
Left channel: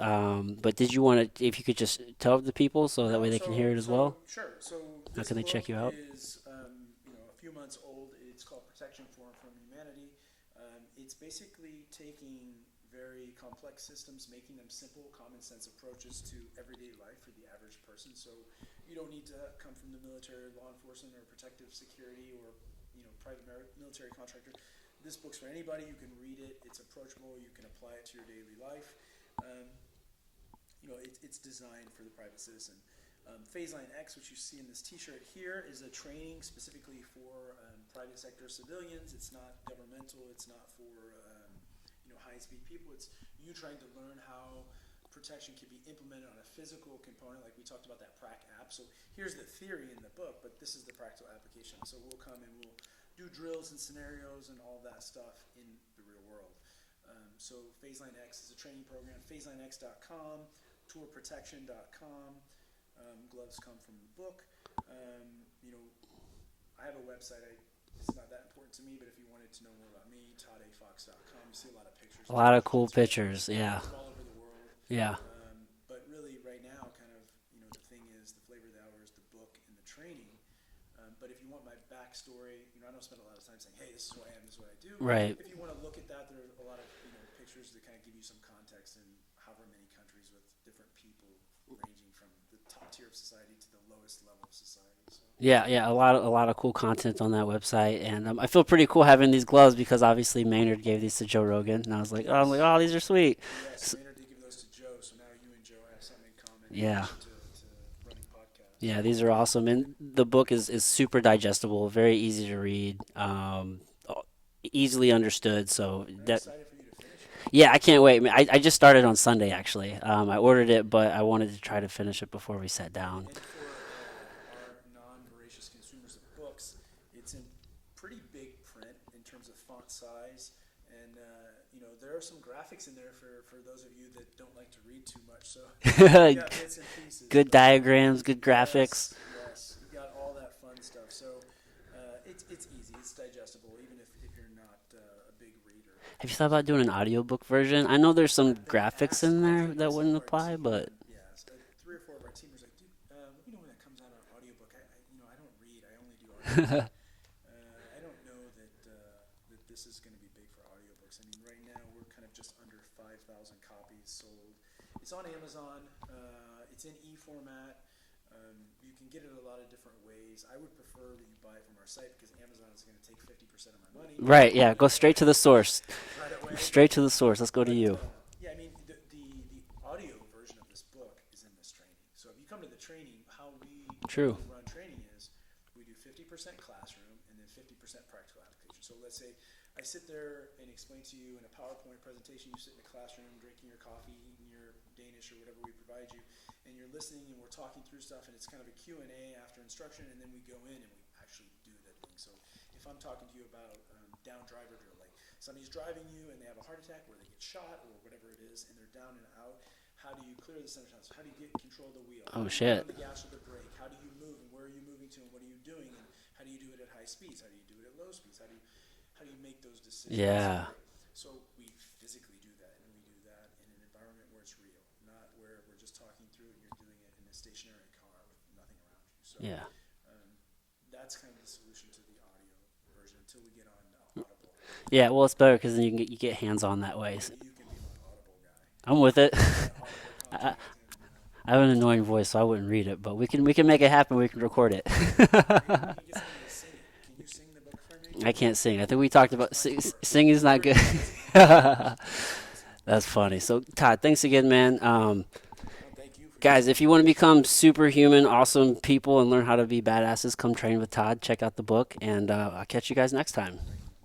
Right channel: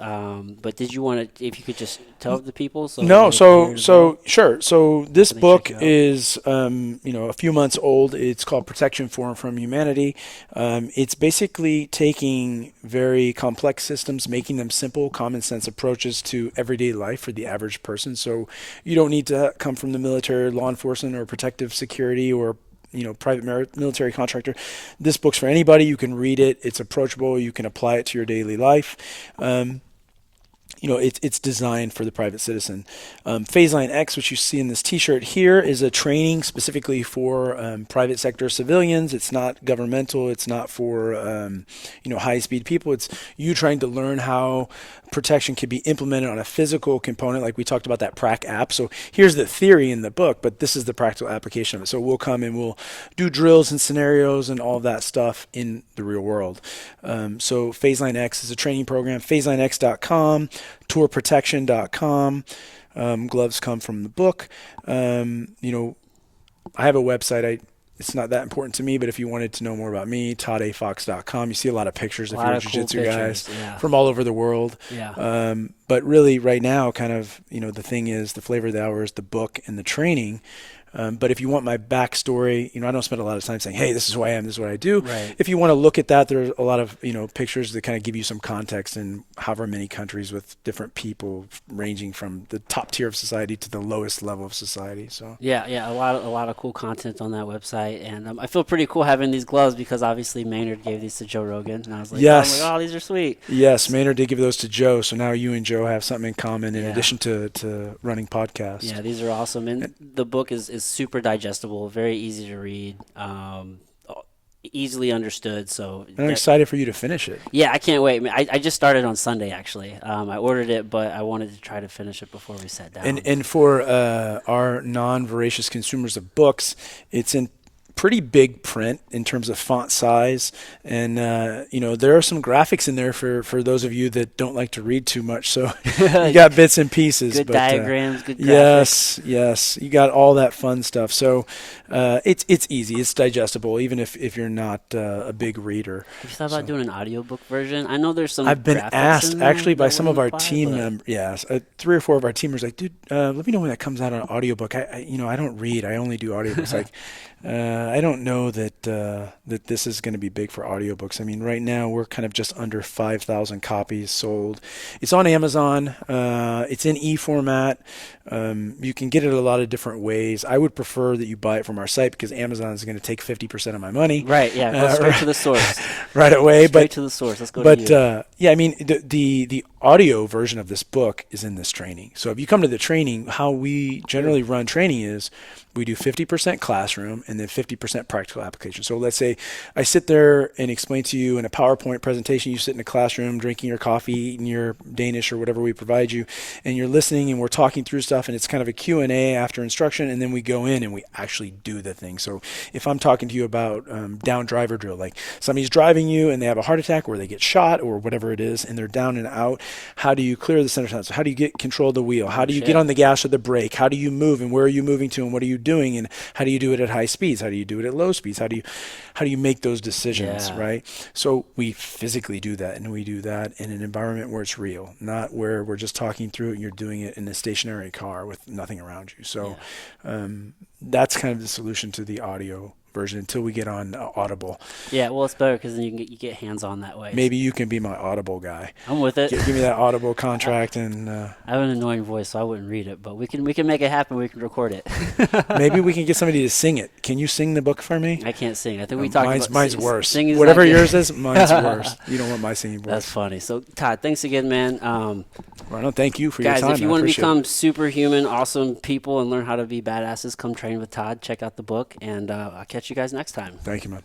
But did you want to, if you could just tell the people so No, that they can hear it as well? sure. So this Can they book check you out? is, a few months old. It's called Protection for and from Humanity. It's basically taking very complex systems, making them simple, common sense approaches to everyday life for the average person. So you don't need to come from the military, law enforcement, or protective security, or private military contractor. This book's for anybody. You can read it. It's approachable. You can apply it to your daily life. It's designed for the private citizen. Phase Line X, which you see in this T-shirt here, is a training specifically for private sector civilians. It's not governmental. It's not for high-speed people. It's you trying to learn how protection can be implemented on a physical component, like we talked about that PRAC app. So here's the theory in the book, but this is the practical application of it. So we'll come and we'll do drills and scenarios and all of that stuff in the real world. So Phase Line X is a training program. PhaseLineX.com, tourprotection.com. Gloves come from the book. I have a website. It's not that important to me, but if you wanted to know more about me, ToddFox.com. You see a lot of pictures A of lot your of cool jiu-jitsu pictures. guys Yeah. from all over the world. Yeah. But really, right now, kind of, the thing is, the flavor of the hour is the book and the training. But if you want my backstory, I don't spend a lot of time saying, hey, this is who I am, this is what I do. Right. If you want to look at that, there's a lot of, pictures that kind of give you some context in however many countries with different people ranging from the top tier of society to the lowest level of society. So Yeah, a lot of cool content on that website, and I feel pretty cool having these gloves because obviously Maynard gave these to Joe Rogan, and I was like, Yes. oh, these are sweet. Yes, Maynard did give those to Joe, so now you and Joe have something in common in Yeah. addition to running podcasts. Yeah, these are awesome, and the book is super digestible, very easy to read, easily understood. So And I'm excited for you to finish it. yeah, I can't wait. I just started on Sunday actually. I ordered it, but I wanted to try to finish it before we sat down. And for our non-voracious consumers of books, it's in pretty big print in terms of font size, and there are some graphics in there for those of you that don't like to read too much. So you got bits and pieces, good but, diagrams, good graphics. Yes, you got all that fun stuff. So it's easy, it's digestible, even if you're not a big reader. Have you thought about doing an audiobook version? I know there's some I've been graphics asked in there actually by that some of our wouldn't apply, team but- members. Yes, 3 or 4 of our team members like, dude, let me know when that comes out on audiobook. I don't read. I only do audiobooks. Like, I don't know that this is going to be big for audiobooks. I mean, right now we're kind of just under 5,000 copies sold. It's on Amazon. It's in e-format. You can get it a lot of different ways. I would prefer that you buy it from our site because Amazon is going to take 50% of my money. Right, yeah, go straight to the source. Right away. Straight to the source. Let's go to you. Yeah, I mean, the audio version of this book is in this training. So if you come to the training, how we generally run training is we do 50% classroom and then 50% practical application. So let's say I sit there and explain to you in a PowerPoint presentation, you sit in a classroom drinking your coffee, eating your Danish or whatever we provide you, and you're listening and we're talking through stuff, and it's kind of a Q&A after instruction, and then we go in and we actually do the thing. So if I'm talking to you about down driver drill, like somebody's driving you and they have a heart attack or they get shot or whatever it is, and they're down and out, how do you clear the center console? How do you get control of the wheel? How do you get on the gas or the brake? How do you move, and where are you moving to, and what are you doing, and how do you do it at high speeds? How do you do it at low speeds? How do you make those decisions, right? So we physically do that, and we do that in an environment where it's real, not where we're just talking through it and you're doing it in a stationary car with nothing around you. So that's kind of the solution to the audio version until we get on Audible. Yeah, well, it's better because then you get hands on that way. Maybe you can be my Audible guy. I'm with it. Give me that Audible contract, and I have an annoying voice, so I wouldn't read it, but we can make it happen. We can record it. maybe we can get somebody to sing it. Can you sing the book for me? I can't sing. I think we talked about mine's worse. Singing is Whatever not good. yours is, mine's worse. You don't want my singing voice. That's funny. So Todd, thanks again, man. Well, no, thank you for guys, your time. if you want to become superhuman, awesome people and learn how to be badasses, come train with Todd. Check out the book, and I'll catch you guys next time. Thank you, man.